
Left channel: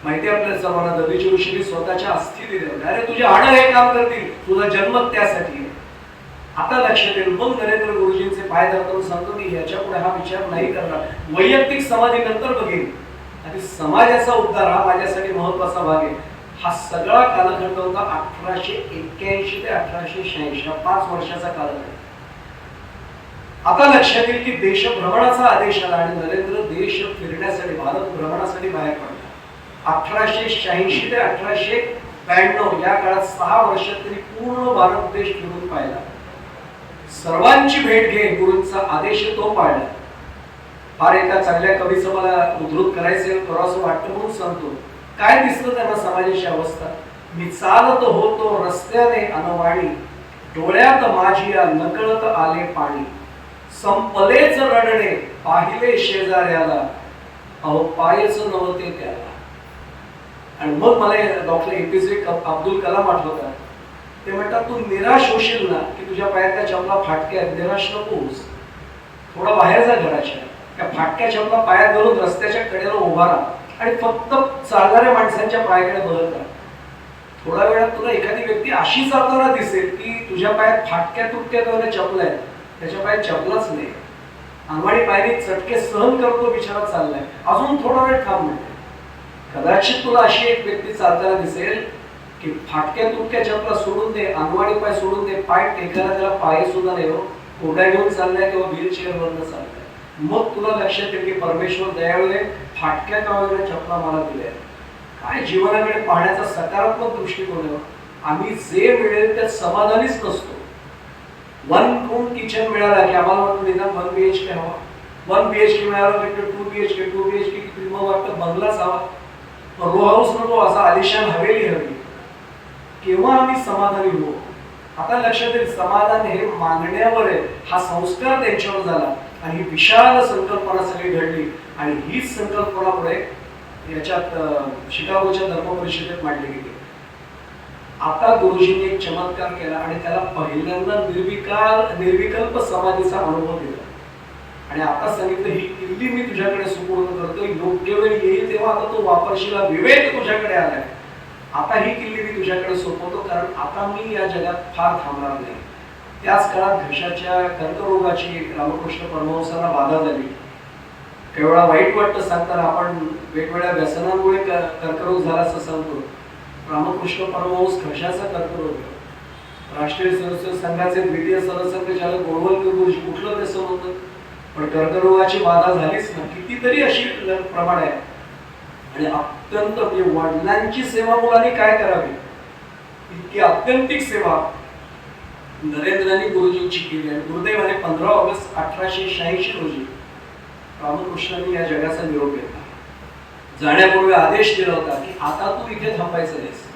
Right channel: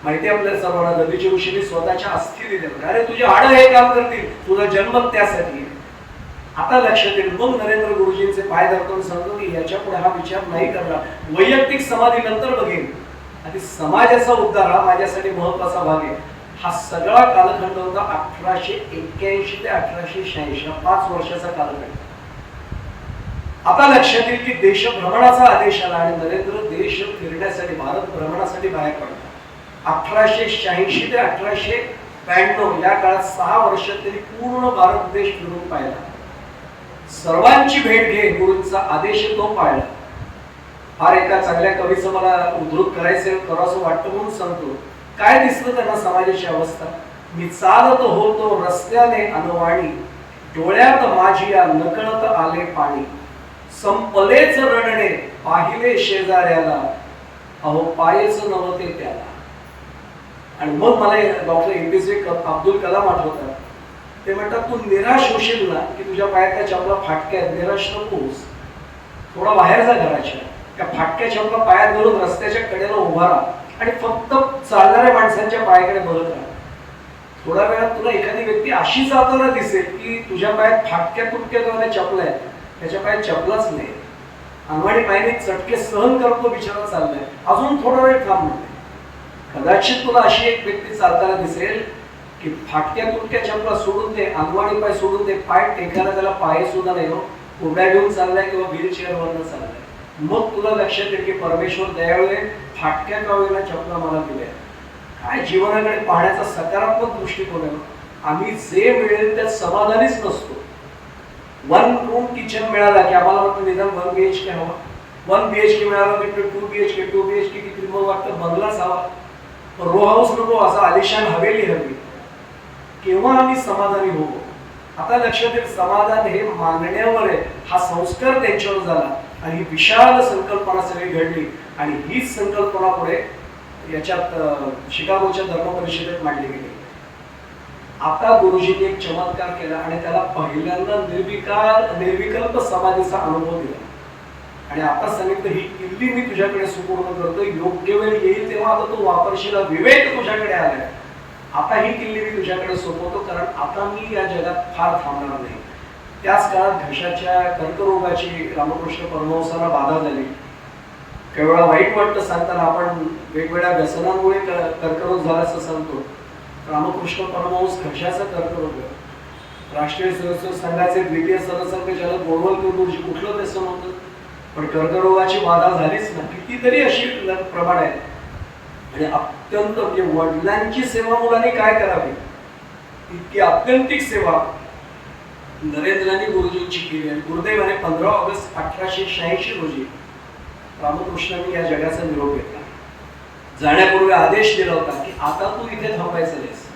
माहिती आपल्याला सर्वांना, दधीची ऋषीने स्वतःच्या अस्थी दिल्या. अरे तुझे हाडं हे काम करतील, तुझा जन्म त्यासाठी. आता लक्षात येईल. मग नरेंद्र गुरुजींचे पाय धरतो, सांगतो की याच्या पुढे हा विचार नाही करणार, वैयक्तिक समाधी नंतर बघेन, आणि समाजाचा उद्धार हा माझ्यासाठी महत्वाचा भाग आहे. हा सगळा कालखंड होता 1881 ते 1886, 5 वर्षाचा कालखंड. आता लक्षात येईल की देश भ्रमणाचा आदेश आला आणि नरेंद्र देश फिरण्यासाठी, भारत भ्रमणासाठी बाहेर पडला. 1886 ते 1892 या काळात 6 वर्षात त्यांनी पूर्ण भारत देश फिरून पाहिला. सर्वांची भेट घे, गुरूंचा आदेश तो पाळला. फार एका चांगल्या कवीचं मला उद्धृत करायचं करावंसं वाटतं म्हणून सांगतो. काय दिसलं त्यांना समाजाची अवस्था? मी चालत होतो रस्त्याने अनवाणी, डोळ्यात माझिया नकळत आले पाणी, संपलेच रडणे पाहिले शेजाऱ्याला, अहो पायच नव्हते त्याला. आणि मग मला डॉक्टर एपीजे अब्दुल कलाम आठवतात. ते म्हणतात, तू निराश होशील ना की तुझ्या पायातल्या चपला फाटक्या, निराश नकोस, थोडा बाहेर जा घराच्या, त्या फाटक्या चपला पायात घालून रस्त्याच्या कडेला उभा राहा आणि फक्त चालणाऱ्या माणसांच्या पायाकडे बघत राहा. थोड्या वेळात तुला एखादी व्यक्ती अशी जाताना दिसेल की तुझ्या पायात फाटक्या तुटक्या दोन चपल्या आहेत, त्याच्या पायात चपलाच नाही, अंगवाणी पायाने चटके सहन करतो, बिचारा चाललाय, अजून थोडा वेळ थांब म्हणते. कदाचित तुला अशी एक व्यक्ती चालताना दिसेल की फाटक्या तुटक्या चपला सोडून दे, अंगवाणी पाय सोडून दे, पाय टेकायला त्याला पाय सुद्धा नाही हो, कोड्या घेऊन चाललाय किंवा व्हीलचेअर वरनं चाललाय. मग तुला लक्षात येईल की परमेश्वर दयाळू आहे, फाटक्या कावळ्या चपला मला दिल्या. काय जीवनाकडे पाहण्याचा सकारात्मक दृष्टिकोन आहे. आम्ही जे मिळेल त्यात समाधानीच नसतो. 1 रूम किचन मिळाला की आम्हाला वाटतं निदान 1 BHK हवा, 1 BHK मिळालं की 2 BHK, 2 BHK किती मग वाटतं बंगलाच हवा, रो हाऊस नको, असा आलिशान हवेली हवी. केव्हा आम्ही समाधानी होऊ? आता लक्षात येईल, समाधान हे मागण्यावर आहे. हा संस्कार त्यांच्यावर झाला आणि ही विशाल संकल्पना सगळी घडली आणि हीच संकल्पना पुढे याच्यात शिकागोच्या धर्म परिषदेत मांडली गेली. आता गुरुजींनी एक चमत्कार केला आणि त्याला पहिल्यांदा निर्विकल्प समाधीचा अनुभव दिला आणि आता सांगितलं, ही किल्ली मी तुझ्याकडे सुपूर्द करतो, योग्य वेळ येईल तेव्हा आता तू वापरशील, विवेक तुझ्याकडे आलाय, आता ही किल्ली मी तुझ्याकडे सोपवतो, कारण आता मी या जगात फार थांबणार नाही. त्याच काळात घशाच्या कर्करोगाची रामकृष्ण परमहंसांना बाधा झाली. काही वेळा वाईट वाटतं सांगताना, आपण वेगवेगळ्या व्यसनांमुळे कर्करोग झाला असं सांगतो. रामकृष्ण परमहंस घशाचा कर्करोग, राष्ट्रीय स्वयंसेवक संघाचे द्वितीय सरसंघचालक गोळवलकर गुरुजी, कुठलं व्यसन होतं, पण कर्करोगाची बाधा झालीच ना. कितीतरी अशी प्रमाण आहे आणि अत्यंत वडिलांची सेवा मुलांनी काय करावी, इतकी आत्यंतिक सेवा नरेंद्रांनी गुरुजींची केली. आणि गुरुदैवाने 15 ऑगस्ट 1886 रोजी रामकृष्णांनी या जगाचा निरोप घेतला. जाण्यापूर्वी आदेश दिला होता की आता तू इथे थांबायचं नाहीस,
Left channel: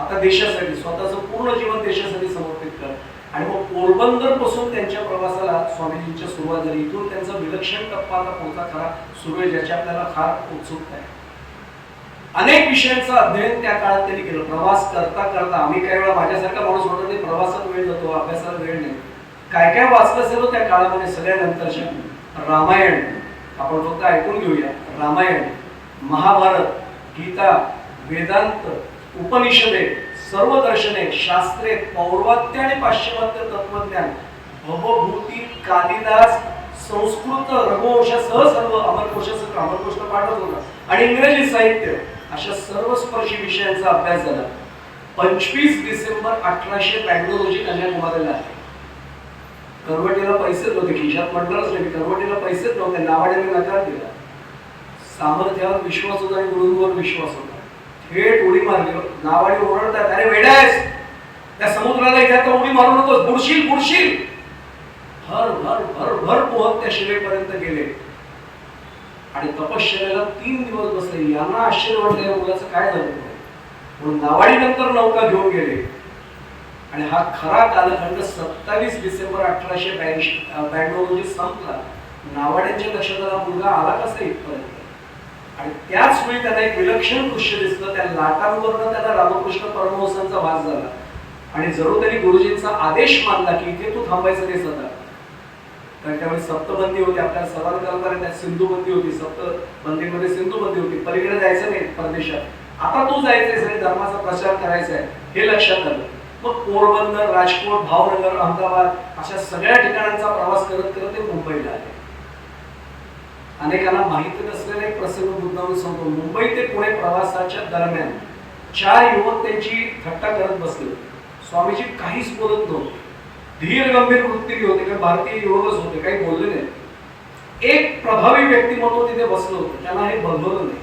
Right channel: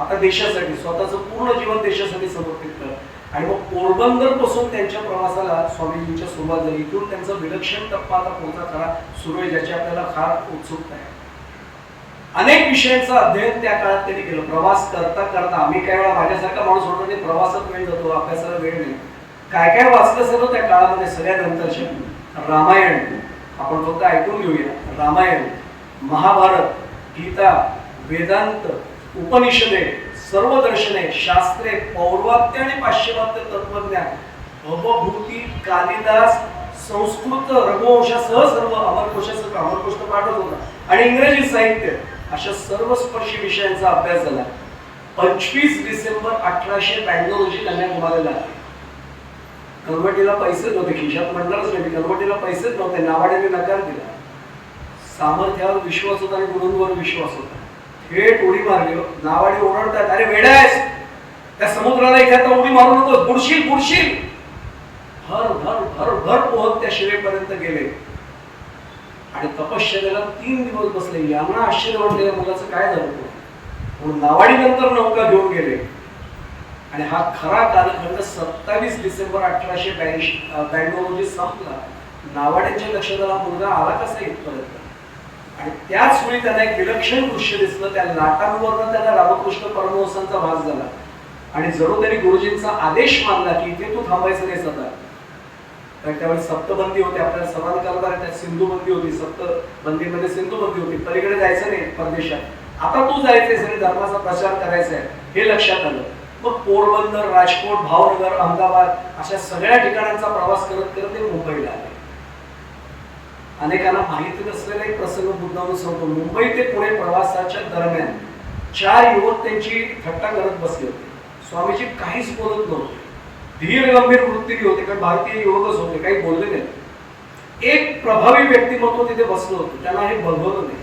आता देशासाठी, स्वतःचं पूर्ण जीवन देशासाठी समर्पित कर आणि मग पोरबंदर पासून त्यांच्या प्रवासाला स्वामीजींच्या सुरुवात झाली. इथून त्यांचा विलक्षण टप्पा आता पुढचा खरा सुरू आहे, ज्याची आपल्याला फार उत्सुकता आहे. अनेक विषयांचं अध्ययन त्या काळात त्यांनी केलं. प्रवास करता करता आम्ही काही वेळा माझ्यासारखा माणूस होतो ते प्रवासात वेळ जातो, अभ्यासाला वेळ नाही. काय काय वाचलं असेल त्या काळामध्ये सगळ्यानंतरच्या. रामायण आपण फक्त ऐकून घेऊया. रामायण, महाभारत, गीता, वेदांत, उपनिषदे, सर्व दर्शने, शास्त्रे, पौर्वात्य आणि पाश्चिमात्य तत्वज्ञान, भवभूती, कालिदास, संस्कृत, रघुवंशासह सर्व, अमरकोशासह, अमरकोश तर पाठच होता, आणि इंग्रजी साहित्य, अशा सर्व स्पर्शी विषयांचा अभ्यास झाला. 25 डिसेंबर 1892 रोजी कन्याकुमारीला आहे. करवटीला पैसेच नव्हते, खिशात म्हणणारच नाही, करवटीला पैसेच नव्हते. नावाड्याने नकार दिला. सामर्थ्यावर विश्वास होता आणि गुरूंवर विश्वास होता. थेट उडी मारली. नावाडी ओरडतात, अरे वेडा आहेस, त्या समुद्राला इथे आता उडी मारू नकोस, बुडशील बुडशील. भर भर भर भर पोहत त्या शिवेपर्यंत गेले आणि तपश्चर्याला 3 दिवस बसले. यांना आश्चर्य वाटले, या मुलाचं काय झालं. म्हणून नावाडी नंतर नौका घेऊन गेले आणि हा खरा कालखंड 27 डिसेंबर 1892 रोजी संपला. नावाड्यांच्या लक्षात आला, मुलगा आला कसा इथपर्यंत. आणि त्याच वेळी त्यांना एक विलक्षण दृश्य दिसलं. त्या लाटांवरनं त्यांना रामकृष्ण परमहंसांचा भास झाला आणि जरूर त्यांनी गुरुजींचा आदेश मानला की इथे तू थांबायचं नाही सदा. कारण त्यावेळी सप्तबंदी होती, आपल्याला सर्वांना कल्पना आहे, त्यात सिंधुबंदी होती. सप्तबंदीमध्ये सिंधुबंदी होती, पलीकडे जायचं नाही परदेशात. आता तू जायचंय आणि धर्माचा प्रचार करायचा आहे, हे लक्षात आलं. मग पोरबंदर, राजकोट, भावनगर, अहमदाबाद अशा सगळ्या ठिकाणांचा प्रवास करत करत ते मुंबईला आले. अनेकांना माहिती नसलेला एक प्रसंग मुद्दामून सांगतो. मुंबई ते पुणे प्रवासाच्या दरम्यान 4 युवक त्यांची थट्टा करत बसले होते. स्वामीजी काहीच बोलत नव्हते, धीर गंभीर वृत्तीने होते, कारण भारतीय युवकच होते, काही बोलले नाही. एक प्रभावी व्यक्तिमत्व तिथे बसलं होतं, त्यांना हे बघवलं नाही.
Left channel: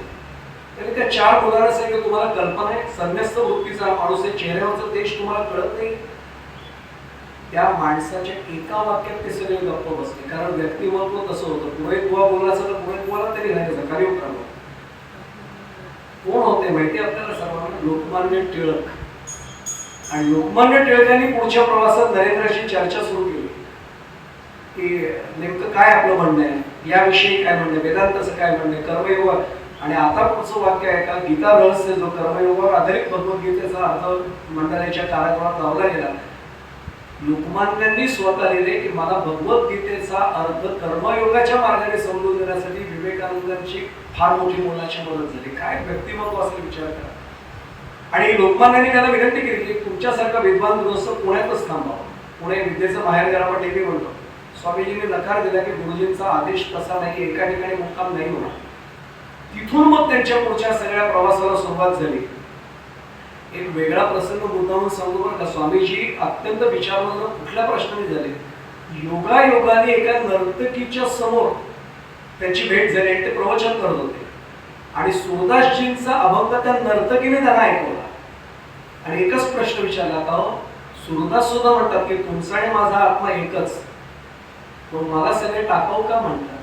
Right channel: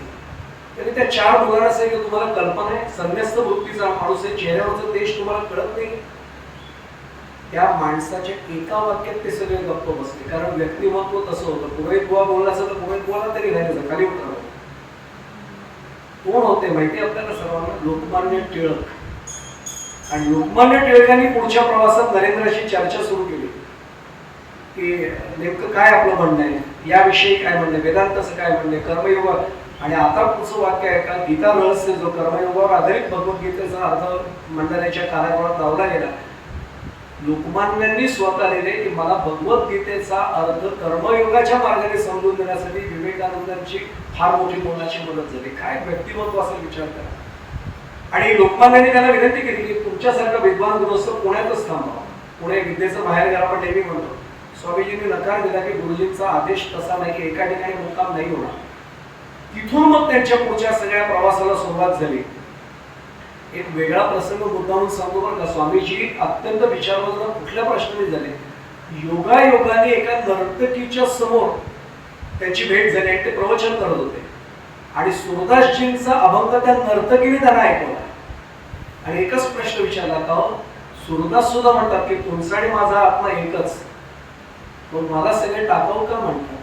तरी त्या 4 मुलांना सांगितलं, तुम्हाला कल्पना आहे, संन्यस्त वृत्तीचा माणूस आहे, चेहऱ्यावरचा देश तुम्हाला कळत नाही. त्या माणसाच्या एका वाक्यात ते सगळे गप्प बसले, कारण व्यक्तिमत्व तसं होतं. पुरोहित बुवा बोलला असं तर पुरोहित बुवाला तरी राहायचं, खाली उतरावं. कोण होते माहिती आपल्याला सर्वांना? लोकमान्य टिळक. आणि लोकमान्य टिळकांनी पुढच्या प्रवासात नरेंद्राशी चर्चा सुरू केली की नेमकं काय आपलं म्हणणं आहे, याविषयी काय म्हणणं आहे, वेदांताचं काय म्हणणं आहे, कर्मयोग. आणि आता पुढचं वाक्य आहे का, गीता रहस्य जो कर्मयोगावर आधारित भगवद्गीतेचा अर्थ मंडळाच्या कारागृहात लावला गेला. लोकमान्यांनी स्वतः लिहिले की मला भगवद्गीतेचा अर्थ कर्मयोगाच्या मार्गाने समजून देण्यासाठी विवेकानंदांची फार मोठी मोलाची मदत झाली. काय व्यक्तिमत्व असेल विचार करा. आणि लोकमान्यांनी त्याला विनंती केली की तुमच्यासारखा विद्वान गृहस्थ पुण्यातच थांबावा, पुणे विद्येचं बाहेर आपण नेहमी म्हणतो. स्वामीजींनी नकार दिला की गुरुजींचा आदेश तसा नाही की एका ठिकाणी मुक्काम नाही होणार. तिथून मग त्यांच्या पुढच्या सगळ्या प्रवासाला सुरुवात झाली. एक वेगळा प्रसंग मुद्दामून सांगतो बरं का. स्वामीजी अत्यंत विचारवंत कुठल्या प्रश्नाने झाले. योगायोगाने एका नर्तकीच्या समोर त्यांची भेट झाली आणि ते प्रवचन करत होते आणि सुरदासजींचा अभंग त्या नर्तकीने त्यांना ऐकवला आणि एकच प्रश्न विचारला का, सुरदास सुद्धा म्हणतात की तुमचा आणि माझा आत्मा एकच, पण मला सगळे टाकाऊ का म्हणतात.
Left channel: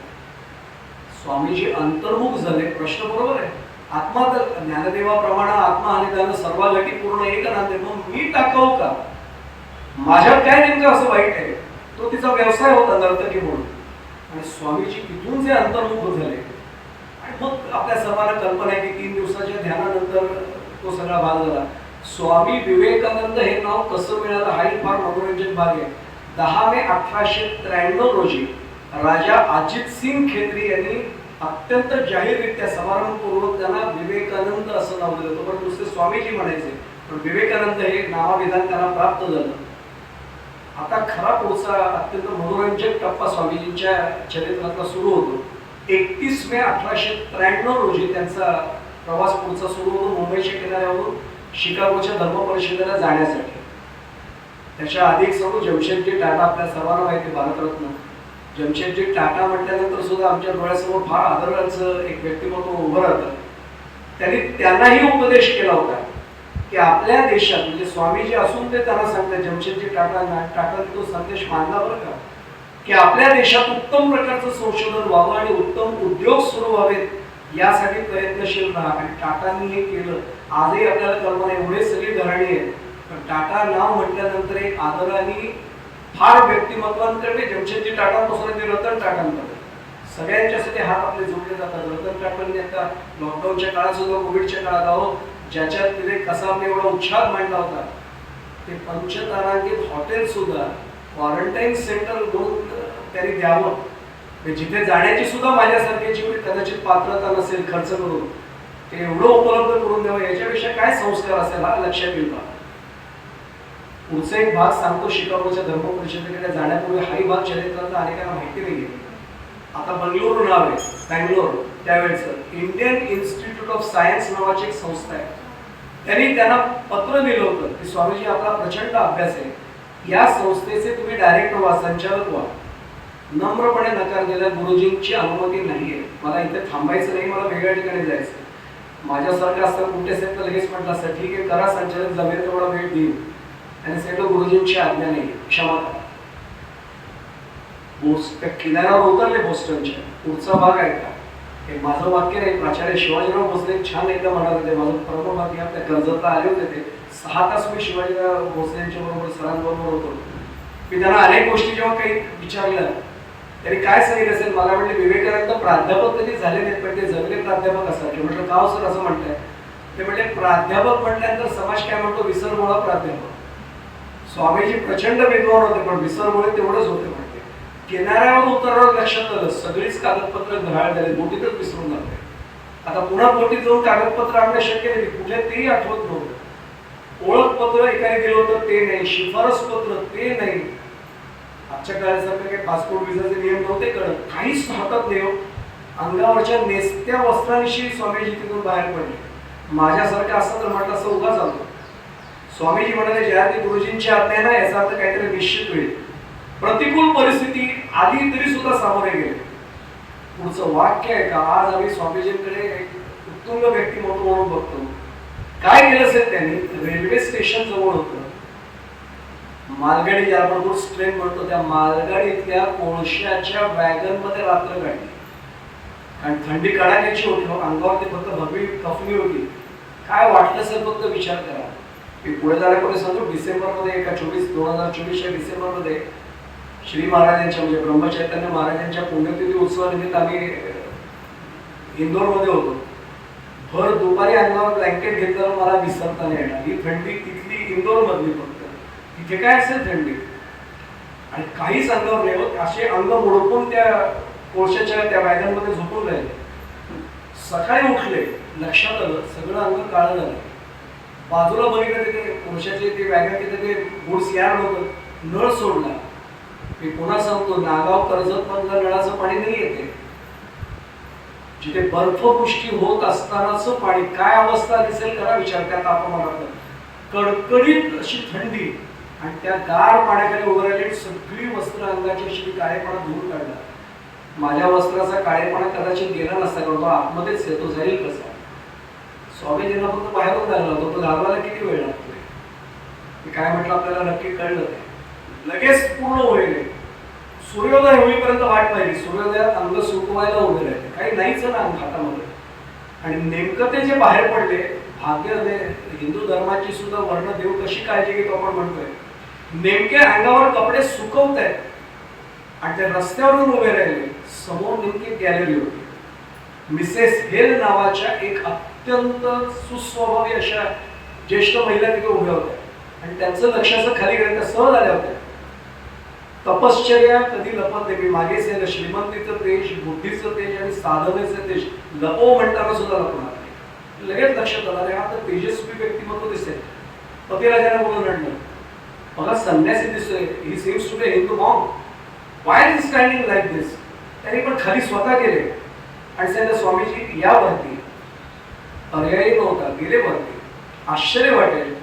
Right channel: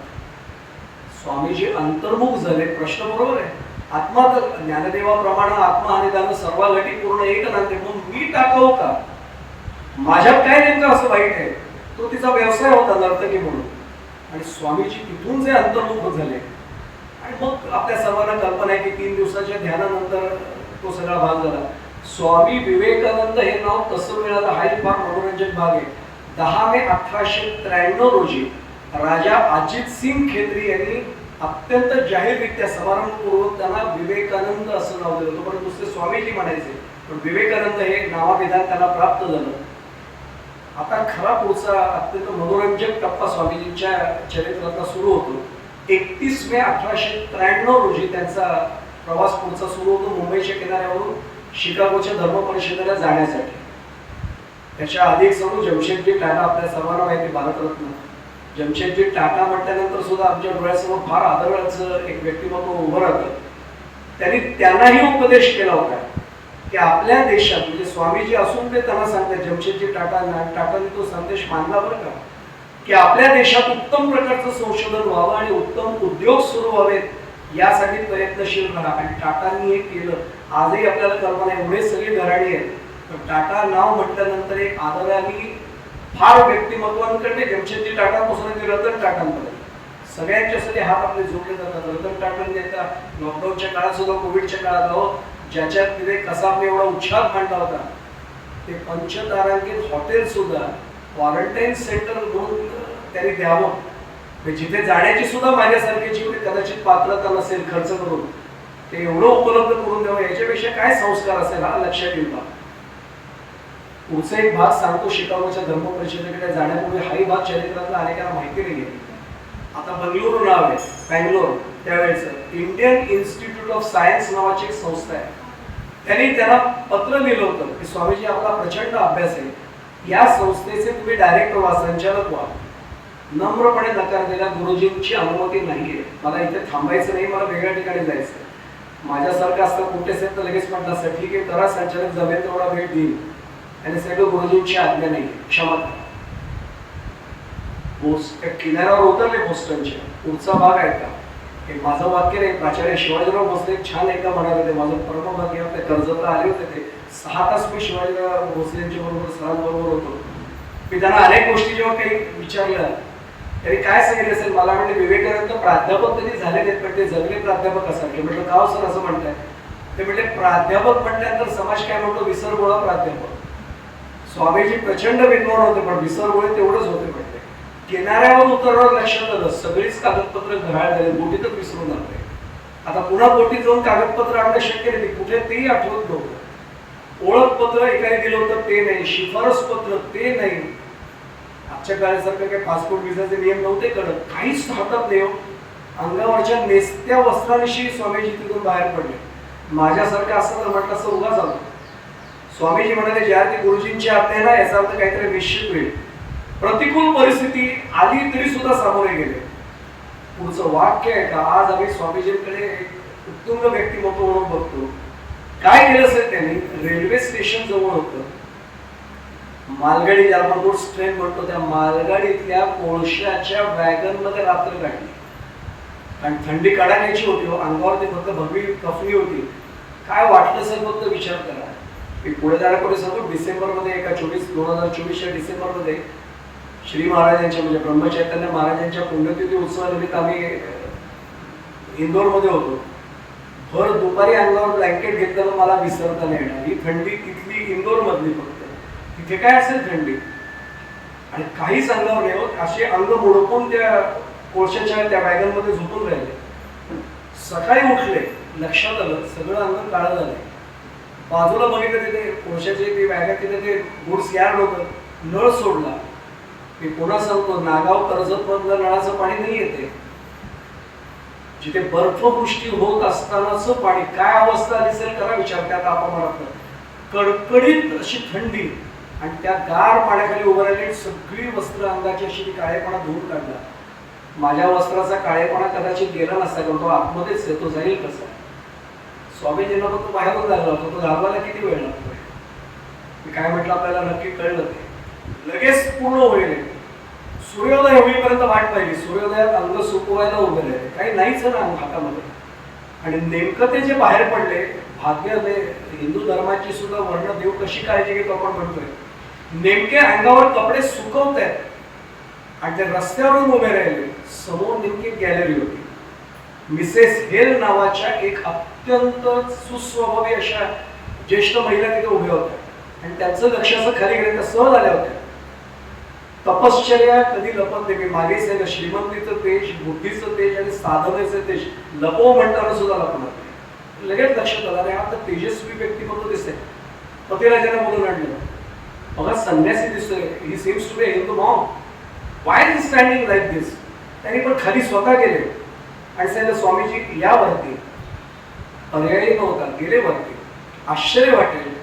स्वामीजी अंतर्मुख झाले. प्रश्न बरोबर आहे, आत्मा तर ज्ञानदेवाप्रमाणे आत्मा आणि त्यानं सर्व गटी पूर्ण एक नाते, मग मी टाकाऊ का, माझ्यात काय नेमकं असं वाईट आहे. तो तिचा व्यवसाय होता नर्तकी म्हणून. आणि स्वामीजी तिथून जे अंतर्मुख झाले आणि मग आपल्या सर्वांना कल्पना आहे की 3 दिवसाच्या ध्यानानंतर तो सगळा भाग झाला. स्वामी विवेकानंद हे नाव कसं मिळालं हाही फार मनोरंजक भाग आहे. 10 मे 1893 रोजी राजा अजित सिंग खेत्री यांनी अत्यंत जाहीररित्या समारंभपूर्वक त्यांना विवेकानंद असं नाव दिलं. तोपर्यंत दुसरे स्वामीजी म्हणायचे, पण विवेकानंद हे नामाभिधान त्यांना प्राप्त झालं. आता खरा पुढचा अत्यंत मनोरंजक टप्पा स्वामीजींच्या चरित्रातला सुरू होतो. 31 मे 1893 रोजी त्यांचा प्रवास पुढचा सुरू होतो मुंबईच्या किनाऱ्यावरून शिकागोच्या धर्म परिषदेला जाण्यासाठी. त्याच्या आधी एक सांगू, जमशेदजी टाटा आपल्या सर्वांना माहिती, भारतरत्न. जमशेदजी टाटा म्हटल्यानंतर सुद्धा आमच्या डोळ्यासमोर फार आदराचं एक व्यक्तिमत्व उभं राहतं. त्यांनाही उपदेश केला होता की आपल्या देशात, म्हणजे स्वामीजी असून ते त्यांना सांगतात, जमशेदजी टाटांनी तो संदेश मानला बरं का, की आपल्या देशात उत्तम प्रकारचं संशोधन व्हावं आणि उत्तम उद्योग सुरू व्हावेत यासाठी प्रयत्नशील राहा. आणि टाटांनी हे केलं. आजही आपल्याला कल्पना एवढे सगळी घराणी आहेत, पण टाटा नाव म्हटल्यानंतर एक आदराने फार व्यक्तिमत्वांकडे जमशेदजी टाटांपासून ते रतन टाटांपर्यंत सगळ्यांच्यासाठी हात आपले जोडले जातात. रतन टाटांनी आता लॉकडाऊनच्या काळात सुद्धा, कोविडच्या काळात अहो ज्याच्यात तिने कसाबने एवढा उच्छाद मांडला होता, ते पंचतारांकित हॉटेल सुद्धा क्वारंटाईन सेंटर म्हणून त्यांनी द्यावं. जिथे जाण्याची सुद्धा माझ्यासारख्याची कोणी कदाचित पात्रता नसेल खर्च करून, ते एवढं उपलब्ध करून द्यावं, याच्यापेक्षा काय संस्कार असेल हा लक्षात येईल. पुढचा एक भाग सांगतो. शिकागोच्या धर्म परिषदेकडे जाण्यापूर्वी हाही भाग चरित्रातला अनेकांना माहिती नाही. आता बंगळुरू नाव आहे, बँगलोर त्यावेळेचं इंडियन इन्स्टिट्यूट ऑफ सायन्स नावाची एक संस्था आहे. त्यांना पत्र लिहिलं होतं की स्वामीजी आपला प्रचंड अभ्यास आहे, या संस्थेचे तुम्ही डायरेक्टर व्हा, संचालक व्हा. नम्रपणे नकार दिला. गुरुजींची अनुमती नाहीये, मला इथे थांबायचं नाही, मला वेगळ्या ठिकाणी जायचं. माझ्यासारखं असतं कुठे असेल तर लगेच म्हटलं असतं ठीक आहे करा, संचालक जमेल तेवढा वेळ देईल. आणि सांगितलं गुरुजींची आज्ञा नाही, क्षमा करा. त्या किनाऱ्यावर उतरले बोस्टनच्या. पुढचा भाग आहे का, हे माझं वाक्य नाही, प्राचार्य शिवाजीराव भोसले छान एकदा म्हणत होते, माझं परमभाग्य आपल्या कर्जतला आले होते ते 6 तास मी शिवाजीराव भोसलेंच्या बरोबर सरांबरोबर होतो. मी त्यांना अनेक गोष्टी जेव्हा काही विचारलं त्यांनी काय सांगितलं असेल, मला म्हणले विवेकानंद प्राध्यापक कधी झाले नाहीत पण ते जगले प्राध्यापक असारखे. म्हटलं का सर असं म्हणताय? ते म्हटले प्राध्यापक म्हटल्यानंतर समाज काय म्हणतो, विसरगोळा प्राध्यापक. स्वामीजी प्रचंड विद्वान होते पण विसरगोळे तेवढेच होते. म्हटले किनाऱ्यावर उतरल्यावर लक्षात आलं सगळीच कागदपत्र घराळ झाली, बोटीतच विसरून जाते. आता पुन्हा बोटीत जाऊन कागदपत्र आणणं शक्य नाही, कुठे तेही आठवत नव्हतं. ओळखपत्र एकाने दिलं होतं ते नाही, शिफारस पत्र ते नाही. आजच्या काळासारखं काही पासपोर्ट व्हिसाचे नियम नव्हते कळत, काहीच हातात नाही. अंगावरच्या नेसत्या वस्त्रांविषयी स्वामीजी तिथून बाहेर पडले. माझ्यासारखं असं तर म्हटलं असं उगा झालं. स्वामीजी म्हणाले ज्या अर्थी गुरुजींची आज्ञा ना, याचा अर्थ काहीतरी निश्चित होईल. प्रतिकूल परिस्थिती आली तरी सुद्धा सामोरे गेले. पुढचं वाक्य आहे का, आज आम्ही स्वामीजींकडे एक उत्तुंग व्यक्तिमत्व म्हणून बघतो. काय केलं असेल त्यांनी, रेल्वे स्टेशन जवळ होतं, मालगाडी ज्याला आपण गुड्स ट्रेन म्हणतो, त्या मालगाडीतल्या कोळशाच्या वॅगन मध्ये रात्र काढली. कारण थंडी कडाक्याची होती, अंगावरती फक्त भगवी कफनी होती. काय वाटलं असेल फक्त विचार करा. मी पुढे जाण्यापूर्वी सांगतो, डिसेंबरमध्ये एका 2024च्या डिसेंबरमध्ये श्री महाराजांच्या म्हणजे ब्रह्मचैतन्य महाराजांच्या पुण्यतिथी उत्सवानिमित्त आम्ही इंदोरमध्ये होतो. भर दुपारी अंगावर ब्लँकेट घेतलं मला विसरता नाही येणार. ही थंडी तिथली इंदोर मधली, फक्त तिथे काय असेल थंडी आणि काहीच अंगावर नाही होत. असे अंग मुडपून त्या कोळशाच्या त्या वॅगन मध्ये झोपून राहिले. सकाळी उठले, लक्षात आलं सगळं अंग काळं झालं. बाजूला बघितलं तिथे कोळशाचे ते वॅगन, तिथे ते गुड्स यार्ड होतं, नळ सोडला. मी पुन्हा सांगतो, नागाव कर्जत मधलं नळाचं पाणी नाही येते, जिथे बर्फवृष्टी होत असतानाच पाणी. काय अवस्था दिसेल करा विचार. त्या तापमानात कडकडीत अशी थंडी आणि त्या गार पाण्याखाली उभं राहिले. सगळी वस्त्र अंगाची अशी ती काळेपणा धुवून काढला. माझ्या वस्त्राचा काळेपणा कदाचित गेला नसता, कारण तो आतमध्येच आहे, तो जाईल कसा. स्वामीजींना फक्त बाहेरून झाला होता, तो घालवायला किती वेळ लागतो. मी काय म्हटलं आपल्याला नक्की कळलं ते लगेच पूर्ण होईल. सूर्योदय होईपर्यंत वाट पाहिली. सूर्योदयात अंग सुकवायला उभे राहिले, काही नाहीच ना अंग हातामध्ये. आणि नेमकं ते जे बाहेर पडले, भाग्य हिंदू धर्माची सुद्धा वर्ण देव कशी काळजी घेतो आपण म्हणतोय. नेमके अंगावर कपडे सुकवत आहेत आणि त्या रस्त्यावरून उभे राहिले. समोर नेमकी गॅलरी होती. मिसेस हेल नावाच्या एक अत्यंत सुस्वभावी अशा ज्येष्ठ महिला तिथे उभ्या होत्या आणि त्यांचं लक्ष असं खाली गेलं, त्या सहज आल्या होत्या. तपश्चर्या कधी लपत नाही. मागे सांगितलं श्रीमंतीचं तेज, बुद्धीचं तेज आणि साधनेचं तेज लपव म्हणताना सुद्धा लपणार नाही. लगेच लक्षात आलं अरे हा तर तेजस्वी व्यक्तिमत्व दिसते. पतिराजाने बोलून आणलं, बघा संन्यासी दिसतोय, he seems to be Hindu monk, why is standing like this. त्यांनी पण खाली स्वतः गेले आणि सांगितलं स्वामीजी या वरती. पर्यायी नव्हता, गेले वरती. आश्चर्य वाटेल.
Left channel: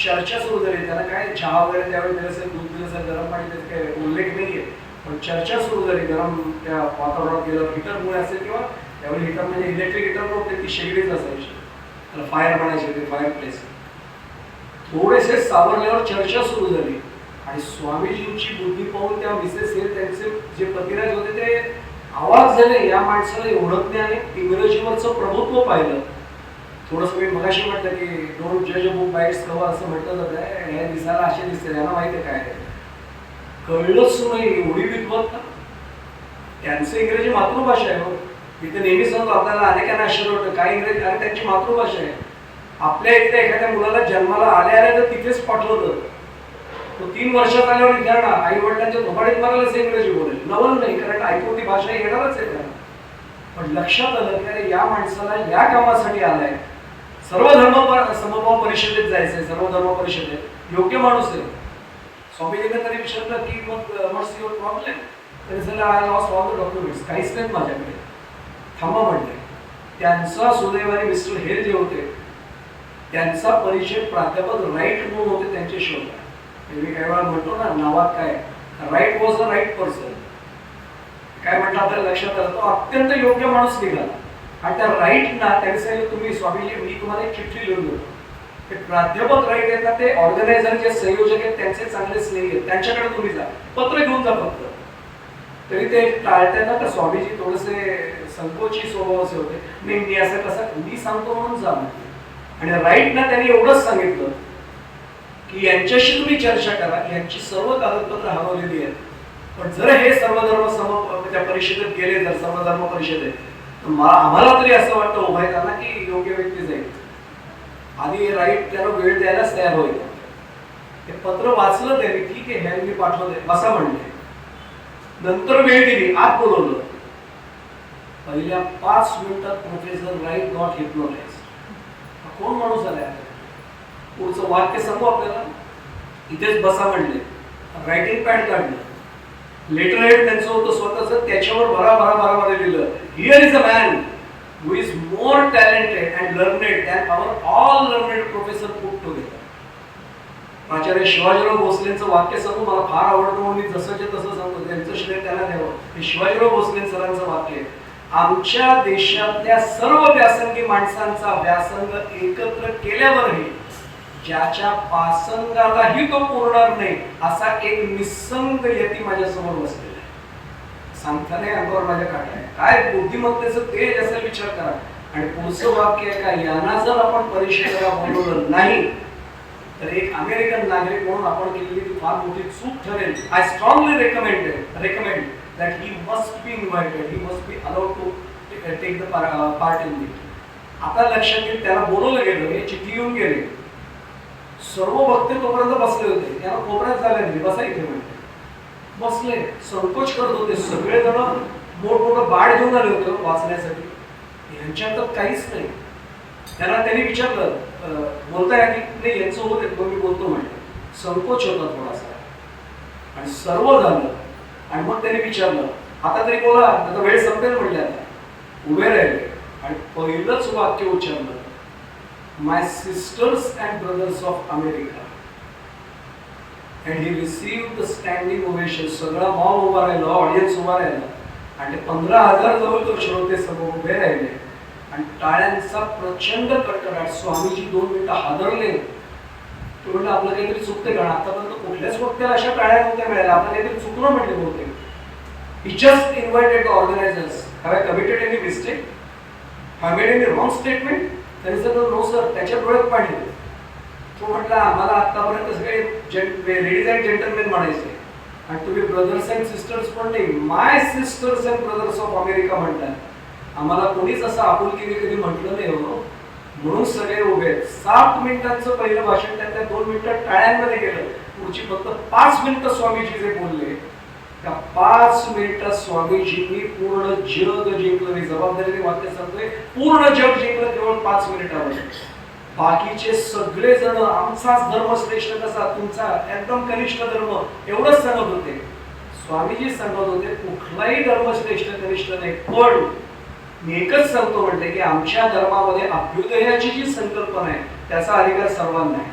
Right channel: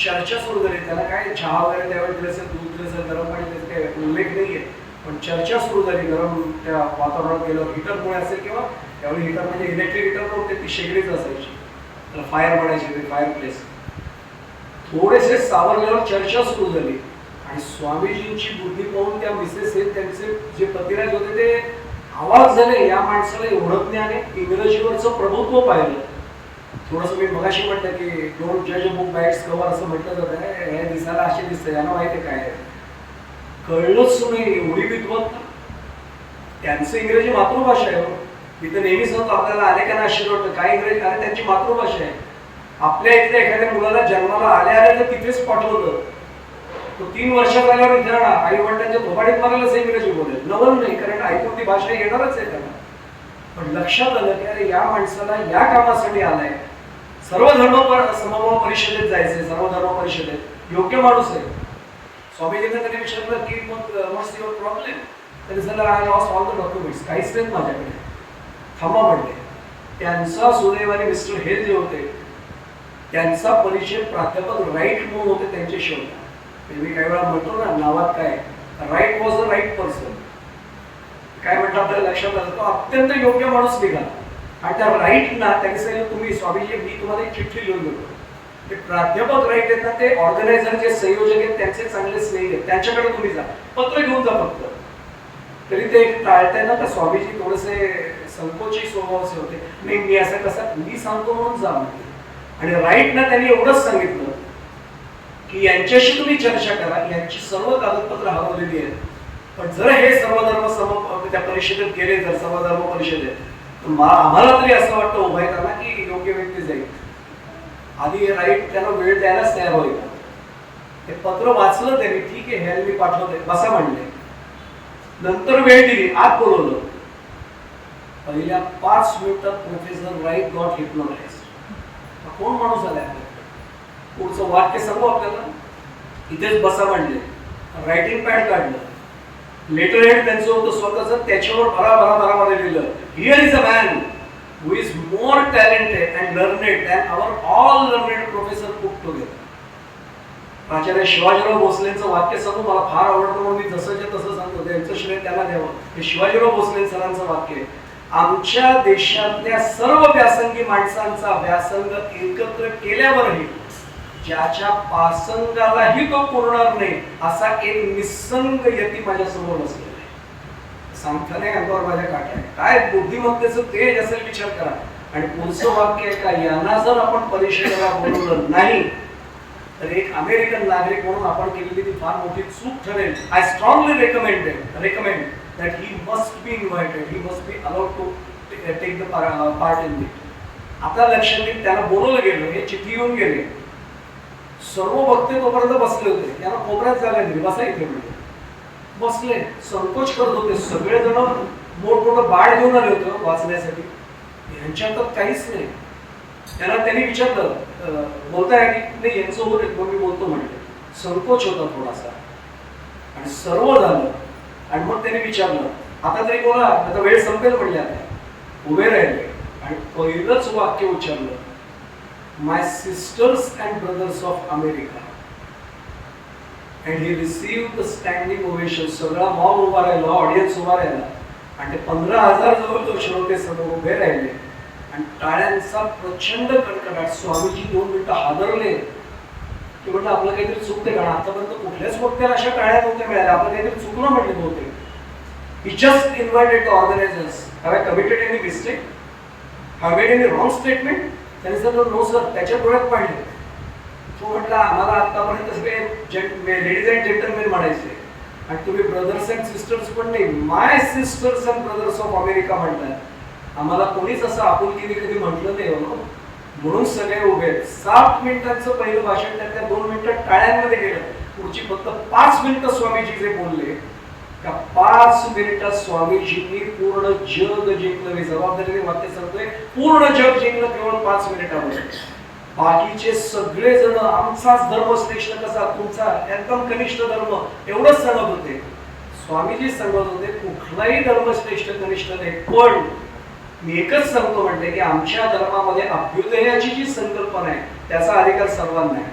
चर्चा सुरू झाली. त्यांना काय चहा वगैरे त्यावेळी दिलं असेल, दूध दिलं असेल, गरम पाणी त्याचा काही उल्लेख नाही आहे, पण चर्चा सुरू झाली. गरम त्या वातावरणात गेलं, हिटरमुळे असेल किंवा त्यावेळी हिटर म्हणजे इलेक्ट्रिक हिटर नव्हते, ती शेगडीच असायची, त्याला फायर म्हणायची, फायर प्लेस. थोडेसे सावरल्यावर चर्चा सुरू झाली आणि स्वामीजींची बुद्धी पाहून त्या मिसेस हे त्यांचे जे पतिराज होते ते आवाज झाले, या माणसाला एवढं ज्ञान आहे. इंग्रजीवरचं प्रभुत्व पाहिलं. थोडंसं मी मगाशी म्हटलं की डोंट जज a book by it's cover असं म्हटलं जातं. हे दिसायला असे दिसतं, यांना माहिती आहे काय. कळलंच नाही, एवढी विद्वत्ता. त्यांचं इंग्रजी मातृभाषा आहे. मी तर नेहमी सांगतो, आपल्याला अनेकांना आश्चर्य वाटतं काय इंग्रजी, आणि त्यांची मातृभाषा आहे. आपल्या इथल्या एखाद्या मुलाला जन्माला आल्या आल्या तर तिथेच पाठवलं, तो 3 वर्षात आल्यावर इथे आई वडिलांच्या थोपाडीत मारायलाच इंग्रजी बोलेल, नवल नाही, कारण ऐकून ती भाषा येणारच आहे त्यांना. पण लक्षात आलं की अरे या माणसाला या कामासाठी आलाय, सर्व धर्म समभाव परिषदेत जायचंय, सर्व धर्म परिषदेत योग्य माणूस आहे. स्वामीजींना त्यांनी विचारलं की मग व्हॉट्स युअर प्रॉब्लेम, त्यांनी सांगितलं I lost all the documents, काहीच नाहीत माझ्याकडे. थांबा म्हणले. त्यांचा सुदैवाने मिस्टर हे जे होते त्यांचा परिचय प्राध्यापक राईट म्हणून होते, त्यांच्याशी होता. मी काही वेळा म्हणतो ना नावात काय, right was the right person. काय म्हटलं आपल्याला लक्षात आलं, तो अत्यंत योग्य माणूस निघाला. आणि त्या राईटना त्यांनी सांगितलं तुम्ही स्वामीजी मी तुम्हाला एक चिठ्ठी लिहून देतो. ते प्राध्यापक राईट आहेत ना, ते ऑर्गनायझर जे संयोजक आहेत त्यांचे चांगलेच नाही आहेत, त्यांच्याकडे तुम्ही जा, पत्र घेऊन जा फक्त. तरी ते टाळताना तर स्वामीजी थोडेसे संकोची स्वभावाचे होते. नाही मी असं कसं, मी सांगतो म्हणून जा. आणि राईटना त्यांनी एवढंच सांगितलं की यांच्याशी तुम्ही चर्चा करा, यांची सर्व कागदपत्र हरवलेली आहेत, पण जर हे सर्वधर्म त्या परिषदेत गेले, जर सर्वधर्म परिषदेत, तर आम्हाला तरी असं वाटतं उभा येताना की योग्य व्यक्ती जाईल. आधी राईट त्यांना वेळ द्यायलाच तयार होईल. ते पत्र वाचलं त्यांनी, ठीक आहे हे मी पाठवलंय बसा म्हणले. नंतर वेळ दिली, आत बोलवलं. पहिल्या 5 मिनिटात प्रोफेसर राईट गॉट हिप्नोटाइज. कोण माणूस आलाय, पुढचं वाक्य सांगू आपल्याला, इथेच बसा म्हणले. रायटिंग पॅड काढलं, लेटर हेड त्यांचं होतं स्वतःच, त्याच्यावर भरा भरा भरा भरा लिहिलं, here is a man who is more talented and learned than our all learned professor put together. आचार्य शिवाजीराव भोसलेंचं वाक्य सांगू, मला फार आवडतं म्हणून मी जसंच्या तसं सांगतो, त्यांचं श्रेय त्यांना द्यावं. हे शिवाजीराव भोसले सरांचं वाक्य आहे. आमच्या देशातल्या सर्व व्यासंगी माणसांचा व्यासंग एकत्र केल्यावरही ज्याच्या पासंगालाही तो पुरणार नाही असा एक निसंग यती माझ्या समोर बसलेला आहे. सांगताना अंगावर माझ्या काट्या, काय बुद्धिमत्तेचं तेज असेल विचार करा. आणि पुढचं वाक्य आहे का, यांना जर आपण परिषदेला बोलवलं नाही तर एक अमेरिकन नागरिक म्हणून आपण केलेली ती फार मोठी चूक ठरेल. I strongly recommend that he must be invited, he must be allowed to take the part in it. आता लक्षात येईल, त्याला बोलवलं गेलं, हे चिठ्ठी येऊन गेले. सर्व भक्त तोपर्यंत बसले होते, त्यांना कोपऱ्यात जागा दिली, बसा इथे म्हणजे. बसले, संकोच करत होते. सगळेजण मोठमोठं बाळ घेऊन आले होते वाचण्यासाठी. ह्यांच्या हातात काहीच नाही. त्यांनी विचारलं बोलताय की नाही, यांचं होते, मग मी बोलतो म्हणते. संकोच होता थोडासा आणि सर्व झालं. आणि मग त्यांनी विचारलं आता तरी बोला, आता वेळ संपेल म्हणले. आता उभे राहिले आणि पहिलंच वाक्य उच्चारलं, my sisters and brothers of America. And he received the standing ovation. सगळा मॉब उभा राहिला, ऑडियन्स उभा राहिला आणि 15,000 जवळ श्रोते समोर उभे राहिले आणि टाळ्यांचा प्रचंड कडकडाट. स्वामीजी 2 मिनिटं हादरले. ते म्हटलं आपलं काहीतरी चुकते का, आतापर्यंत कुठल्याच वक्त्याला अशा टाळ्या नव्हत्या मिळाल्या, आपलं काहीतरी चुकलं म्हटलं बहुतेक. He just invited the organizers. Have I committed any mistake? Have I made any wrong statement? त्याने सांगितलं नो सर. त्याच्या डोळ्यात पाणी. तो म्हटला आम्हाला आतापर्यंत सगळे लेडीज अँड जेंटलमेन म्हणायचे आणि तुम्ही ब्रदर्स अँड सिस्टर्स पण नाही, my sisters and brothers of America म्हणताय. आम्हाला कोणीच असं आपुलकीने कधी म्हटलं नाही हो. म्हणून सगळे उभे. 7 मिनिटांचं पहिलं भाषण त्या 2 मिनिटात टाळ्यांमध्ये गेलं. पुढची फक्त 5 मिनिटं स्वामीजी जे बोलले, त्या 5 मिनिटात स्वामीजींनी पूर्ण जग जिंकलं. मी जबाबदारीने वाक्य सांगतोय, पूर्ण जग जिंकलं केवळ 5 मिनिटामध्ये. बाकीचे सगळे जण आमचाच धर्म श्रेष्ठ कसा, तुमचा एकदम कनिष्ठ धर्म, एवढंच सांगत होते. स्वामीजी सांगत होते कुठलाही धर्म श्रेष्ठ कनिष्ठ नाही, पण मी एकच सांगतो म्हटले की आमच्या धर्मामध्ये अभ्युदयाची जी संकल्पना आहे त्याचा अधिकार सर्वांना आहे,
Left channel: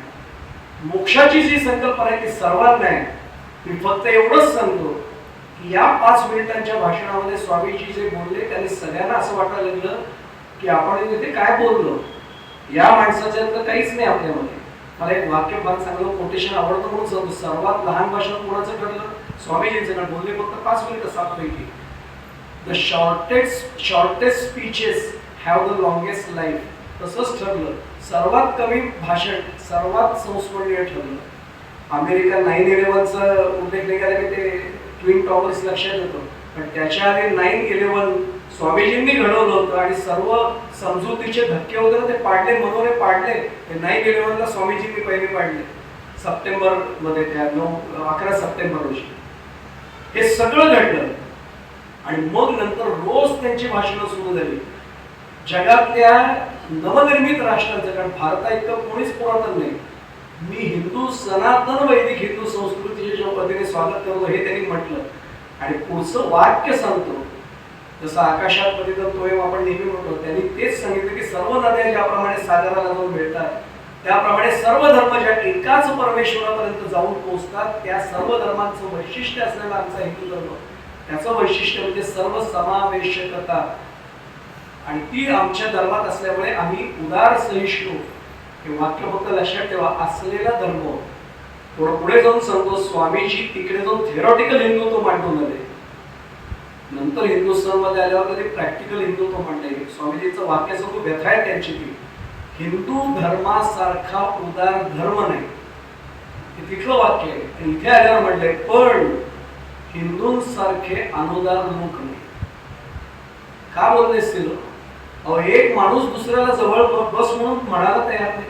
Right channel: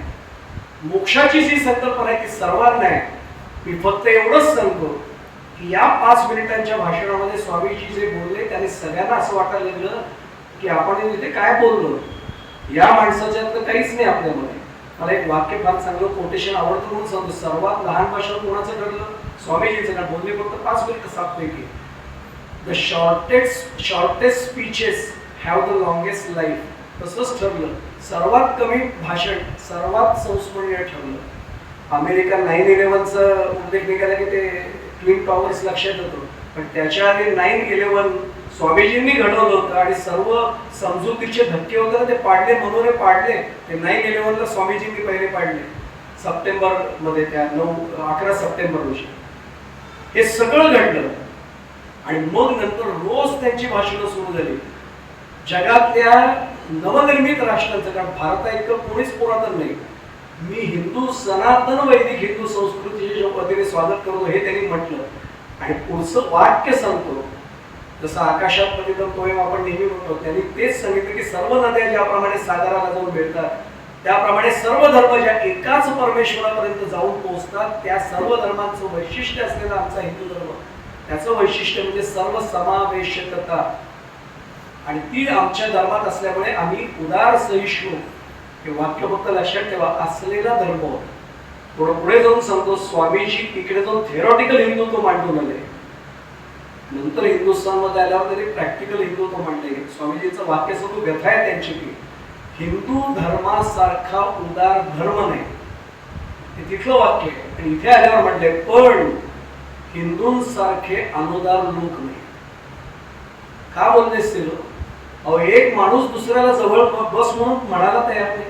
मोक्षाची जी संकल्पना आहे ती सर्वांना आहे. मी फक्त एवढंच सांगतो की या 5 मिनिटांच्या भाषणामध्ये स्वामीजी जे बोलले त्याने सगळ्यांना असं वाटायला लागलं की आपण इथे काय बोललो, या माणसाच्या तर काहीच नाही आपल्यामध्ये. मला एक वाक्य फार चांगलं कोटेशन आवडतं म्हणून सांगतो. सर्वात लहान भाषण कोणाचं ठरलं, स्वामीजींचं. का बोलले फक्त 5 मिनिटं 7 पैकी. The shortest speeches have the longest life. तसंच ठरलं. सर्वात कमी भाषण सर्वात संस्मरणीय ठरलं. अमेरिका 9/11चा उल्लेख निघाला की ते ट्विन टॉवर्स लक्षात येतो, पण त्याच्या आधी 9/11 स्वामीजींनी घडवलं होतं आणि सर्व समजुतीचे धक्के वगैरे ते पाडले, मनोरे पाडले. ते 9/11ला स्वामीजींनी पहिले पाडले सप्टेंबर मध्ये, त्या 11 सप्टेंबर रोजी हे सगळं घडलं. आणि मग नंतर रोज त्यांची भाषणं सुरू झाली जगातल्या नवनिर्मित राष्ट्रांचं, कारण भारता इतकं कोणीच पुरातन नाही. मी हिंदू सनातन वैदिक हिंदू संस्कृतीचे ज्या पद्धतीने स्वागत करतो हे त्यांनी म्हटलं. आणि पुढचं वाक्य सांगतो, जसं आकाशात पतितं तोयम आपण नेहमी म्हणतो, त्यांनी तेच सांगितलं की सर्व नद्या ज्याप्रमाणे सागराला जाऊन भेटतात, त्याप्रमाणे सर्व धर्म ज्या एकाच परमेश्वरापर्यंत जाऊन पोहोचतात, त्या सर्व धर्मांचं वैशिष्ट्य असलेला आमचा हिंदू धर्म, त्याचं वैशिष्ट्य म्हणजे सर्व समावेशकता. आणि ती आमच्या धर्मात असल्यामुळे आम्ही उदार सहिष्णू, हे वाक्य फक्त लक्षात ठेवा, असलेला धर्म. थोडं पुढे जाऊन सांगतो, स्वामीजी तिकडे जाऊन थेरॉटिकल हिंदुत्व मांडून आले, नंतर हिंदुस्थानमध्ये आल्यावर त्यांनी प्रॅक्टिकल हिंदुत्व मांडले. स्वामीजींचं वाक्य असं, तो व्यथा आहे त्यांची की हिंदू धर्मासारखा उदार धर्म नाही, हे तिथलं वाक्य आहे. आणि इथे आल्यावर म्हटलंय पण हिंदूंसारखे अनुदार लोक नाही. का बोलले असतील? अहो, एक माणूस दुसऱ्याला जवळ बस म्हणून म्हणायला तयार नाही.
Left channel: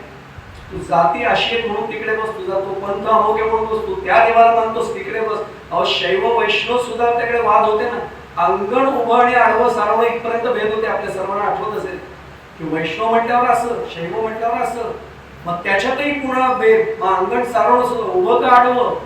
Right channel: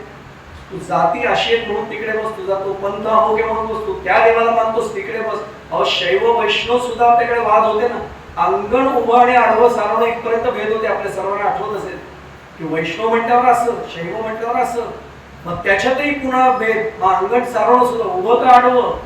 तू जाती अशी आहेत म्हणून तिकडे बस, तुझा तो पंथ अमोघे म्हणून बस, तू त्या देवाला मानतोस तिकडे बस. अहो, शैव वैष्णव सुद्धा त्याकडे वाद होते ना. अंगण उभं आणि आडवं सारवणं इथपर्यंत भेद होते. आपल्या सर्वांना आठवत असेल की वैष्णव म्हटल्यावर असं, शैव म्हटल्यावर असं, मग त्याच्यातही पुन्हा भेद. मग अंगण सारवणं सुद्धा उभं का आडवं.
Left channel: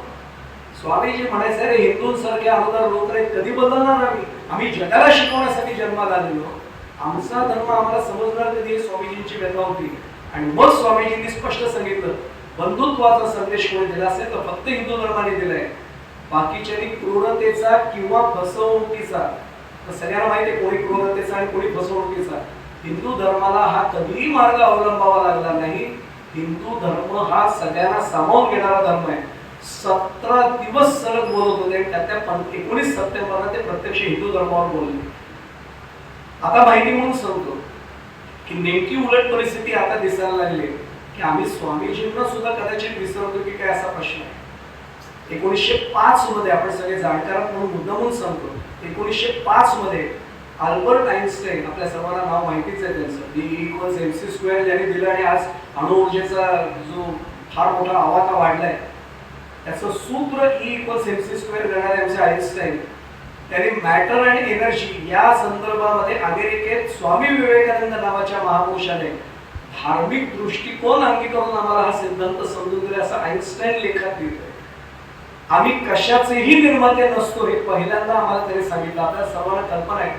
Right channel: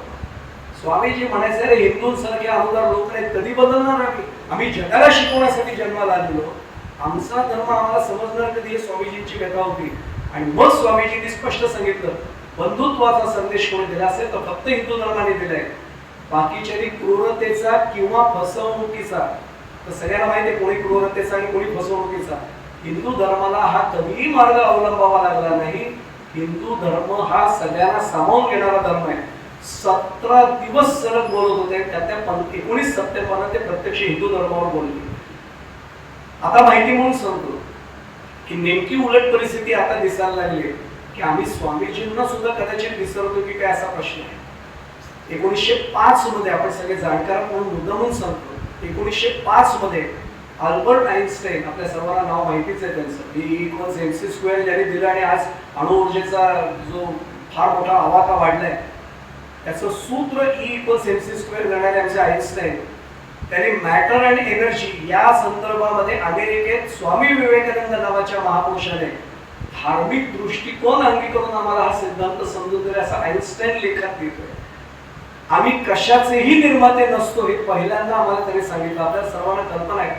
स्वामीजी म्हणायचे, अरे हिंदूंसारखे अनुदार लोक नाहीत, कधी बदलणार आम्ही जगाला शिकवण्यासाठी जन्माला आलेलो, आमचा धर्म आम्हाला समजणार कधी, हे स्वामीजींची व्यथा होती. आणि मग स्वामीजींनी स्पष्ट सांगितलं, बंधुत्वाचा संदेश कोणी दिला असेल तर फक्त हिंदू धर्माने दिलाय. बाकीच्यानी क्रूरतेचा किंवा फसवणुकीचा, तर सगळ्यांना माहिती आहे कोणी क्रूरतेचा आणि कोणी फसवणुकीचा. हिंदू धर्माला हा कधीही मार्ग अवलंबावा लागला नाही. हिंदू धर्म हा सगळ्यांना सामावून घेणारा धर्म आहे. 17 दिवस सलग बोलत होते, त्यातल्या 19 सप्टेंबरला ते प्रत्यक्ष हिंदू धर्मावर बोलले. आता माहिती म्हणून सांगतो की नेमकी उलट परिस्थिती आता दिसायला लागली की आम्ही स्वामीजींना सुद्धा कदाचित विसरतो की काय, असा प्रश्न आहे. 1905 मध्ये, आपण सगळे जाणकार म्हणून मुद्दामून सांगतो, 1905 मध्ये अल्बर्ट आइन्स्टाईन, आपल्या सर्वांना नाव माहितीच आहे त्यांचं, E=mc² ज्यांनी दिलं आणि आज अणुऊर्जेचा जो फार मोठा आवाका वाढलाय, त्याचं सूत्र E=mc² करणारे आमचे आइन्स्टाईन, त्यांनी मॅटर अँड एनर्जी या संदर्भामध्ये अमेरिकेत स्वामी विवेकानंद नावाच्या महापुरुषाने धार्मिक दृष्टिकोन अंगीकरून आम्हाला हा सिद्धांत समजून दिला, असं आइन्स्टाईन लेखात लिहितोय. आम्ही कशाचेही निर्माते नसतो हे पहिल्यांदा आम्हाला तरी सांगितलं. आपल्याला सर्वांना कल्पना आहे,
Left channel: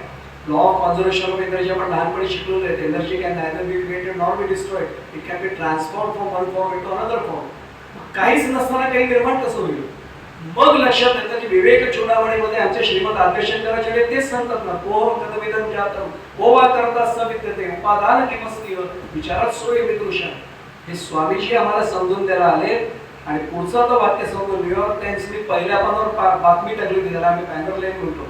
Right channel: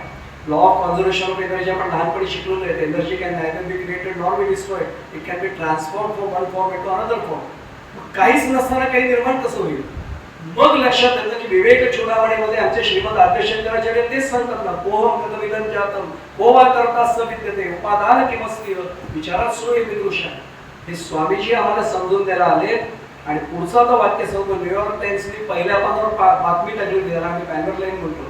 law of conservation of energy आपण लहानपणी शिकलेलो आहे. Energy can neither be created nor be destroyed, it can be transform from one form into another form. काहीच नसताना काही निर्माण कसं होईल. मग लक्षात येतं की विवेक चूडामणीमध्ये आमचे श्रीमद आद्यशंकराचार्य तेच सांगतात ना, कोहम कदमिदं जातम को वा करता स विद्यते उपादान किमस्तीव विचारात सोय विदृशा. हे स्वामीजी आम्हाला समजून द्यायला आले. आणि पुढचा तो वाक्य सांगतो, न्यूयॉर्क टाइम्सने पहिल्या पानावर बातमी टाकली होती, त्याला आम्ही पॅनर लाईन म्हणतो,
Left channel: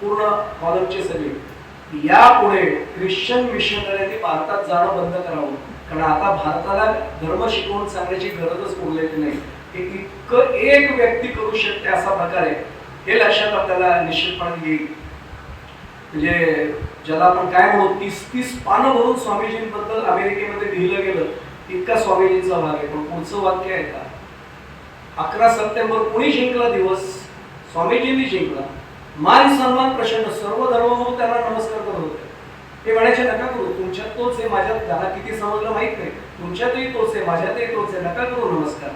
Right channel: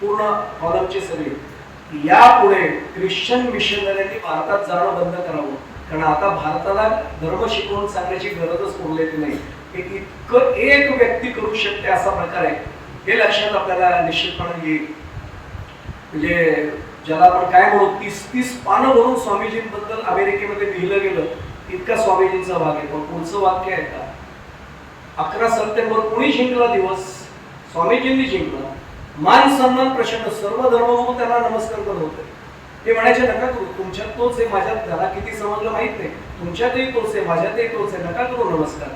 पूर्ण कॉलमची सगळी, यापुढे ख्रिश्चन मिशनऱ्यांनी भारतात जाणं बंद करावं, कारण आता भारताला धर्म शिकवून सांगण्याची गरजच उरलेली नाही. हे इतकं एक व्यक्ती करू शकते असा प्रकार आहे, हे लक्षात आपल्याला निश्चितपणे येईल. म्हणजे ज्याला आपण काय म्हणू, 30 पानं भरून स्वामीजींबद्दल अमेरिकेमध्ये लिहिलं गेलं, इतका स्वामीजींचा भाग आहे. पण पुढचं वाक्य आहे का, 11 सप्टेंबर कोणी जिंकला दिवस, स्वामीजींनी जिंकला. मान सन्मान प्रचंड, सर्व धर्मगुरू त्यांना नमस्कार करत होते. ते म्हणायचे, नका करू, तुमच्यात तोच आहे, माझ्यात त्याला किती समजलं माहित नाही, तुमच्यातही तोच आहे, माझ्यातही तोच आहे, नका करू नमस्कार.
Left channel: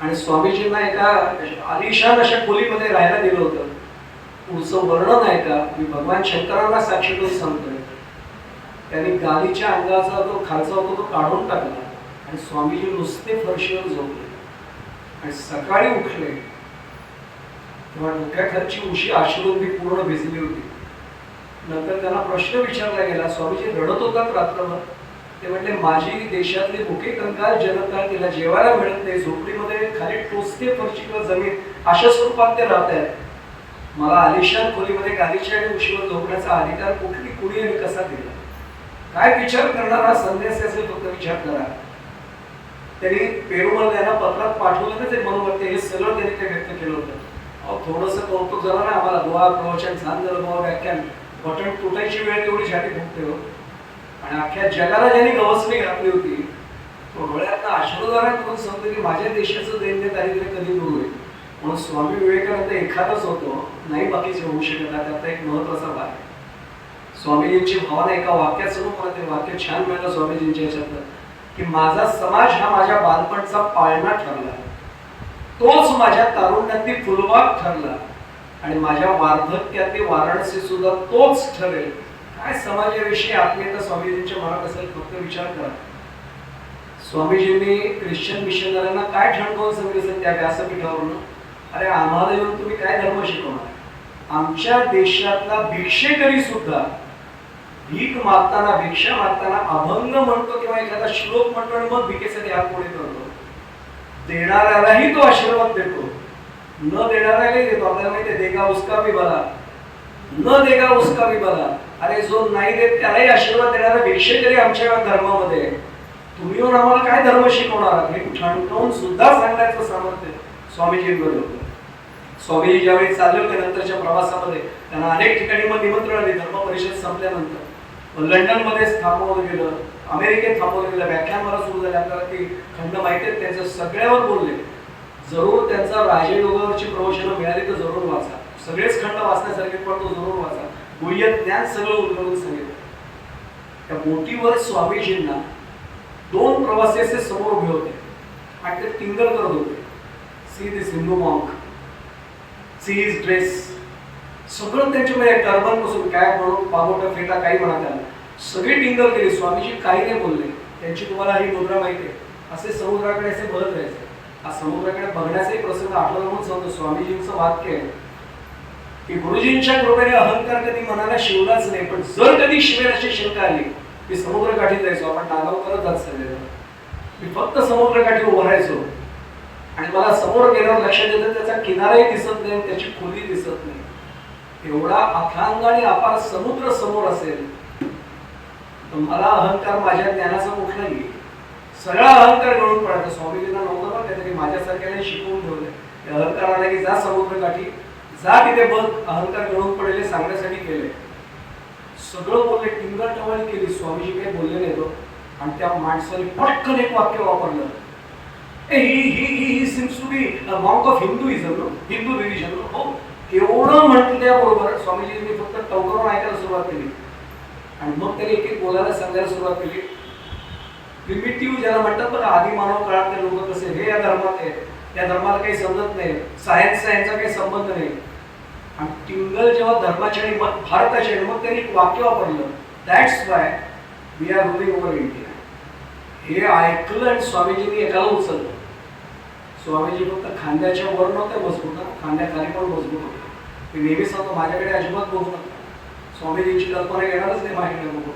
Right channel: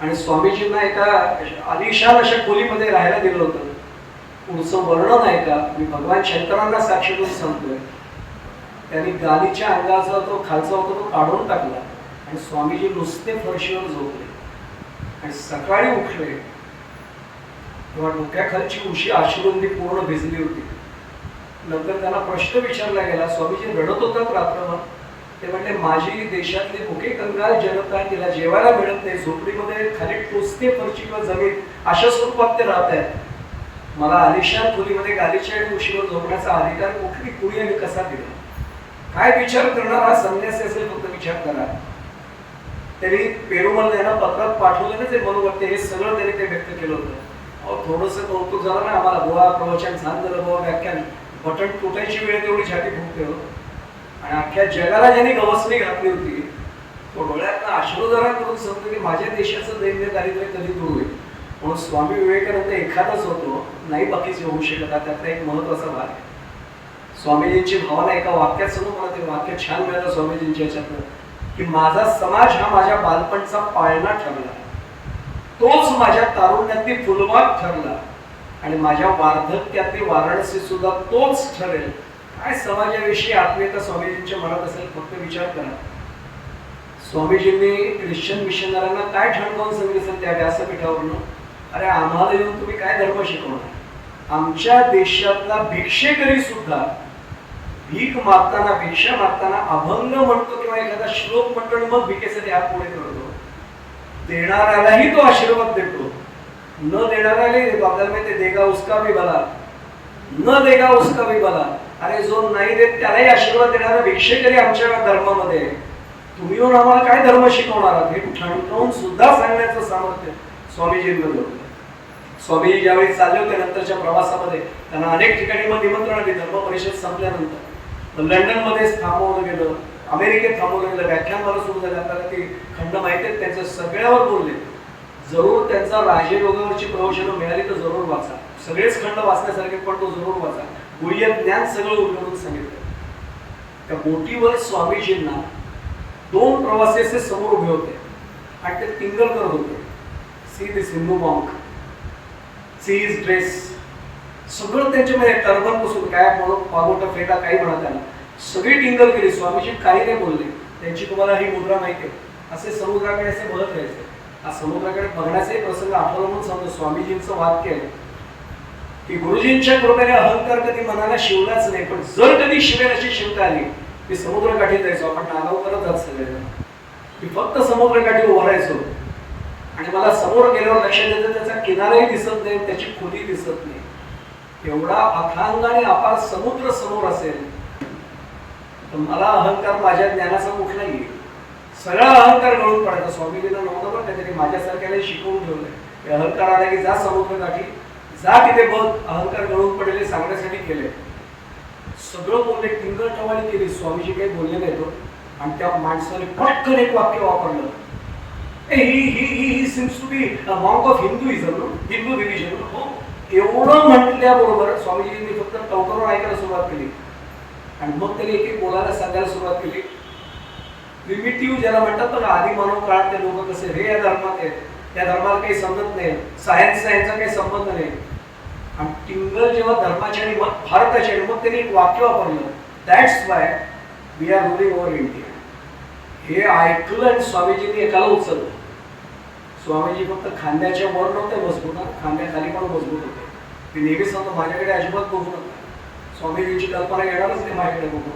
आणि स्वामीजींना एका आलिशान अशा खोलीमध्ये राहायला दिलं होतं. पुढचं वर्णन आहे का, मी भगवान शंकरांना साक्षी देऊन सांगतोय, त्यांनी गालीच्या अंगाचा तो खालचा होता तो काढून टाकला आणि स्वामीजी नुसते फरशीवर झोपले. आणि सकाळी उठले तेव्हा डोक्याखालची उशी अश्रूंनी पूर्ण भिजली होती. नंतर त्यांना प्रश्न विचारला गेला, स्वामीजी रडत होतात रात्रभर. ते म्हटले, माझी देशातली भुके कंगाल जनता, तिला जेवायला मिळत नाही, झोपडीमध्ये खाली टोचते फरशी किंवा जमीन अशा स्वरूपात ते राहत आहेत. मला आलिशान खोलीमध्ये गालीच्या आणि उशीवर झोपण्याचा अधिकार कुणी आणि कसा दिला. काय विचार करणारा संन्यासी असेल फक्त विचार करा. त्यांनी पेरुमल यांना पत्रात पाठवलं ना ते मनोगत, हे सगळं त्यांनी ते व्यक्त केलं होतं. अहो थोडंसं कौतुक झालं ना आम्हाला, गोवा प्रवचन छान झालं, गोवा व्याख्यान, बटन तुटायची वेळ तेवढी छाती फुटते हो. आणि अख्ख्या जगाला ज्यांनी गवसणी घातली होती तो डोळ्यात अश्रुधारा करून सांगतो की माझ्या देशाचं दैन्य दारिद्र्य कधी दूर होईल. म्हणून स्वामी विवेकानंद एखादाच होतो, नाही बाकीचे होऊ शकत. त्यातला एक महत्वाचा भाग आहे. स्वामीजींची भावना एका वाक्यात समोर, मला ते वाक्य छान मिळालं स्वामीजींच्या याच्यातलं, की माझा समाज हा माझ्या बालपणचा पाळणा ठरला, तोच माझ्या तारुण्यातली फुलबाग ठरला आणि माझ्या वार्धक्यातली वाराणसी सुद्धा तोच ठरेल. काय समाजाविषयी आत्मीयता स्वामीजींच्या मनात असेल, फक्त विचार करा. स्वामीजींनी ख्रिश्चन मिशनऱ्यांना काय ठणकावून सांगितलं त्या व्यासपीठावरून, अरे आम्हाला येऊन तुम्ही काय धर्म शिकवणार? आमच्या देशातला भिक्षेकरी सुद्धा भीक मागताना, भिक्षा मागताना अभंग म्हणतो किंवा एखादा श्लोक म्हणतो आणि मग भिकेसाठी हात पुढे करतो. देणाऱ्यालाही तो आशीर्वाद देतो, न देणाऱ्यालाही देतो. आपल्याला माहिती आहे, देगा उसका भी भला, न देगा उसका भी भला. अरे जो नाही देत त्यालाही आशीर्वाद देणारा भिक्षेकरी आमच्या धर्मामध्ये. तुम्ही येऊन आम्हाला काय धर्म शिकवणार आहात? हे ठणकावून सुद्धा सांगण्याचं सामर्थ्य स्वामीजींमध्ये होतं. स्वामीजी ज्यावेळी चालले होते नंतरच्या प्रवासामध्ये, त्यांना अनेक ठिकाणी मग निमंत्रण आले. धर्म परिषद संपल्यानंतर लंडनमध्ये थांबवलं गेलं, अमेरिकेत थांबवलं गेलं, व्याख्यानमाला सुरू झाले. आपल्याला ते खंड माहिती आहेत, त्यांच्या सगळ्यावर बोलले. जरूर त्यांचा राजयोगावरची प्रवचनं मिळाली तर जरूर वाचा, सगळेच खंड वाचण्यासारखे, पण तो जरूर वाचा. गुह्य ज्ञान सगळं उलगडून सांगितलं. त्या बोटीवर स्वामीजींना दोन प्रवासी असे समोर उभे होते आणि ते टिंगल करत होते. See this Hindu monk, see his dress, सगळं त्यांच्यामध्ये टर्बन पासून काय म्हणून पागोटा फेटा काही म्हणा, त्याला सगळी टिंगल केली. स्वामीजी काही नाही बोलले. त्यांची तुम्हाला ही मुद्रा माहिती आहे, असे समुद्राकडे असे बघत राहायचे. हा समुद्राकडे बघण्याचाही प्रसंग आठवला म्हणून सांगतो. स्वामीजींचं वाक्य आहे की गुरुजींच्या कृपेने अहंकार कधी मनाला शिवलाच नाही, पण जर कधी शिवेल अशी शंका आली, मी समुद्रकाठी जायचो. आपण नागाव करत जात सगळे, मी फक्त समुद्रकाठी उभं राहायचो आणि मला समोर गेल्यावर लक्षात येतं त्याचा किनाराही दिसत नाही, त्याची खोली दिसत नाही. एवढा अथांग आणि अपार समुद्र समोर असेल तर मला अहंकार माझ्या ज्ञानाचा कुठला येईल? सगळा अहंकार गळून पडायचा. स्वामीजींना नव्हतं बरं काहीतरी माझ्यासारख्याने शिकवून ठेवलंय. अहंकार आला की जा समुद्रकाठी, जा तिथे बघ, अहंकार गळून पडेल सांगण्यासाठी केले. सगळं बोलले, टिंगल टवाळी केली. स्वामीजी काही बोलले नाही तो. आणि त्या माणसाने पटकन एक वाक्य वापरलं, he seems to be monk of Hinduism, Hindu religion. हो, एवढं म्हटल्याबरोबर स्वामीजींनी फक्त टवकरून ऐकायला सुरुवात केली आणि मग त्यांनी एक एक बोलायला सांगायला सुरुवात केली. प्रिमिटिव्ह ज्याला म्हणतात बघा, आधी मानव काळातले लोक कसे, हे या धर्मात आहेत, त्या धर्माला काही समजत नाही, सायन्सचा यांचा काही संबंध नाही. आणि टिंगल जेव्हा धर्माच्या आणि भारताच्या, आणि मग त्यांनी एक वाक्य वापरलं, that's why we are ruling over India. हे ऐकलं आणि स्वामीजींनी एकाला उचललं. स्वामीजी फक्त खांद्याच्या वर नव्हते मजबूत, खांद्याखाली पण मजबूत होते. मी नेहमी सांगतो, माझ्याकडे अजिबात बघू नका, स्वामीजींची कल्पना येणारच नाही माझ्याकडे बघू.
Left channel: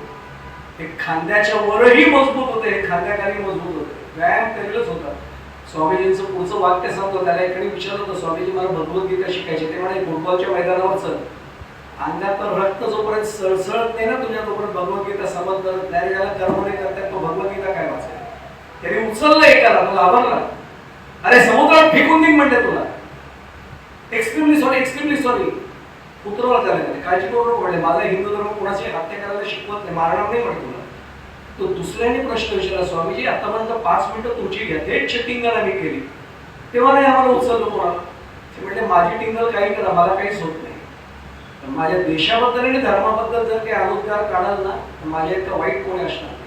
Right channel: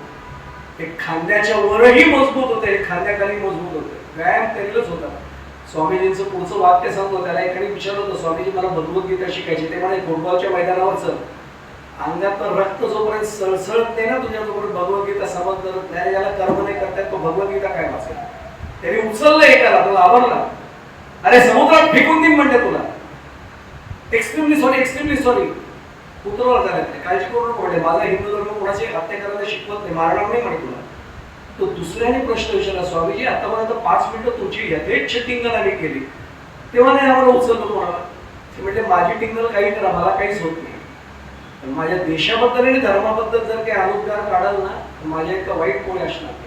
हे खांद्याच्या वरही मजबूत होते, खांद्याखाली मजबूत होते, व्यायाम करेलच होता. स्वामीजींचं पुढचं वाक्य सांगतो, त्याला एकाने विचारलं होतं, स्वामीजी मला भगवद्गीता शिकायची. ते म्हणे फुटबॉलच्या मैदानावर चल, अंगात रक्त जोपर्यंत सळसळत नाही ना तुझ्या, तोपर्यंत भगवद्गीता समजत नाही. ज्याला कर्म नाही करतात तो भगवद्गीता काय वाचेल? त्याने उचललं एकाला, तुला आवडला, अरे समुद्रात फेकून देईन म्हणते तुला, एक्स्ट्रीमली सॉरी, एक्स्ट्रीमली सॉरी. उतरवला त्याला, काळजी करू नको म्हणजे, माझा हिंदू धर्म कोणाची हत्या करायला शिकवत नाही, मारणार नाही म्हणे तुला. तो दुसऱ्याने प्रश्न विचारला, स्वामीजी आतापर्यंत 5 मिनिटं तुमची यथेच्छ टिंगल आम्ही केली, तेव्हा नाही आम्हाला उचललं कोणाला? ते म्हणजे माझी टिंगल काही करा, मला काहीच होत नाही. पण माझ्या देशाबद्दल आणि धर्माबद्दल जर काही अनुद्गार काढाल ना, तर माझ्या इतकं वाईट कोणी असणार नाही.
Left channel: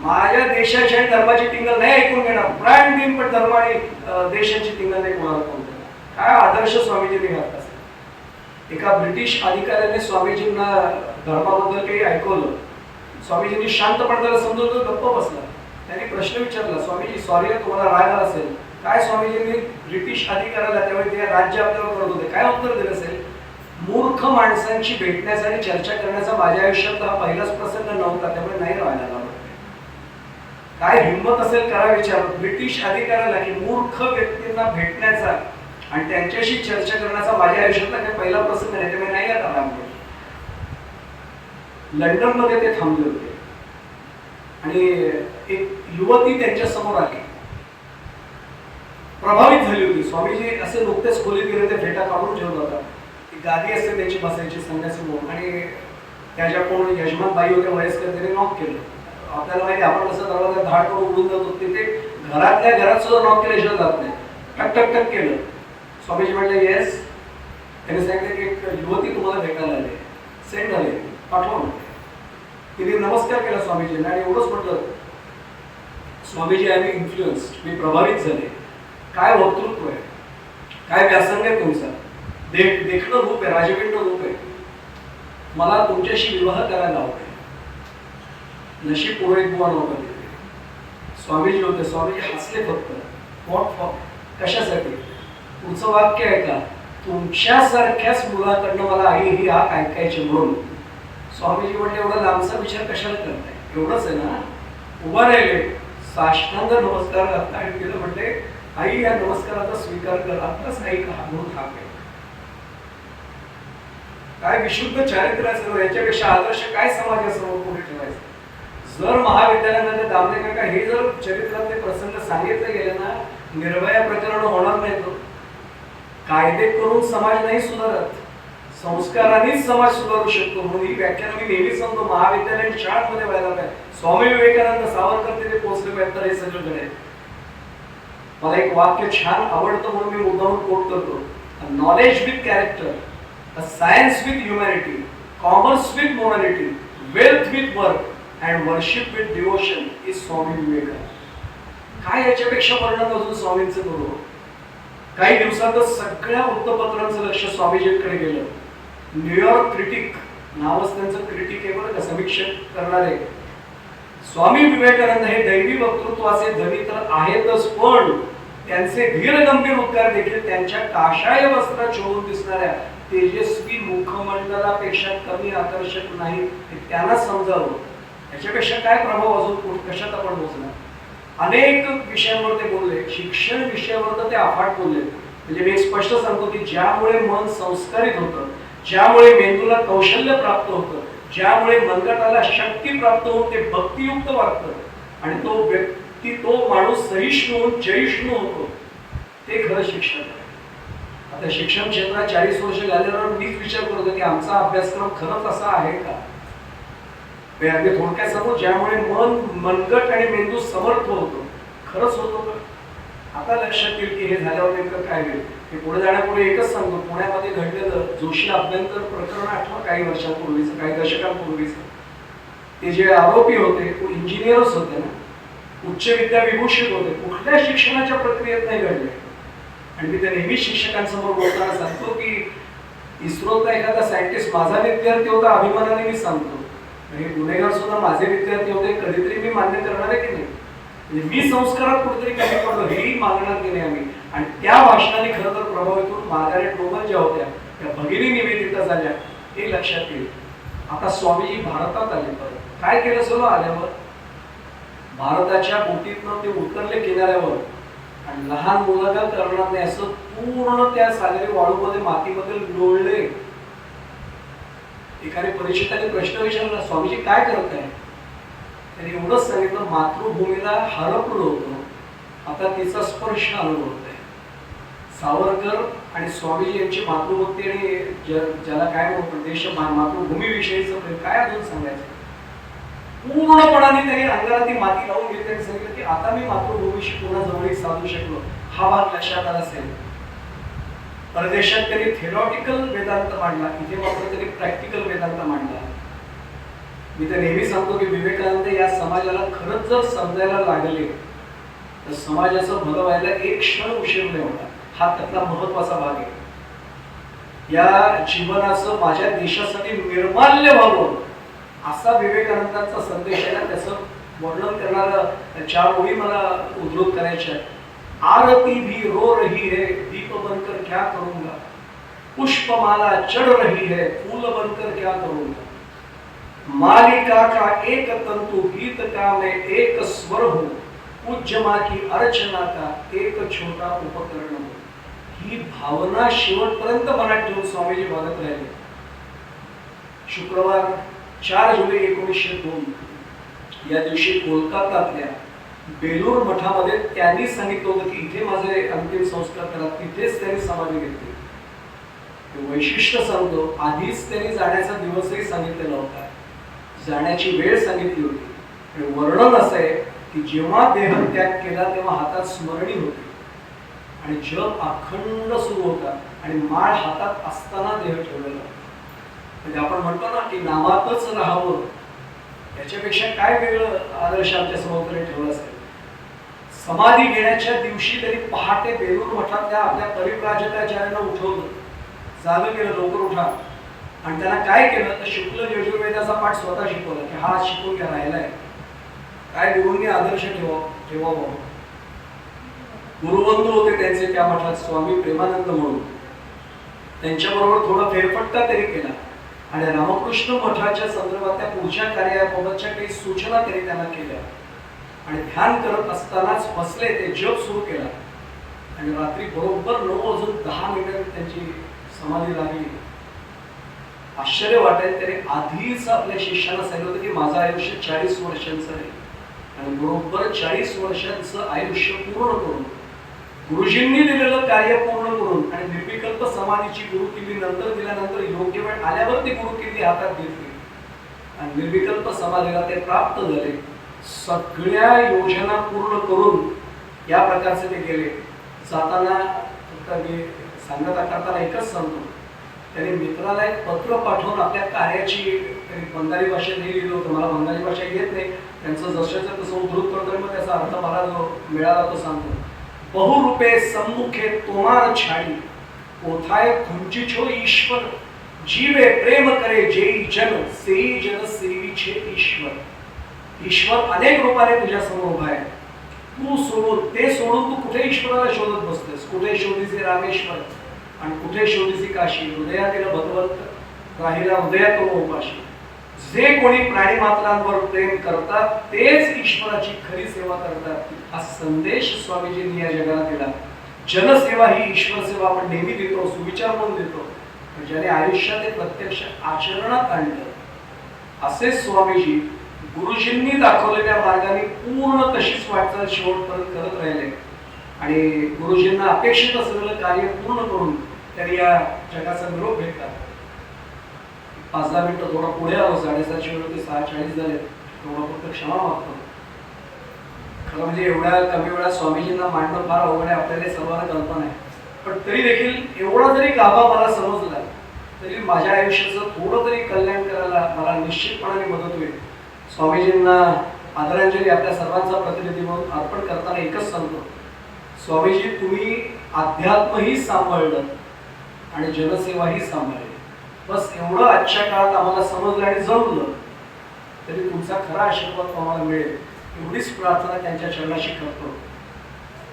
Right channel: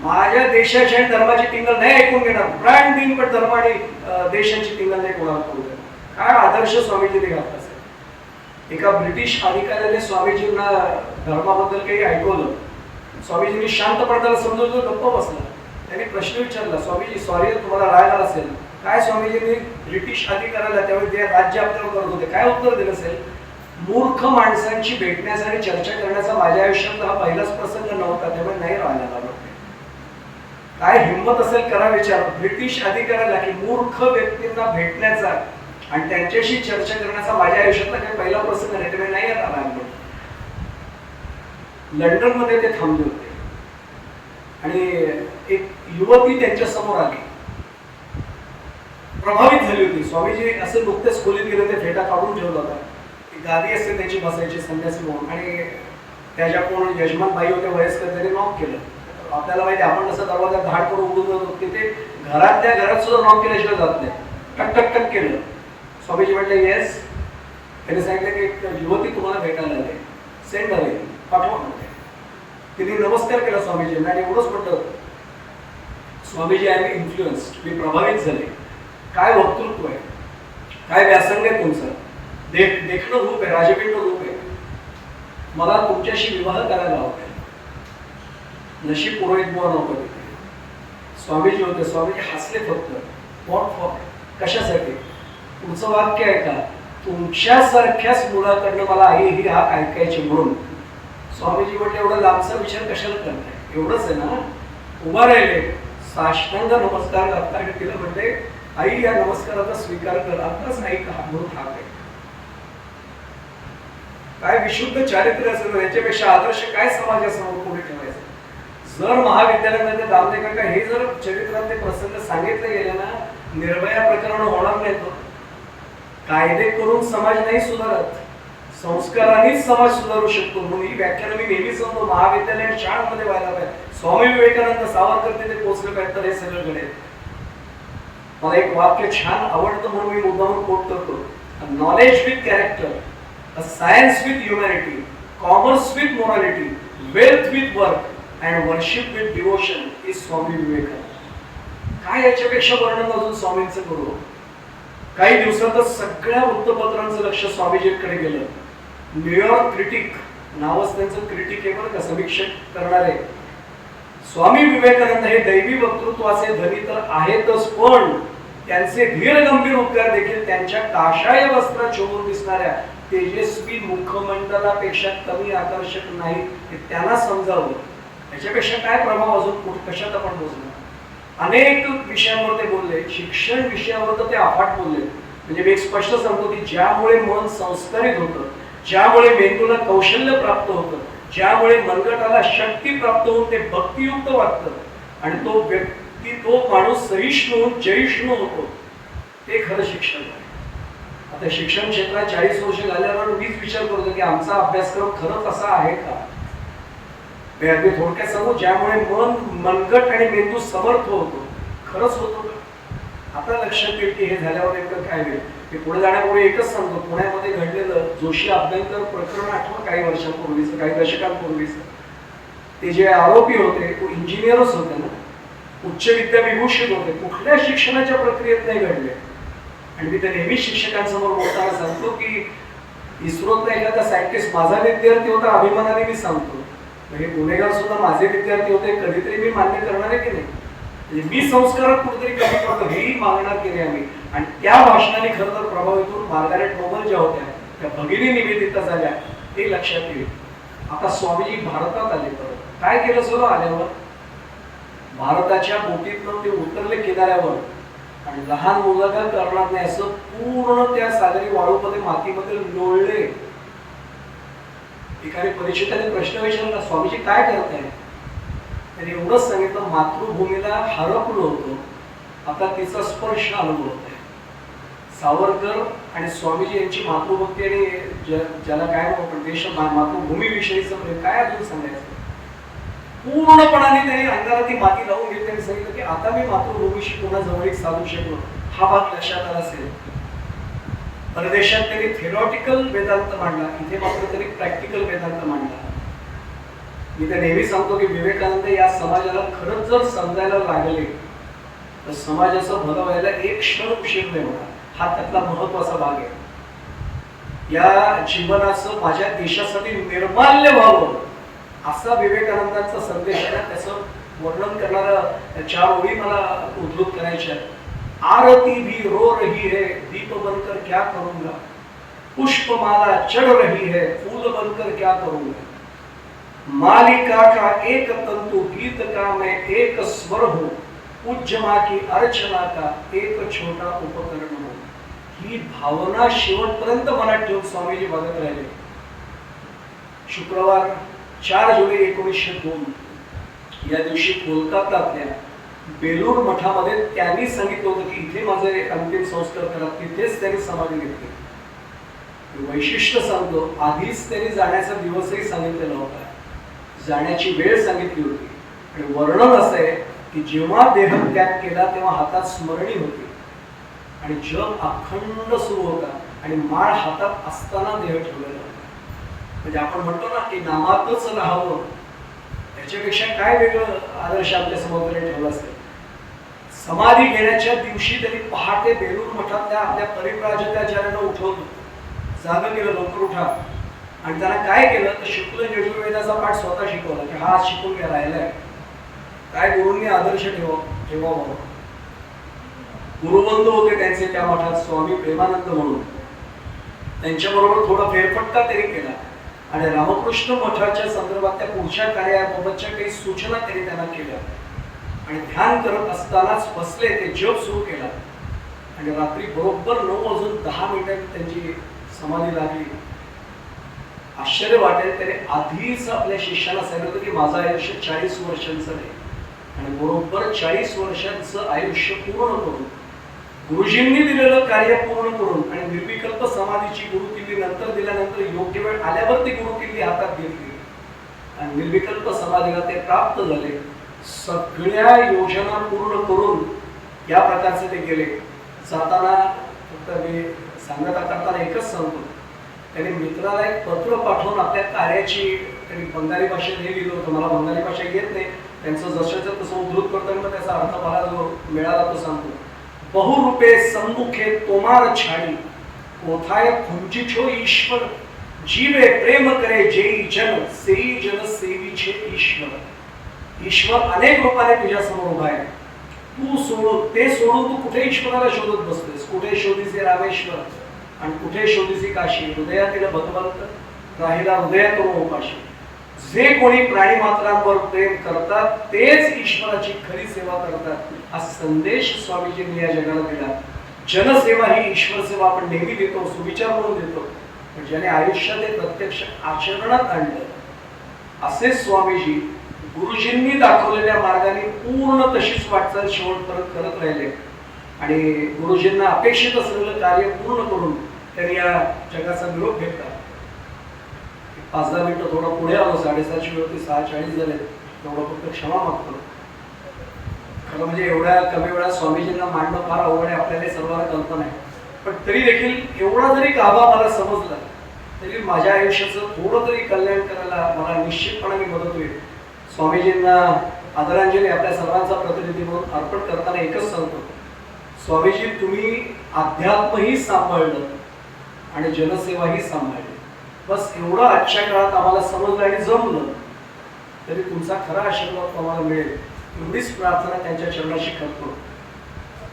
माझ्या देशाची आणि धर्माची टिंगल नाही ऐकून घेणार, प्राण देईन, पण धर्म आणि देशांची टिंगल नाही कोणाला करू देणार. काय आदर्श स्वामीजींनी घातला असेल. एका ब्रिटिश अधिकाऱ्याने स्वामीजींना धर्माबद्दल काही ऐकवलं. स्वामीजींनी शांतपणे त्याला समजवलं, गप्प बसला. त्यांनी प्रश्न विचारला, स्वामीजी सॉरी तुम्हाला राग आला असेल, काय स्वामीजींनी ब्रिटिश अधिकाऱ्याला त्यावेळी ते राज्य आपल्याला करत होते, काय उत्तर दिलं असेल? मूर्ख माणसांची भेटण्यासाठी चर्चा करण्याचा माझ्या आयुष्यात हा पहिलाच प्रसंग नव्हता, त्यामुळे नाही राहिला मला. काय हिंमत असेल करा विचार ब्रिटिश अधिकाऱ्याला की मूर्ख व्यक्तींना भेटण्याचा आणि त्यांच्याशी चर्चा करण्याचा माझ्या आयुष्यातला काही पहिला प्रसंग नाही, त्यामुळे नाही आता राहिलो. लंडनमध्ये ते थांबले होते आणि एक युवती त्यांच्या समोर आली प्रभावित झाली होती. स्वामीजी असे नुकतेच खोलीत गेले, ते फेटा काढून ठेवला होता. ती गादी असते त्याची बसायची संन्यासी म्हणून, आणि त्या ज्या कोण यजमान बाई होत्या वयस्कर, त्याने नॉक केलं. आपल्याला माहिती आपण कसं दरवाजा धाड करून उडून जातो, तिथे घरातल्या घरात सुद्धा नॉक केल्याशिवाय जात नाही. टक टक टक केलं. स्वामीजी म्हणले येस. त्यांनी सांगितलं की एक युवती तुम्हाला भेटायला आली, सेंड आली, पाठवा म्हणते. तिने नमस्कार केला स्वामीजींना आणि एवढंच म्हटलं, स्वामीजी आय एम इन्फ्लुएन्स्ड, मी प्रभावित झाले. काय वक्तृत्व आहे, काय व्यासंग आहे तुमचा, देखणं रूप आहे, राजपिंड रूप आहे. मला तुमच्याशी विवाह करायला आवडेल. नशीब पुरोहित बुवा नव्हतं तिथे, स्वामीजी होते. स्वामीजी हसले फक्त. व्हॉट फॉर, कशासाठी? पुढचं वाक्य आहे का, तुमच्यासारख्याच मुलाकडनं मला आई ही हाक ऐकायची म्हणून. स्वामीजी म्हटले एवढा लांबचा विचार कशाला करताय, एवढंच आहे ना. उभा राहिले, साष्टांग नमस्कार घातला आणि तिला म्हटले आई या नमस्काराचा स्वीकार कर, आताच आई का म्हणून हाक आहे. काय विशुद्ध चारित्र्य असेल, याच्यापेक्षा आदर्श काय समाजासमोर पुढे ठेवायचं. जर महाविद्यालयामध्ये दामले काका हे जर चरित्रातले प्रसंग सांगितले गेले ना, निर्भया प्रकरण होणार नाही. तो कायदे करून समाज नाही सुधारत, संस्कारानेच समाज सुधारू शकतो. म्हणून ही व्याख्यान मी नेहमी सांगतो, महाविद्यालय शाळांमध्ये व्हायला पाहिजे. स्वामी विवेकानंद, सावरकर तिथे पोहोचले पाहिजे, तर हे सगळं घडेल. मला एक वाक्य छान आवडतं म्हणून मी मुद्दामून कोट करतो. Knowledge with character, a science with humanity, commerce with morality, wealth with work, and worship with devotion is Swami Vivekananda. काय याच्यापेक्षा वर्णन अजून स्वामींचं करू. काही दिवसातच सगळ्या वृत्तपत्रांचं लक्ष स्वामीजींकडे गेलं. न्यूयॉर्क क्रिटिक नावच त्यांचं क्रिटिक आहे बरं का, समीक्षक करणारे. स्वामी विवेकानंद हे दैवी वक्तृत्वाचे धनी तर आहेतच, पण त्यांचे धीर गंभीर उद्गार देखील त्यांच्या काशाय वस्त्रात शोभून दिसणाऱ्या तेजस्वी मुखमंडलापेक्षा कमी आकर्षक नाही, हे त्यांना समजावं. याच्यापेक्षा काय प्रभाव अजून कशात आपण बोलणार. अनेक विषयांवर ते बोलले. शिक्षण विषयावर तर ते अफाट बोलले. म्हणजे मी एक स्पष्ट सांगतो की ज्यामुळे मन संस्कारित होतं, ज्यामुळे मेंदूला कौशल्य प्राप्त होतं, ज्यामुळे मनगटाला शक्ती प्राप्त होऊन ते भक्तियुक्त वाटतं आणि तो व्यक्ती, तो माणूस सहिष्णू जैष्णू होतो, ते खरं शिक्षण आहे. आता शिक्षण क्षेत्रात 40 वर्ष झाल्यावर मीच विचार करतो की आमचा अभ्यासक्रम खरंच असा आहे का. अगदी थोडक्यात सांगू, ज्यामुळे मनगट आणि मेंदू समर्थ होतो, खरंच होतो का. आता लक्षात येईल की हे झाल्यावर नेमकं काय होईल. मी पुढे जाण्यापूर्वी एकच सांगतो, पुण्यामध्ये घडलेलं जोशी अभ्यंकर प्रकरण आठवण, काही वर्षांपूर्वीच, काही दशकांपूर्वीच. ते जे आरोपी होते तो इंजिनियरच होते ना, उच्च विद्या विभूषित होते, कुठल्या शिक्षणाच्या प्रक्रियेत नाही घडले. आणि मी ते नेहमी शिक्षकांसमोर बोलताना सांगतो की इस्रोतला एखादा सायंटिस्ट माझा विद्यार्थी होता, अभिमानाने मी सांगतो. हे गुन्हेगार सुद्धा माझे विद्यार्थी होते, कधीतरी मी मान्य करणार आहे की नाही. म्हणजे मी संस्कारात कुठेतरी कमी पडलो हेही मागणार की नाही आम्ही. आणि त्या भाषणाने खरं तर प्रभावित होऊन मार्गारेट नोबल ज्या होत्या त्या भगिनी निवेदिता झाल्या, हे लक्षात येईल. आता स्वामीजी भारतात आले. परत काय केलं सगळं आल्यावर, भारताच्या बोटीतनं ते उतरले किनाऱ्यावर आणि लहान मुलं काय करणार नाही असं पूर्ण त्या सागरी वाळूमध्ये, मातीमध्ये लोळले. एकाने परिचिताने प्रश्न विचारला, स्वामीजी काय करताय. त्यांनी एवढंच सांगितलं, मातृभूमीला हरपलो होतो, आता तिचा स्पर्श अनुभवत आहे. सावरकर आणि स्वामीजी यांची मातृभक्ती आणि ज्याला काय म्हणतो पण देश, मातृभूमीविषयीचं प्रेम काय अजून सांगायचं. पूर्णपणाने त्यांनी अंगाला ती माती लावून घेतली आणि सांगितलं की आता मी मातृभूमीशी पुन्हा जवळीक साधू शकलो. हा भाग लक्षात आला असेल. परदेशात त्यांनी थेरॉटिकल वेदांत मांडला, इथे मात्र त्यांनी प्रॅक्टिकल वेदांत मांडला. मी तर नेहमी सांगतो की विवेकानंद या समाजाला खरंच जर समजायला लागले तर समाजाचं भलं व्हायला एक क्षण उशीर नाही होणार. हा त्यातला महत्वाचा भाग आहे. या जीवनाचं माझ्या देशासाठी निर्माल्य व्हावं असा विवेकानंदांचा संदेश आहे. त्याचं वर्णन करणारं 4 ओळी मला उद्धृत करायच्या. आरती भी रो रही है, दीप बनकर क्या करूंगा, पुष्पमाला चढ़ रही है, फूल बनकर क्या करूंगा, मालिका का एक तंतु गीत का मैं एक स्वर हूं, पूज्य मां की अर्चना का एक छोटा उपकरण हूं. ही भावना शेवटपर्यंत मनात ठेवून स्वामीजी वागत राहिले. शुक्रवार 4 जुलै 1902 या दिवशी कोलकात्यातल्या बेलूर मठामध्ये त्यांनी सांगितलं होतं की इथे माझे अंतिम संस्कार करा, तिथेच त्यांनी समाधी घेतली. वैशिष्ट्य सांगतो, आधीच त्यांनी जाण्याचा दिवसही सांगितलेला होता, जाण्याची वेळ सांगितली होती. आणि वर्णन असं आहे की जेव्हा देहत्याग केला तेव्हा हातात स्मरणी होती आणि जप अखंड सुरू होता आणि माळ हातात असताना देह ठेवलेला. म्हणजे आपण म्हणतो ना की नामातच राहावं, त्याच्यापेक्षा काय वेगळं आदर्श आमच्या समोर ठेवला असेल. समाधी घेण्याच्या दिवशी त्यांनी पहाटे बेलूर मठातल्या आपल्या परिव्राजकाचार्यांना उठवलं, जाग केलं, लवकर उठा. आणि त्यांना काय केलं तर शुक्ल यजुर्वेदाचा पाठ स्वतः शिकवला की हा शिकून घ्या, राहिलाय. काय गुरूंनी आदर्श ठेवावा. गुरुबंधू होते त्यांचे त्या मठात स्वामी प्रेमानंद म्हणून, त्यांच्याबरोबर थोडा फेरफटका त्यांनी केला आणि रामकृष्ण मठाच्या संदर्भातल्या पुढच्या कार्याबाबतच्या काही सूचना त्यांनी त्यांना केल्या. आणि ध्यान करत असतानाच बसले, ते जप सुरू केला आणि रात्री बरोबर 9:10 त्यांची समाधी लागली. आश्चर्य वाटेल, त्याने आधीच आपल्या शिष्यांना सांगितलं होतं की माझं आयुष्य 40 वर्षांचं आहे आणि बरोबर 40 वर्षांचं आयुष्य पूर्ण करून, गुरुजींनी दिलेलं कार्य पूर्ण करून आणि निर्विकल्प समाधीची गुरुकिल्ली नंतर दिल्यानंतर योग्य वेळ आल्यावर ती गुरुकिल्ली हातात घेतली आणि निर्विकल्प समाधीला ते प्राप्त झाले. सगळ्या योजना पूर्ण करून या प्रकारचे ते गेले. जाताना फक्त मी सांगता करताना एकच सांगतो, त्यांनी मित्राला एक पत्र पाठवून आपल्या कार्याची त्यांनी बंगाली भाषेत हे लिहिलं होतं. मला बंगाली भाषा येत नाही, त्यांचं जसंच्या तसं उद्धृत करताना मग त्याचा अर्थ मला जो मिळाला तो सांगतो. बहुरूपे सम्मुखे तोमार छाडी, कोथाय खुंचिछो ईश्वर, जीवे प्रेम करे जेई जन, सेई जन सेविछे ईश्वर. ईश्वर अनेक रूपाने तुझ्या समोर उभा आहे. तू सोडून ते सोडून तू कुठे ईश्वराला शोधत बसतोस. कुठे शोधीचे रामेश्वर आणि कुठे शोधीसी काशी. हृदयातील भगवंत राहिला हृदयातून उपाशी. जे कोणी प्राणी मात्रांवर प्रेम करतात तेच ईश्वराची खरी सेवा करतात, हा संदेश स्वामीजींनी या जगाला दिला. जनसेवा ही ईश्वर सेवा आपण नेहमी देतो, सुविचार म्हणून देतो, पण ज्याने आयुष्यात ते प्रत्यक्ष आचरणात आणलं असे स्वामीजी गुरुजींनी दाखवलेल्या मार्गाने पूर्ण तशीच वाटचाल शेवटपर्यंत करत राहिले आणि गुरुजींना अपेक्षित असलेलं कार्य पूर्ण करून त्यांनी या जगाचा निरोप घेतला. 5-10 मिनिटं थोडं पुढे आलो, 7:30ची वेळ होती, 6:40 झाले. थोडं फक्त क्षमा मागतो. खरं म्हणजे एवढ्या कमी वेळात स्वामीजींना मांडणं फार अवघड आहे, आपल्याला सर्वांना कल्पना आहे. पण तरी देखील एवढा जरी गाभा मला समजला तरी माझ्या आयुष्याचं थोडं तरी कल्याण करायला मला निश्चितपणाने मदत होईल. स्वामीजींना आदरांजली आपल्या सर्वांचा प्रतिनिधी म्हणून अर्पण करताना एकच सांगतो, स्वामीजी तुम्ही अध्यात्मही सांभाळलं आणि जनसेवाही सांभाळली. बस एवढं आजच्या काळात आम्हाला समजलं आणि जमलं तरी तुमचा खरा आशीर्वाद आम्हाला मिळेल एवढीच प्रार्थना त्यांच्या चरणाशी करतो.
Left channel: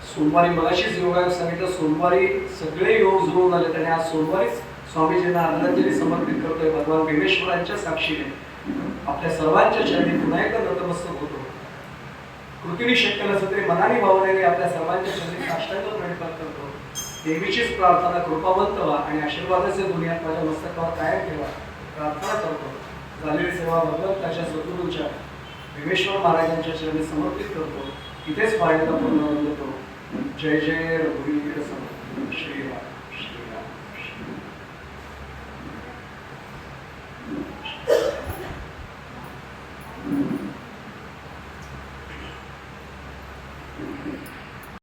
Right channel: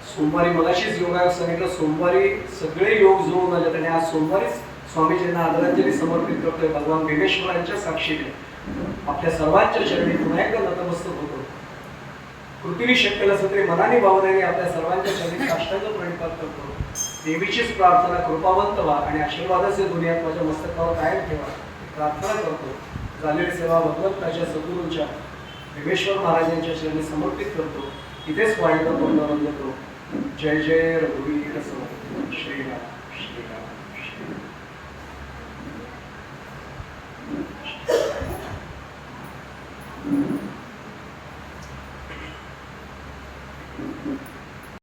सोमवारी मगाशीच योगायोग सांगितलं, सोमवारी सगळे योग जुळून आले आणि आज सोमवारीच स्वामीजींना आदरांजली समर्पित करतोय. भगवान भीमेश्वरांच्या साक्षीने आपल्या सर्वांच्या चरणी पुन्हा एकदा नतमस्तक होतो. कृतीने शक्य नसलं तरी मनाने भावनेने आपल्या सर्वांच्या चरणी साष्टांग प्रणिपात करतो. देवीचीच प्रार्थना, कृपावंत व्हा आणि आशीर्वादाचे दुनियात माझ्या मस्तकावर कायम ठेवा प्रार्थना करतो. झालेली सेवा भगवंताच्या सद्गुरूंच्या भीमेश्वर महाराजांच्या चरणी समर्पित करतो. इथेच पाण्याचा पंधरा देतो. जय जय रघुवीर समर्थ. श्रीराम श्रीराम.